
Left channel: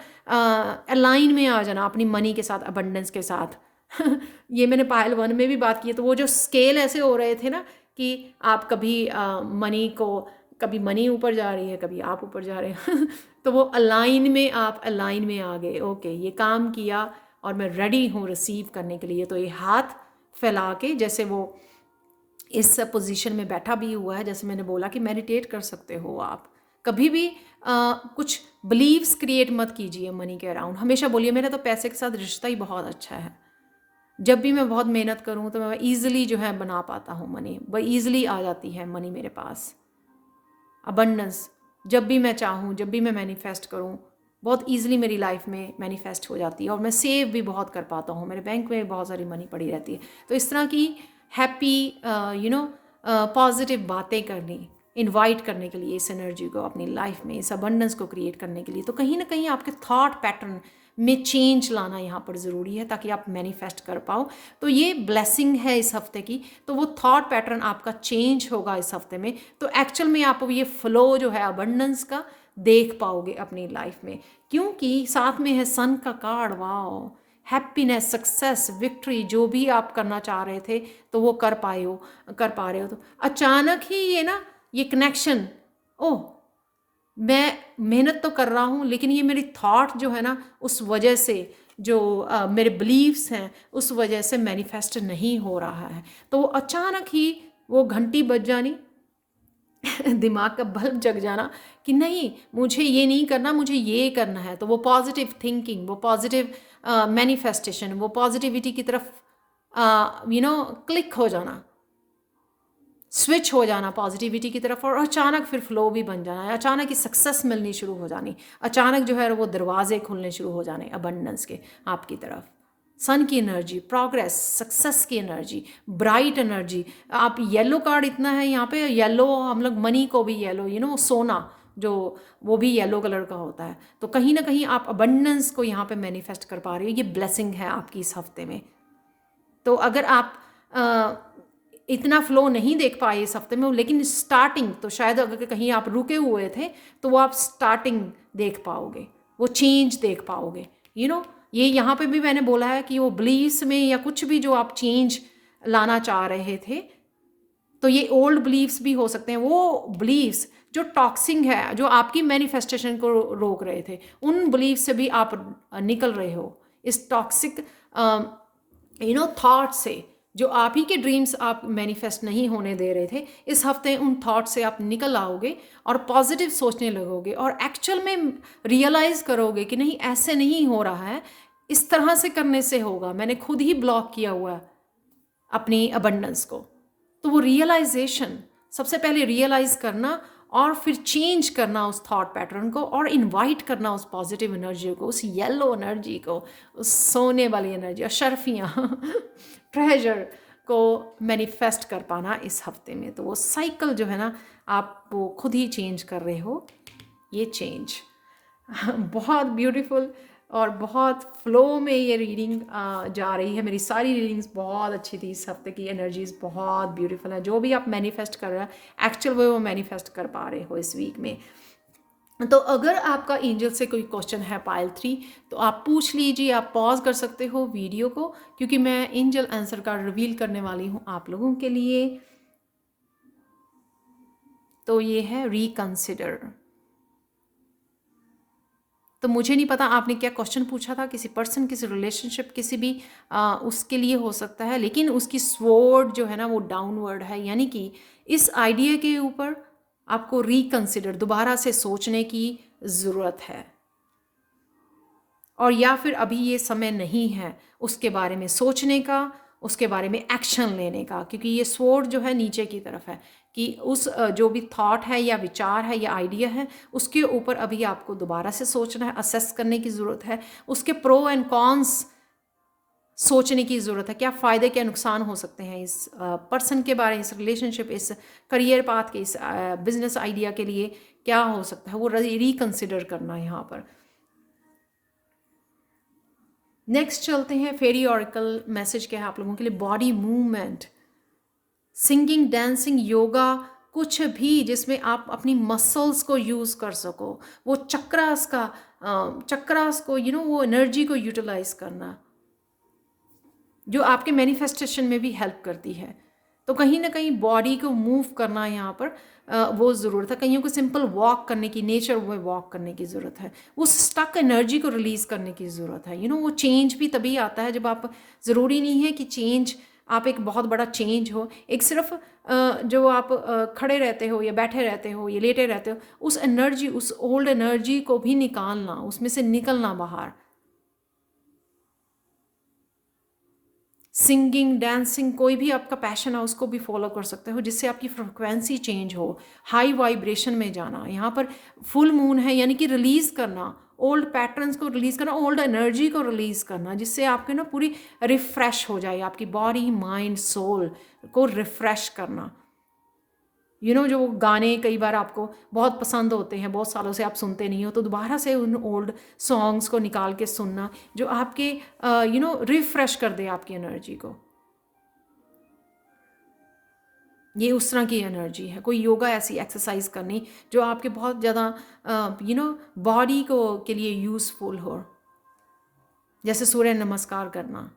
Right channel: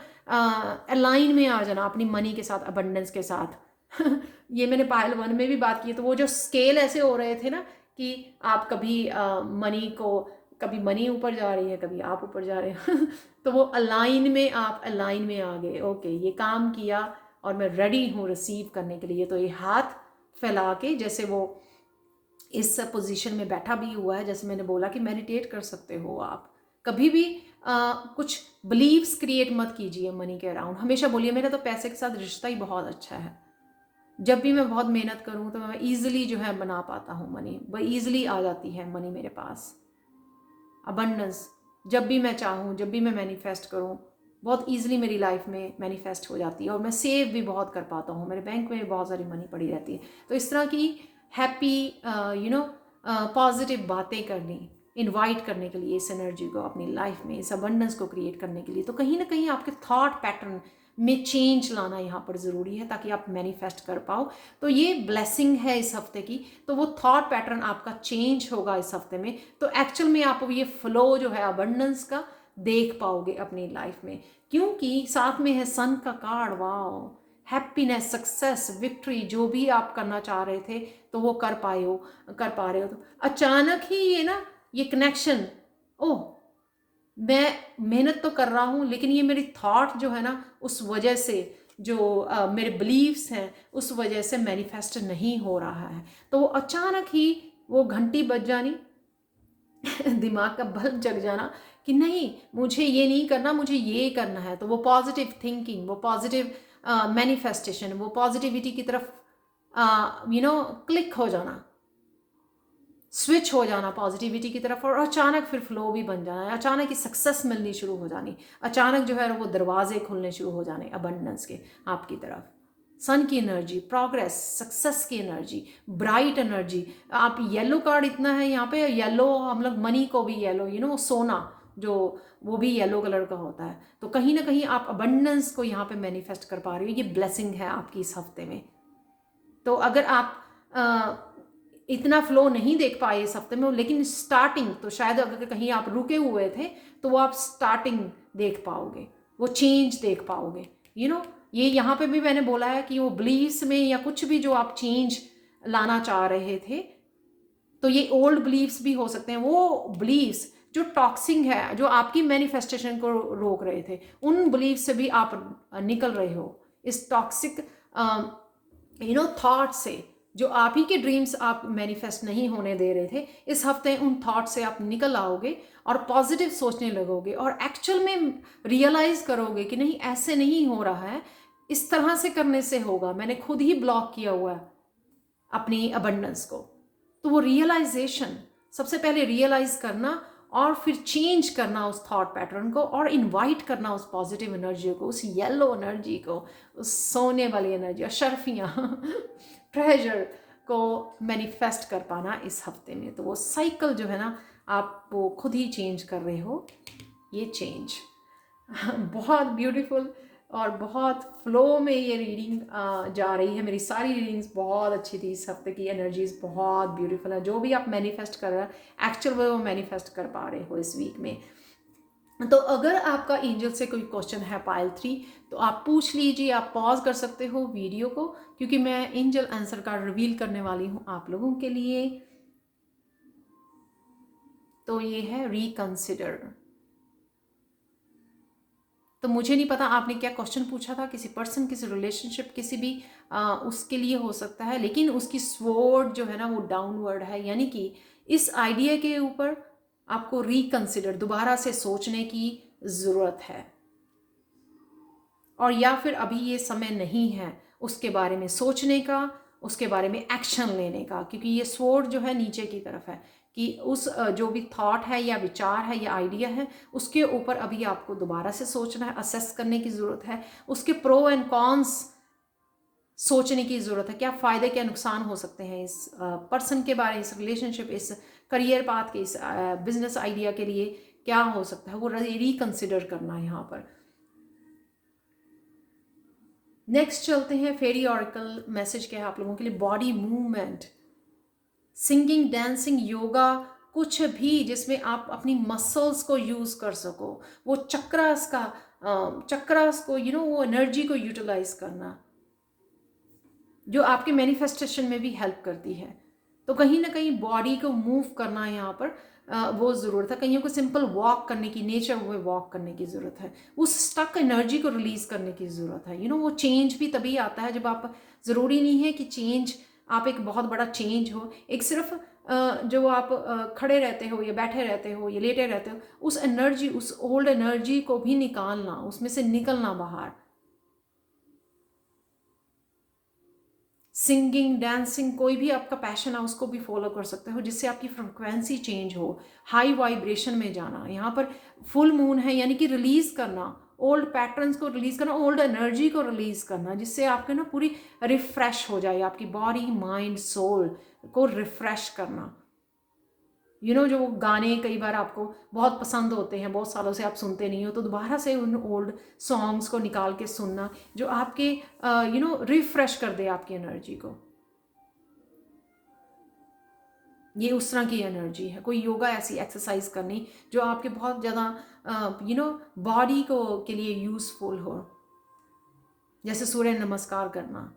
अलाइन में आ जाना अपनी मनी के साथ, अबंडेंस के साथ। ये मैंने पायल 1 में भी बात की है। तो वो जो स्केल ऐसे हो रहे थे ना कि आप कभी मनी को, कभी मनी ऊपर जा रही है, कभी आप ऊपर जा रहे हैं तो वो अलाइन में, आप अलाइन में आ गए। ओके, ये काम किया और मैं रेडी हूँ रिसीव करने के लिए। तो ये हाथ फैला के, जैसे वो इस पोजीशन में बैठा भी हुआ है, जैसे मैंने बोला कि मेडिटेट कर सकते हो आप कभी भी। कुछ बिलीव्स क्रिएट मत कीजिए मनी के अराउंड। हमेशा बोलिए मेरा तो पैसे के साथ रिश्ता ही बहुत अच्छा है, जब भी मैं बहुत मेहनत करूँ तो मैं ईजिली जो है बना पाता हूँ मनी, वह ईजिली आ जाती है मनी मेरे पास। अबंडेंस, जब भी मैं चाहूँ, जब भी मैं मैनिफेस्ट करूँ, बहुत ईजिली मेरी लाइफ में मैनिफेस्ट हो जाती है। और मैं सेव भी बहुत कर पाता हूँ, मेरे बैंक में बहुत सारी मनी पड़ी रहती है। तो इस तरह की हैप्पी पॉजिटिव बातें करनी, इनवाइट करने के लिए इस एनर्जी को अपनी लाइफ में, इस अबंडेंस को क्रिएट करने के लिए, तो कहीं ना कहीं आपके थॉट पैटर्न में चेंज लाना यहाँ पर ज़रूरी है ताकि आप मैनिफेस्ट कर पाओ। तो ये ब्लेसिंग है इस हफ्ते की। तो वो थॉट पैटर्न आपका चेंज होगा इस हफ्ते में, तो एक्चुअल में आप ये फ्लो जो है अबंडेंस का देख पाओगे अपनी लाइफ में, क्योंकि साथ में है सन का card. Wow, happiness, success, victory, जो भी आप करना चाह रहे थे तो वो कर पाए हो, कर पा रहे हो। तो अचानक ही ये ना, ये कनेक्शन, ओह मैं मेहनत तो कर रहा हूँ लेकिन ये मेरी थॉट जो है ना, उस वजह से जो मेरे बिलीव्स हैं उस वजह से मैनिफेस्ट नहीं हो रहा है। तो वो अचानक ही वो घंटी बज जानी दिमाग का बल्ब जग जाना कि नहीं, मुझे ये नहीं करना, मुझे ये करना है। तो वो पॉजिटिव थिंकिंग, वो पॉजिटिव मैनिफेस्टेशन, वो पॉजिटिविटी की तरफ क्लिक हो जाना, स्विच हो जाना पॉजिटिविटी की तरफ, और अचानक फिर फ्लो भी बन जाना है। अचानक ही सक्सेस मिलनी शुरू हो जानी, अचानक जो है वो दरवाजे खुलने शुरू हो जाने अबंडेंस के आपकी तरफ। सन की एनर्जी, प्रोग्रेस, सक्सेस की एनर्जी, ब्राइट एनर्जी। आप येलो कार्ड इतना है यहाँ पे, येलो हम लोग मनी को भी येलो, सोना जो वो भी येलो कलर का होता है। तो कहीं ना कहीं आप अबंडेंस को यहाँ पे मैनिफेस्ट कर पा रहे हो। ये ब्लेसिंग है आपकी इस हफ्ते में। तो अगर आप इतना फ्लो नहीं देख पाए इस हफ्ते में, लेकिन स्टार्टिंग तो शायद अगर कहीं आप रुके हुए थे तो वो आप स्टार्टिंग देख पाओगे, वो चेंज देख पाओगे। ये यहाँ पे भी मैंने बोला है कि वो बिलीव्स में या कुछ भी जो आप चेंज लाना चाह रहे थे, तो ये ओल्ड बिलीव्स भी हो सकते हैं। वो बिलीव्स जो टॉक्सिंग है, जो आपकी मैनिफेस्टेशन को रोक रहे थे, उन बिलीव से भी आप निकल रहे हो इस टॉक्सिक थॉट से। जो आप ही के ड्रीम्स आप मैनिफेस्ट नहीं होने दे रहे थे, इस हफ्ते उन थॉट से आप निकल आओगे और पॉजिटिव सोचने लगोगे और एक्चुअल में रियलाइज करोगे कि नहीं, ऐसे नहीं हो रहा है, इस तरह से करने से होगा, मैंने खुद ही ब्लॉक किया हुआ है अपनी अबंडेंस को। तो वो रियलाइजेशन, सबसे पहले रियलाइज करना और फिर चेंज करना उस थॉट पैटर्न को, और इनवाइट करना उस पॉजिटिव एनर्जी को, उस येलो एनर्जी को, उस सोने वाली एनर्जी, अशरफियाँ ट्रेजर को मैनिफेस्ट कर पाना इस हफ्ते में। तो वो साइकिल जो है ना, आप वो खुद ही चेंज कर रहे हो। ये चेंज बहुत ब्यूटीफुल और बहुत फ्लो में ये रीडिंग जा रही है। मेरी सारी रीडिंग्स बहुत अच्छी थी इस हफ्ते की, एनर्जीज बहुत ब्यूटीफुल है। जो भी आप मैनिफेस्ट कर रहे हो एक्चुअल वो मैनिफेस्ट कर पा रहे हो इस वीक में। तो अगर आपका एंजल से कोई क्वेश्चन है पाइल 3, तो आप पूछ लीजिए, आप पॉज कर सकते हो वीडियो को, क्योंकि मैं एंजल आंसर कार्ड रिवील करने वाली हूँ आप लोगों के लिए। तो ये है रिकंसिडर। तो मुझे नहीं पता आपने क्या क्वेश्चन पूछा था, किसी पर्सन, किसी रिलेशनशिप, किसी भी उसके लिए हो सकता है, लेकिन उसकी स्वॉर्ड जो है ना वो डाउनवर्ड है, यानी कि इस आइडिया के ऊपर आपको रिकंसिडर, दोबारा से सोचने की ज़रूरत है। और या फिर अभी ये समय नहीं है उसके बारे में सोचने का, उसके बारे में एक्शन लेने का, क्योंकि ये स्वॉर्ड जो है नीचे की तरफ है कि उस जो भी थॉट है या विचार है या आइडिया है उसके ऊपर अभी आपको दोबारा से सोचना है, असेस करने की ज़रूरत है, उसके प्रो एंड कॉन्स सोचने की ज़रूरत है, क्या फ़ायदे क्या नुकसान हो सकते हैं इस पर्सन के बारे में, इस रिलेशनशिप, इस करियर पाथ के, इस बिजनेस आइडिया के लिए क्या हो सकता है, वो रिकंसिडर करना है यहाँ पर। नेक्स्ट चलते हैं फेरी ऑरिकल मैसेज क्या है आप लोगों के लिए। Body movement, singing, dancing, yoga, कुछ भी जिसमें आप अपनी मसल्स को यूज़ कर सको, वो चक्रास का चक्रास को वो एनर्जी को यूटिलाइज करना, जो आपके मैनिफेस्टेशन में भी हेल्प करती है। तो कहीं ना कहीं बॉडी को मूव करना यहाँ पर वो ज़रूरत है। कहीं को सिंपल वॉक करने की, नेचर में वॉक करने की ज़रूरत है, उस स्टक एनर्जी को रिलीज़ करने की ज़रूरत है। वो चेंज भी तभी आता है जब आप, ज़रूरी नहीं है कि चेंज आप एक बहुत बड़ा चेंज हो, एक सिर्फ जो आप खड़े रहते हो या बैठे रहते हो या लेटे रहते हो, उस एनर्जी, उस ओल्ड एनर्जी को भी निकालना, उसमें से निकलना बाहर। सिंगिंग, डांसिंग, कोई भी आपका पैशन है उसको भी फॉलो कर सकते हो, जिससे आपकी फ्रिक्वेंसी चेंज हो, हाई वाइब्रेशन में जाना। यहाँ पर फुल मून है, यानी कि रिलीज करना, ओल्ड पैटर्न्स को रिलीज करना, ओल्ड एनर्जी को रिलीज करना, जिससे आपके पूरी रिफ्रेश हो जाए, आपकी बॉडी, माइंड, सोल को रिफ्रेश करना। जो वो गाने कई बार आपको बहुत पसंद होते हैं, बहुत सालों से आप सुनते नहीं हो, तो दोबारा से उन ओल्ड सॉन्ग्स को निकाल के सुनना, जो आपके रिफ्रेश कर दे आपकी एनर्जी को। ये उस तरह की एनर्जी है। कोई योगा ऐसी एक्सरसाइज करनी जो आपके बहुत ज़्यादा बॉडी को के लिए यूज़फुल हो, जैसे सूर्य नमस्कार करना।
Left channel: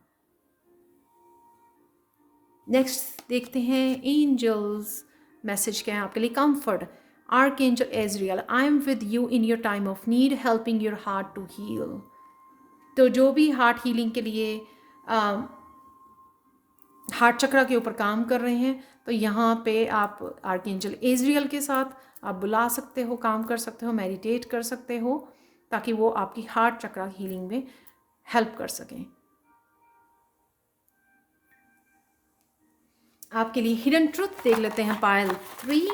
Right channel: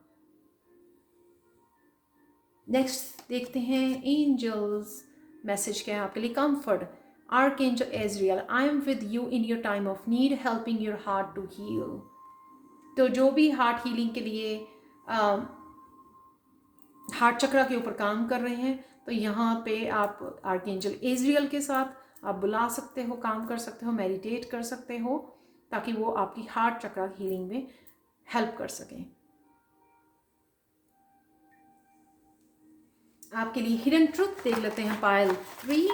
नेक्स्ट देखते हैं एंजल्स मैसेज क्या है आपके लिए। Comfort, archangel Azrael, I am with you in your time of need, helping your heart to heal. तो जो भी हार्ट हीलिंग के लिए हार्ट चक्र के ऊपर काम कर रहे हैं, तो यहाँ पे आप आर्कएंजल एजरियल के साथ आप बुला सकते हो, काम कर सकते हो, मेडिटेट कर सकते हो, ताकि वो आपकी हार्ट चक्र हीलिंग में हेल्प कर सकें। आपके लिए हिडन ट्रुथ देख लेते हैं पाइल 3।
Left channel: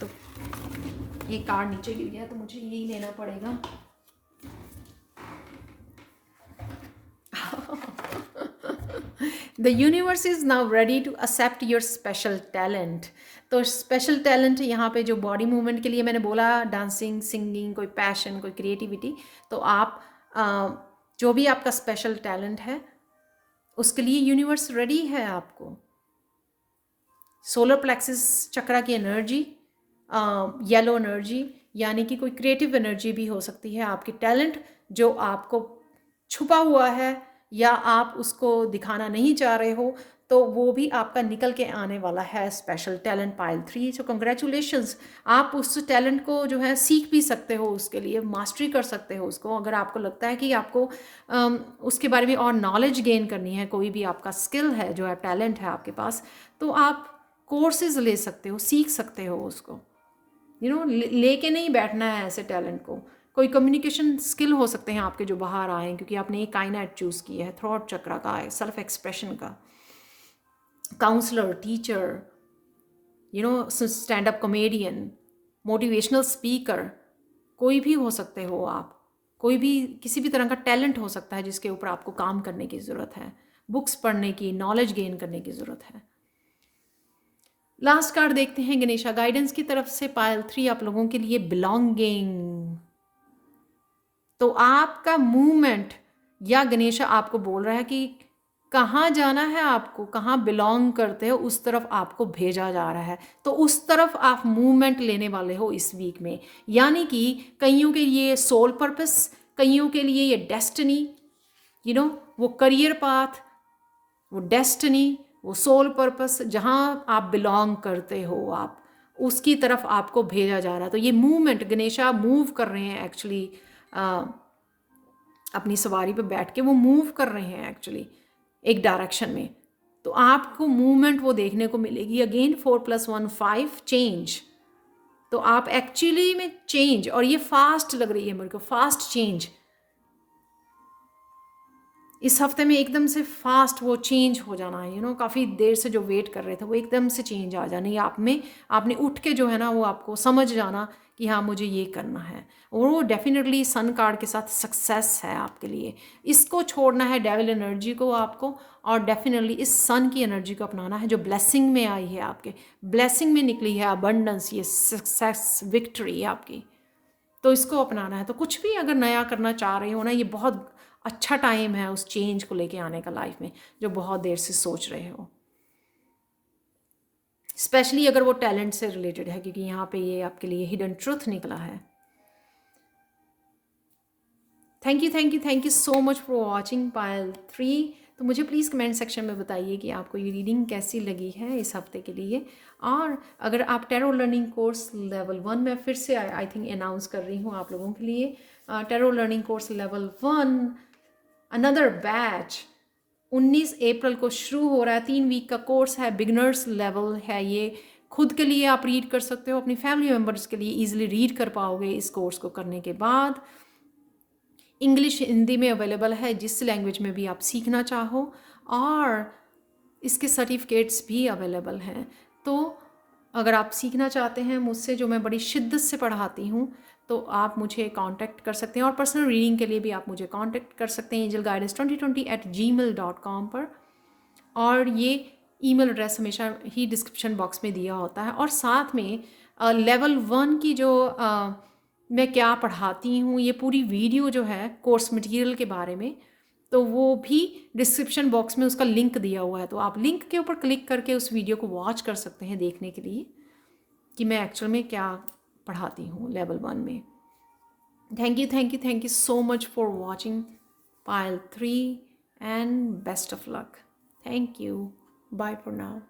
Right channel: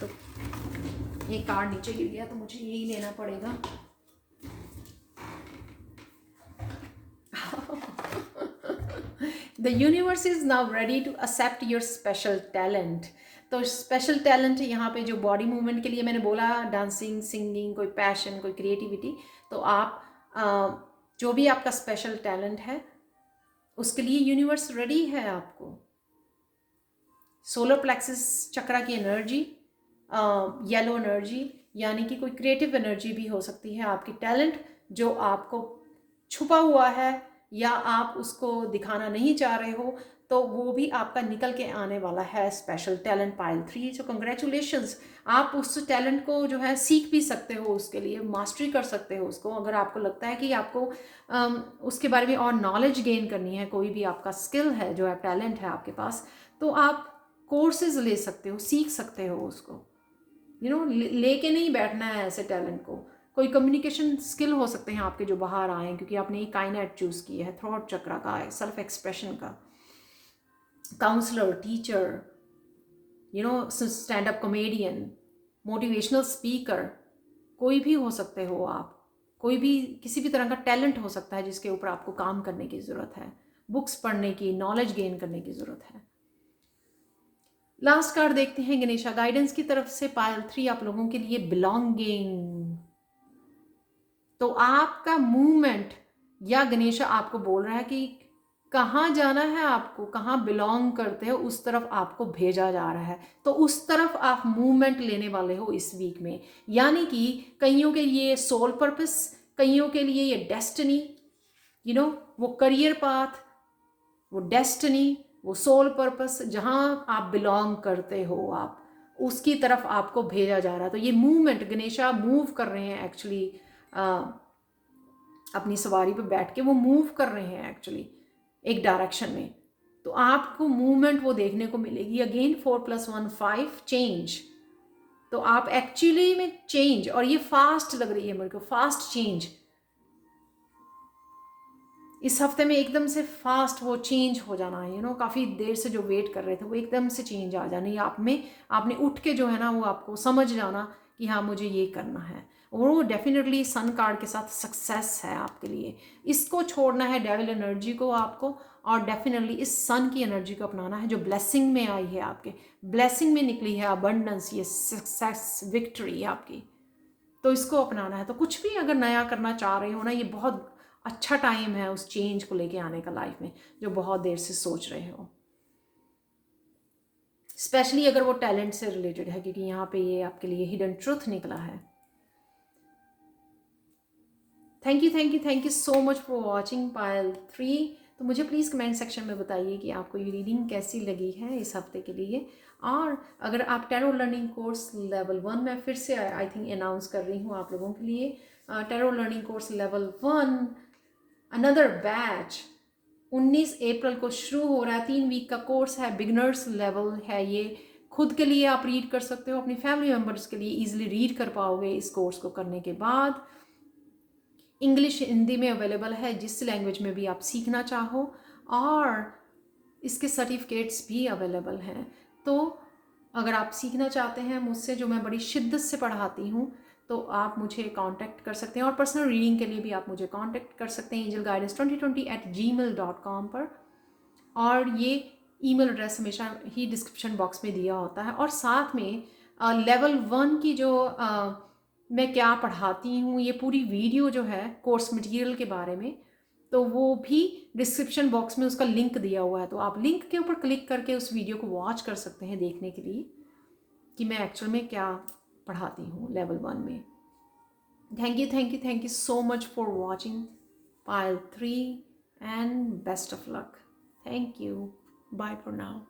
तो ये कार्ड नीचे गिर गया तो मुझे यही लेना पड़ेगा। The universe is now ready to accept your special talent। तो स्पेशल टैलेंट यहाँ पे जो बॉडी मूवमेंट के लिए मैंने बोला, डांसिंग, सिंगिंग, कोई पैशन, कोई क्रिएटिविटी, तो आप जो भी आपका स्पेशल टैलेंट है उसके लिए यूनिवर्स रेडी है आपको। सोलर प्लेक्सिस चक्रा की एनर्जी, येलो एनर्जी, यानी कि कोई क्रिएटिव एनर्जी भी हो सकती है। आपकी टैलेंट जो आपको छुपा हुआ है या आप उसको दिखाना नहीं चाह रहे हो, तो वो भी आपका निकल के आने वाला है। Special talent pile 3। सो कंग्रेचुलेशंस, आप उस टैलेंट को जो है सीख भी सकते हो, उसके लिए मास्टरी कर सकते हो उसको। अगर आपको लगता है कि आपको उसके बारे में और नॉलेज गेन करनी है, कोई भी आपका स्किल है जो है, टैलेंट है आपके पास, तो आप कोर्सेज ले सकते हो, सीख सकते हो उसको। लेके नहीं बैठना है ऐसे टैलेंट को। कोई कम्युनिकेशन स्किल हो सकते हैं आपके जो बाहर आए, क्योंकि आपने एक काइनेट चूज़ किया है, थ्रॉट चक्रा का है, सेल्फ एक्सप्रेशन का। Counsellor, teacher, stand up comedian, motivational speaker, कोई भी हो सकते हो आप। कोई भी किसी भी तरह का टैलेंट हो सकता है जिसके ऊपर आपको काम करने की ज़रूरत है, बुक्स पढ़ने की, नॉलेज गेन करने की ज़रूरत है। लास्ट कार्ड देखते हैं गणेशा गाइडेंस की तरफ से पाइल 3 आप लोगों के लिए, बिलोंगिंग। तो आपका मूवमेंट, या गणेशा आपको बोल रहा है कि कहाँ जाना है आपको, कहाँ बिलोंग करते हो, उस तरफ आपको भेजा जा रहा है। तो उस तरफ आप मूवमेंट लेने वाले हो इस वीक में। यानी कि कईयों के लिए सोल पर्पस, कईयों के लिए ये डेस्टिनी, वो करियर पाथ, वो डेस्टिनी, वो सोल पर्पस, जहाँ आप बिलोंग करते हो, आप उसकी तरफ आपको भेजा जा रहा है। तो ये मूवमेंट, गणेशा मूव कर रहे हैं एक्चुअली, अपनी सवारी पे बैठ के वो मूव कर रहे हैं एक्चुअली एक डायरेक्शन में। तो आपको मूवमेंट वो देखने को मिलेगी। Again 4+1 5 change. तो आप एक्चुअली में चेंज, और ये फास्ट लग रही है मेरे को, फास्ट चेंज इस हफ्ते में एकदम से फास्ट वो चेंज हो जाना है। काफ़ी देर से जो वेट कर रहे थे वो एकदम से चेंज आ जानी आप में। आपने उठ के जो है ना, वो आपको समझ जाना कि हाँ मुझे ये करना है, और वो डेफिनेटली सन कार्ड के साथ सक्सेस है आपके लिए। इसको छोड़ना है डेविल एनर्जी को आपको, और डेफिनेटली इस सन की एनर्जी को अपनाना है जो ब्लेसिंग में आई है, आपके ब्लेसिंग में निकली है, अबंडेंस, ये सक्सेस, विक्ट्री आपकी। तो इसको अपनाना है। तो कुछ भी अगर नया करना चाह रहे हो ना, ये बहुत अच्छा टाइम है उस चेंज को लेके आने का लाइफ में, जो बहुत देर से सोच रहे हो। स्पेशली अगर वो टैलेंट से रिलेटेड है, क्योंकि यहाँ पे ये आपके लिए हिडन ट्रुथ निकला है। Thank you so much for watching Payal 3। तो मुझे प्लीज़ कमेंट सेक्शन में बताइए कि आपको ये रीडिंग कैसी लगी है इस हफ्ते के लिए। और अगर आप टैरो लर्निंग कोर्स लेवल 1 में फिर से आई थिंक अनाउंस कर रही हूँ आप लोगों के लिए, tarot learning course level 1 another batch 19 अप्रैल को शुरू हो रहा है। 3 वीक का कोर्स है, बिगनर्स लेवल है ये। खुद के लिए आप रीड कर सकते हो, अपनी फैमिली मेम्बर्स के लिए ईजिली रीड कर पाओगे इस कोर्स को करने के बाद। इंग्लिश हिंदी में अवेलेबल है, जिस लैंग्वेज में भी आप सीखना चाहो, और इसके सर्टिफिकेट्स भी अवेलेबल हैं। तो अगर आप सीखना चाहते हैं मुझसे, जो मैं बड़ी शिद्दत से पढ़ाती हूँ, तो आप मुझे कांटेक्ट कर सकते हैं, और पर्सनल रीडिंग के लिए भी आप मुझे कांटेक्ट कर सकते हैं angelguidance2020@gmail.com पर। और ये ईमेल एड्रेस हमेशा ही डिस्क्रिप्शन बॉक्स में दिया होता है। और साथ में लेवल 1 की जो मैं क्या पढ़ाती हूँ, ये पूरी वीडियो जो है कोर्स मटेरियल के बारे में, तो वो भी डिस्क्रिप्शन बॉक्स में उसका लिंक दिया हुआ है। तो आप लिंक के ऊपर क्लिक करके उस वीडियो को वॉच कर सकते हैं, देखने के लिए कि मैं एक्चुअल में क्या पढ़ाती हूँ लेवल 1 में। Thank you so much for watching Payal 3 and best of luck. Thank you, bye for now.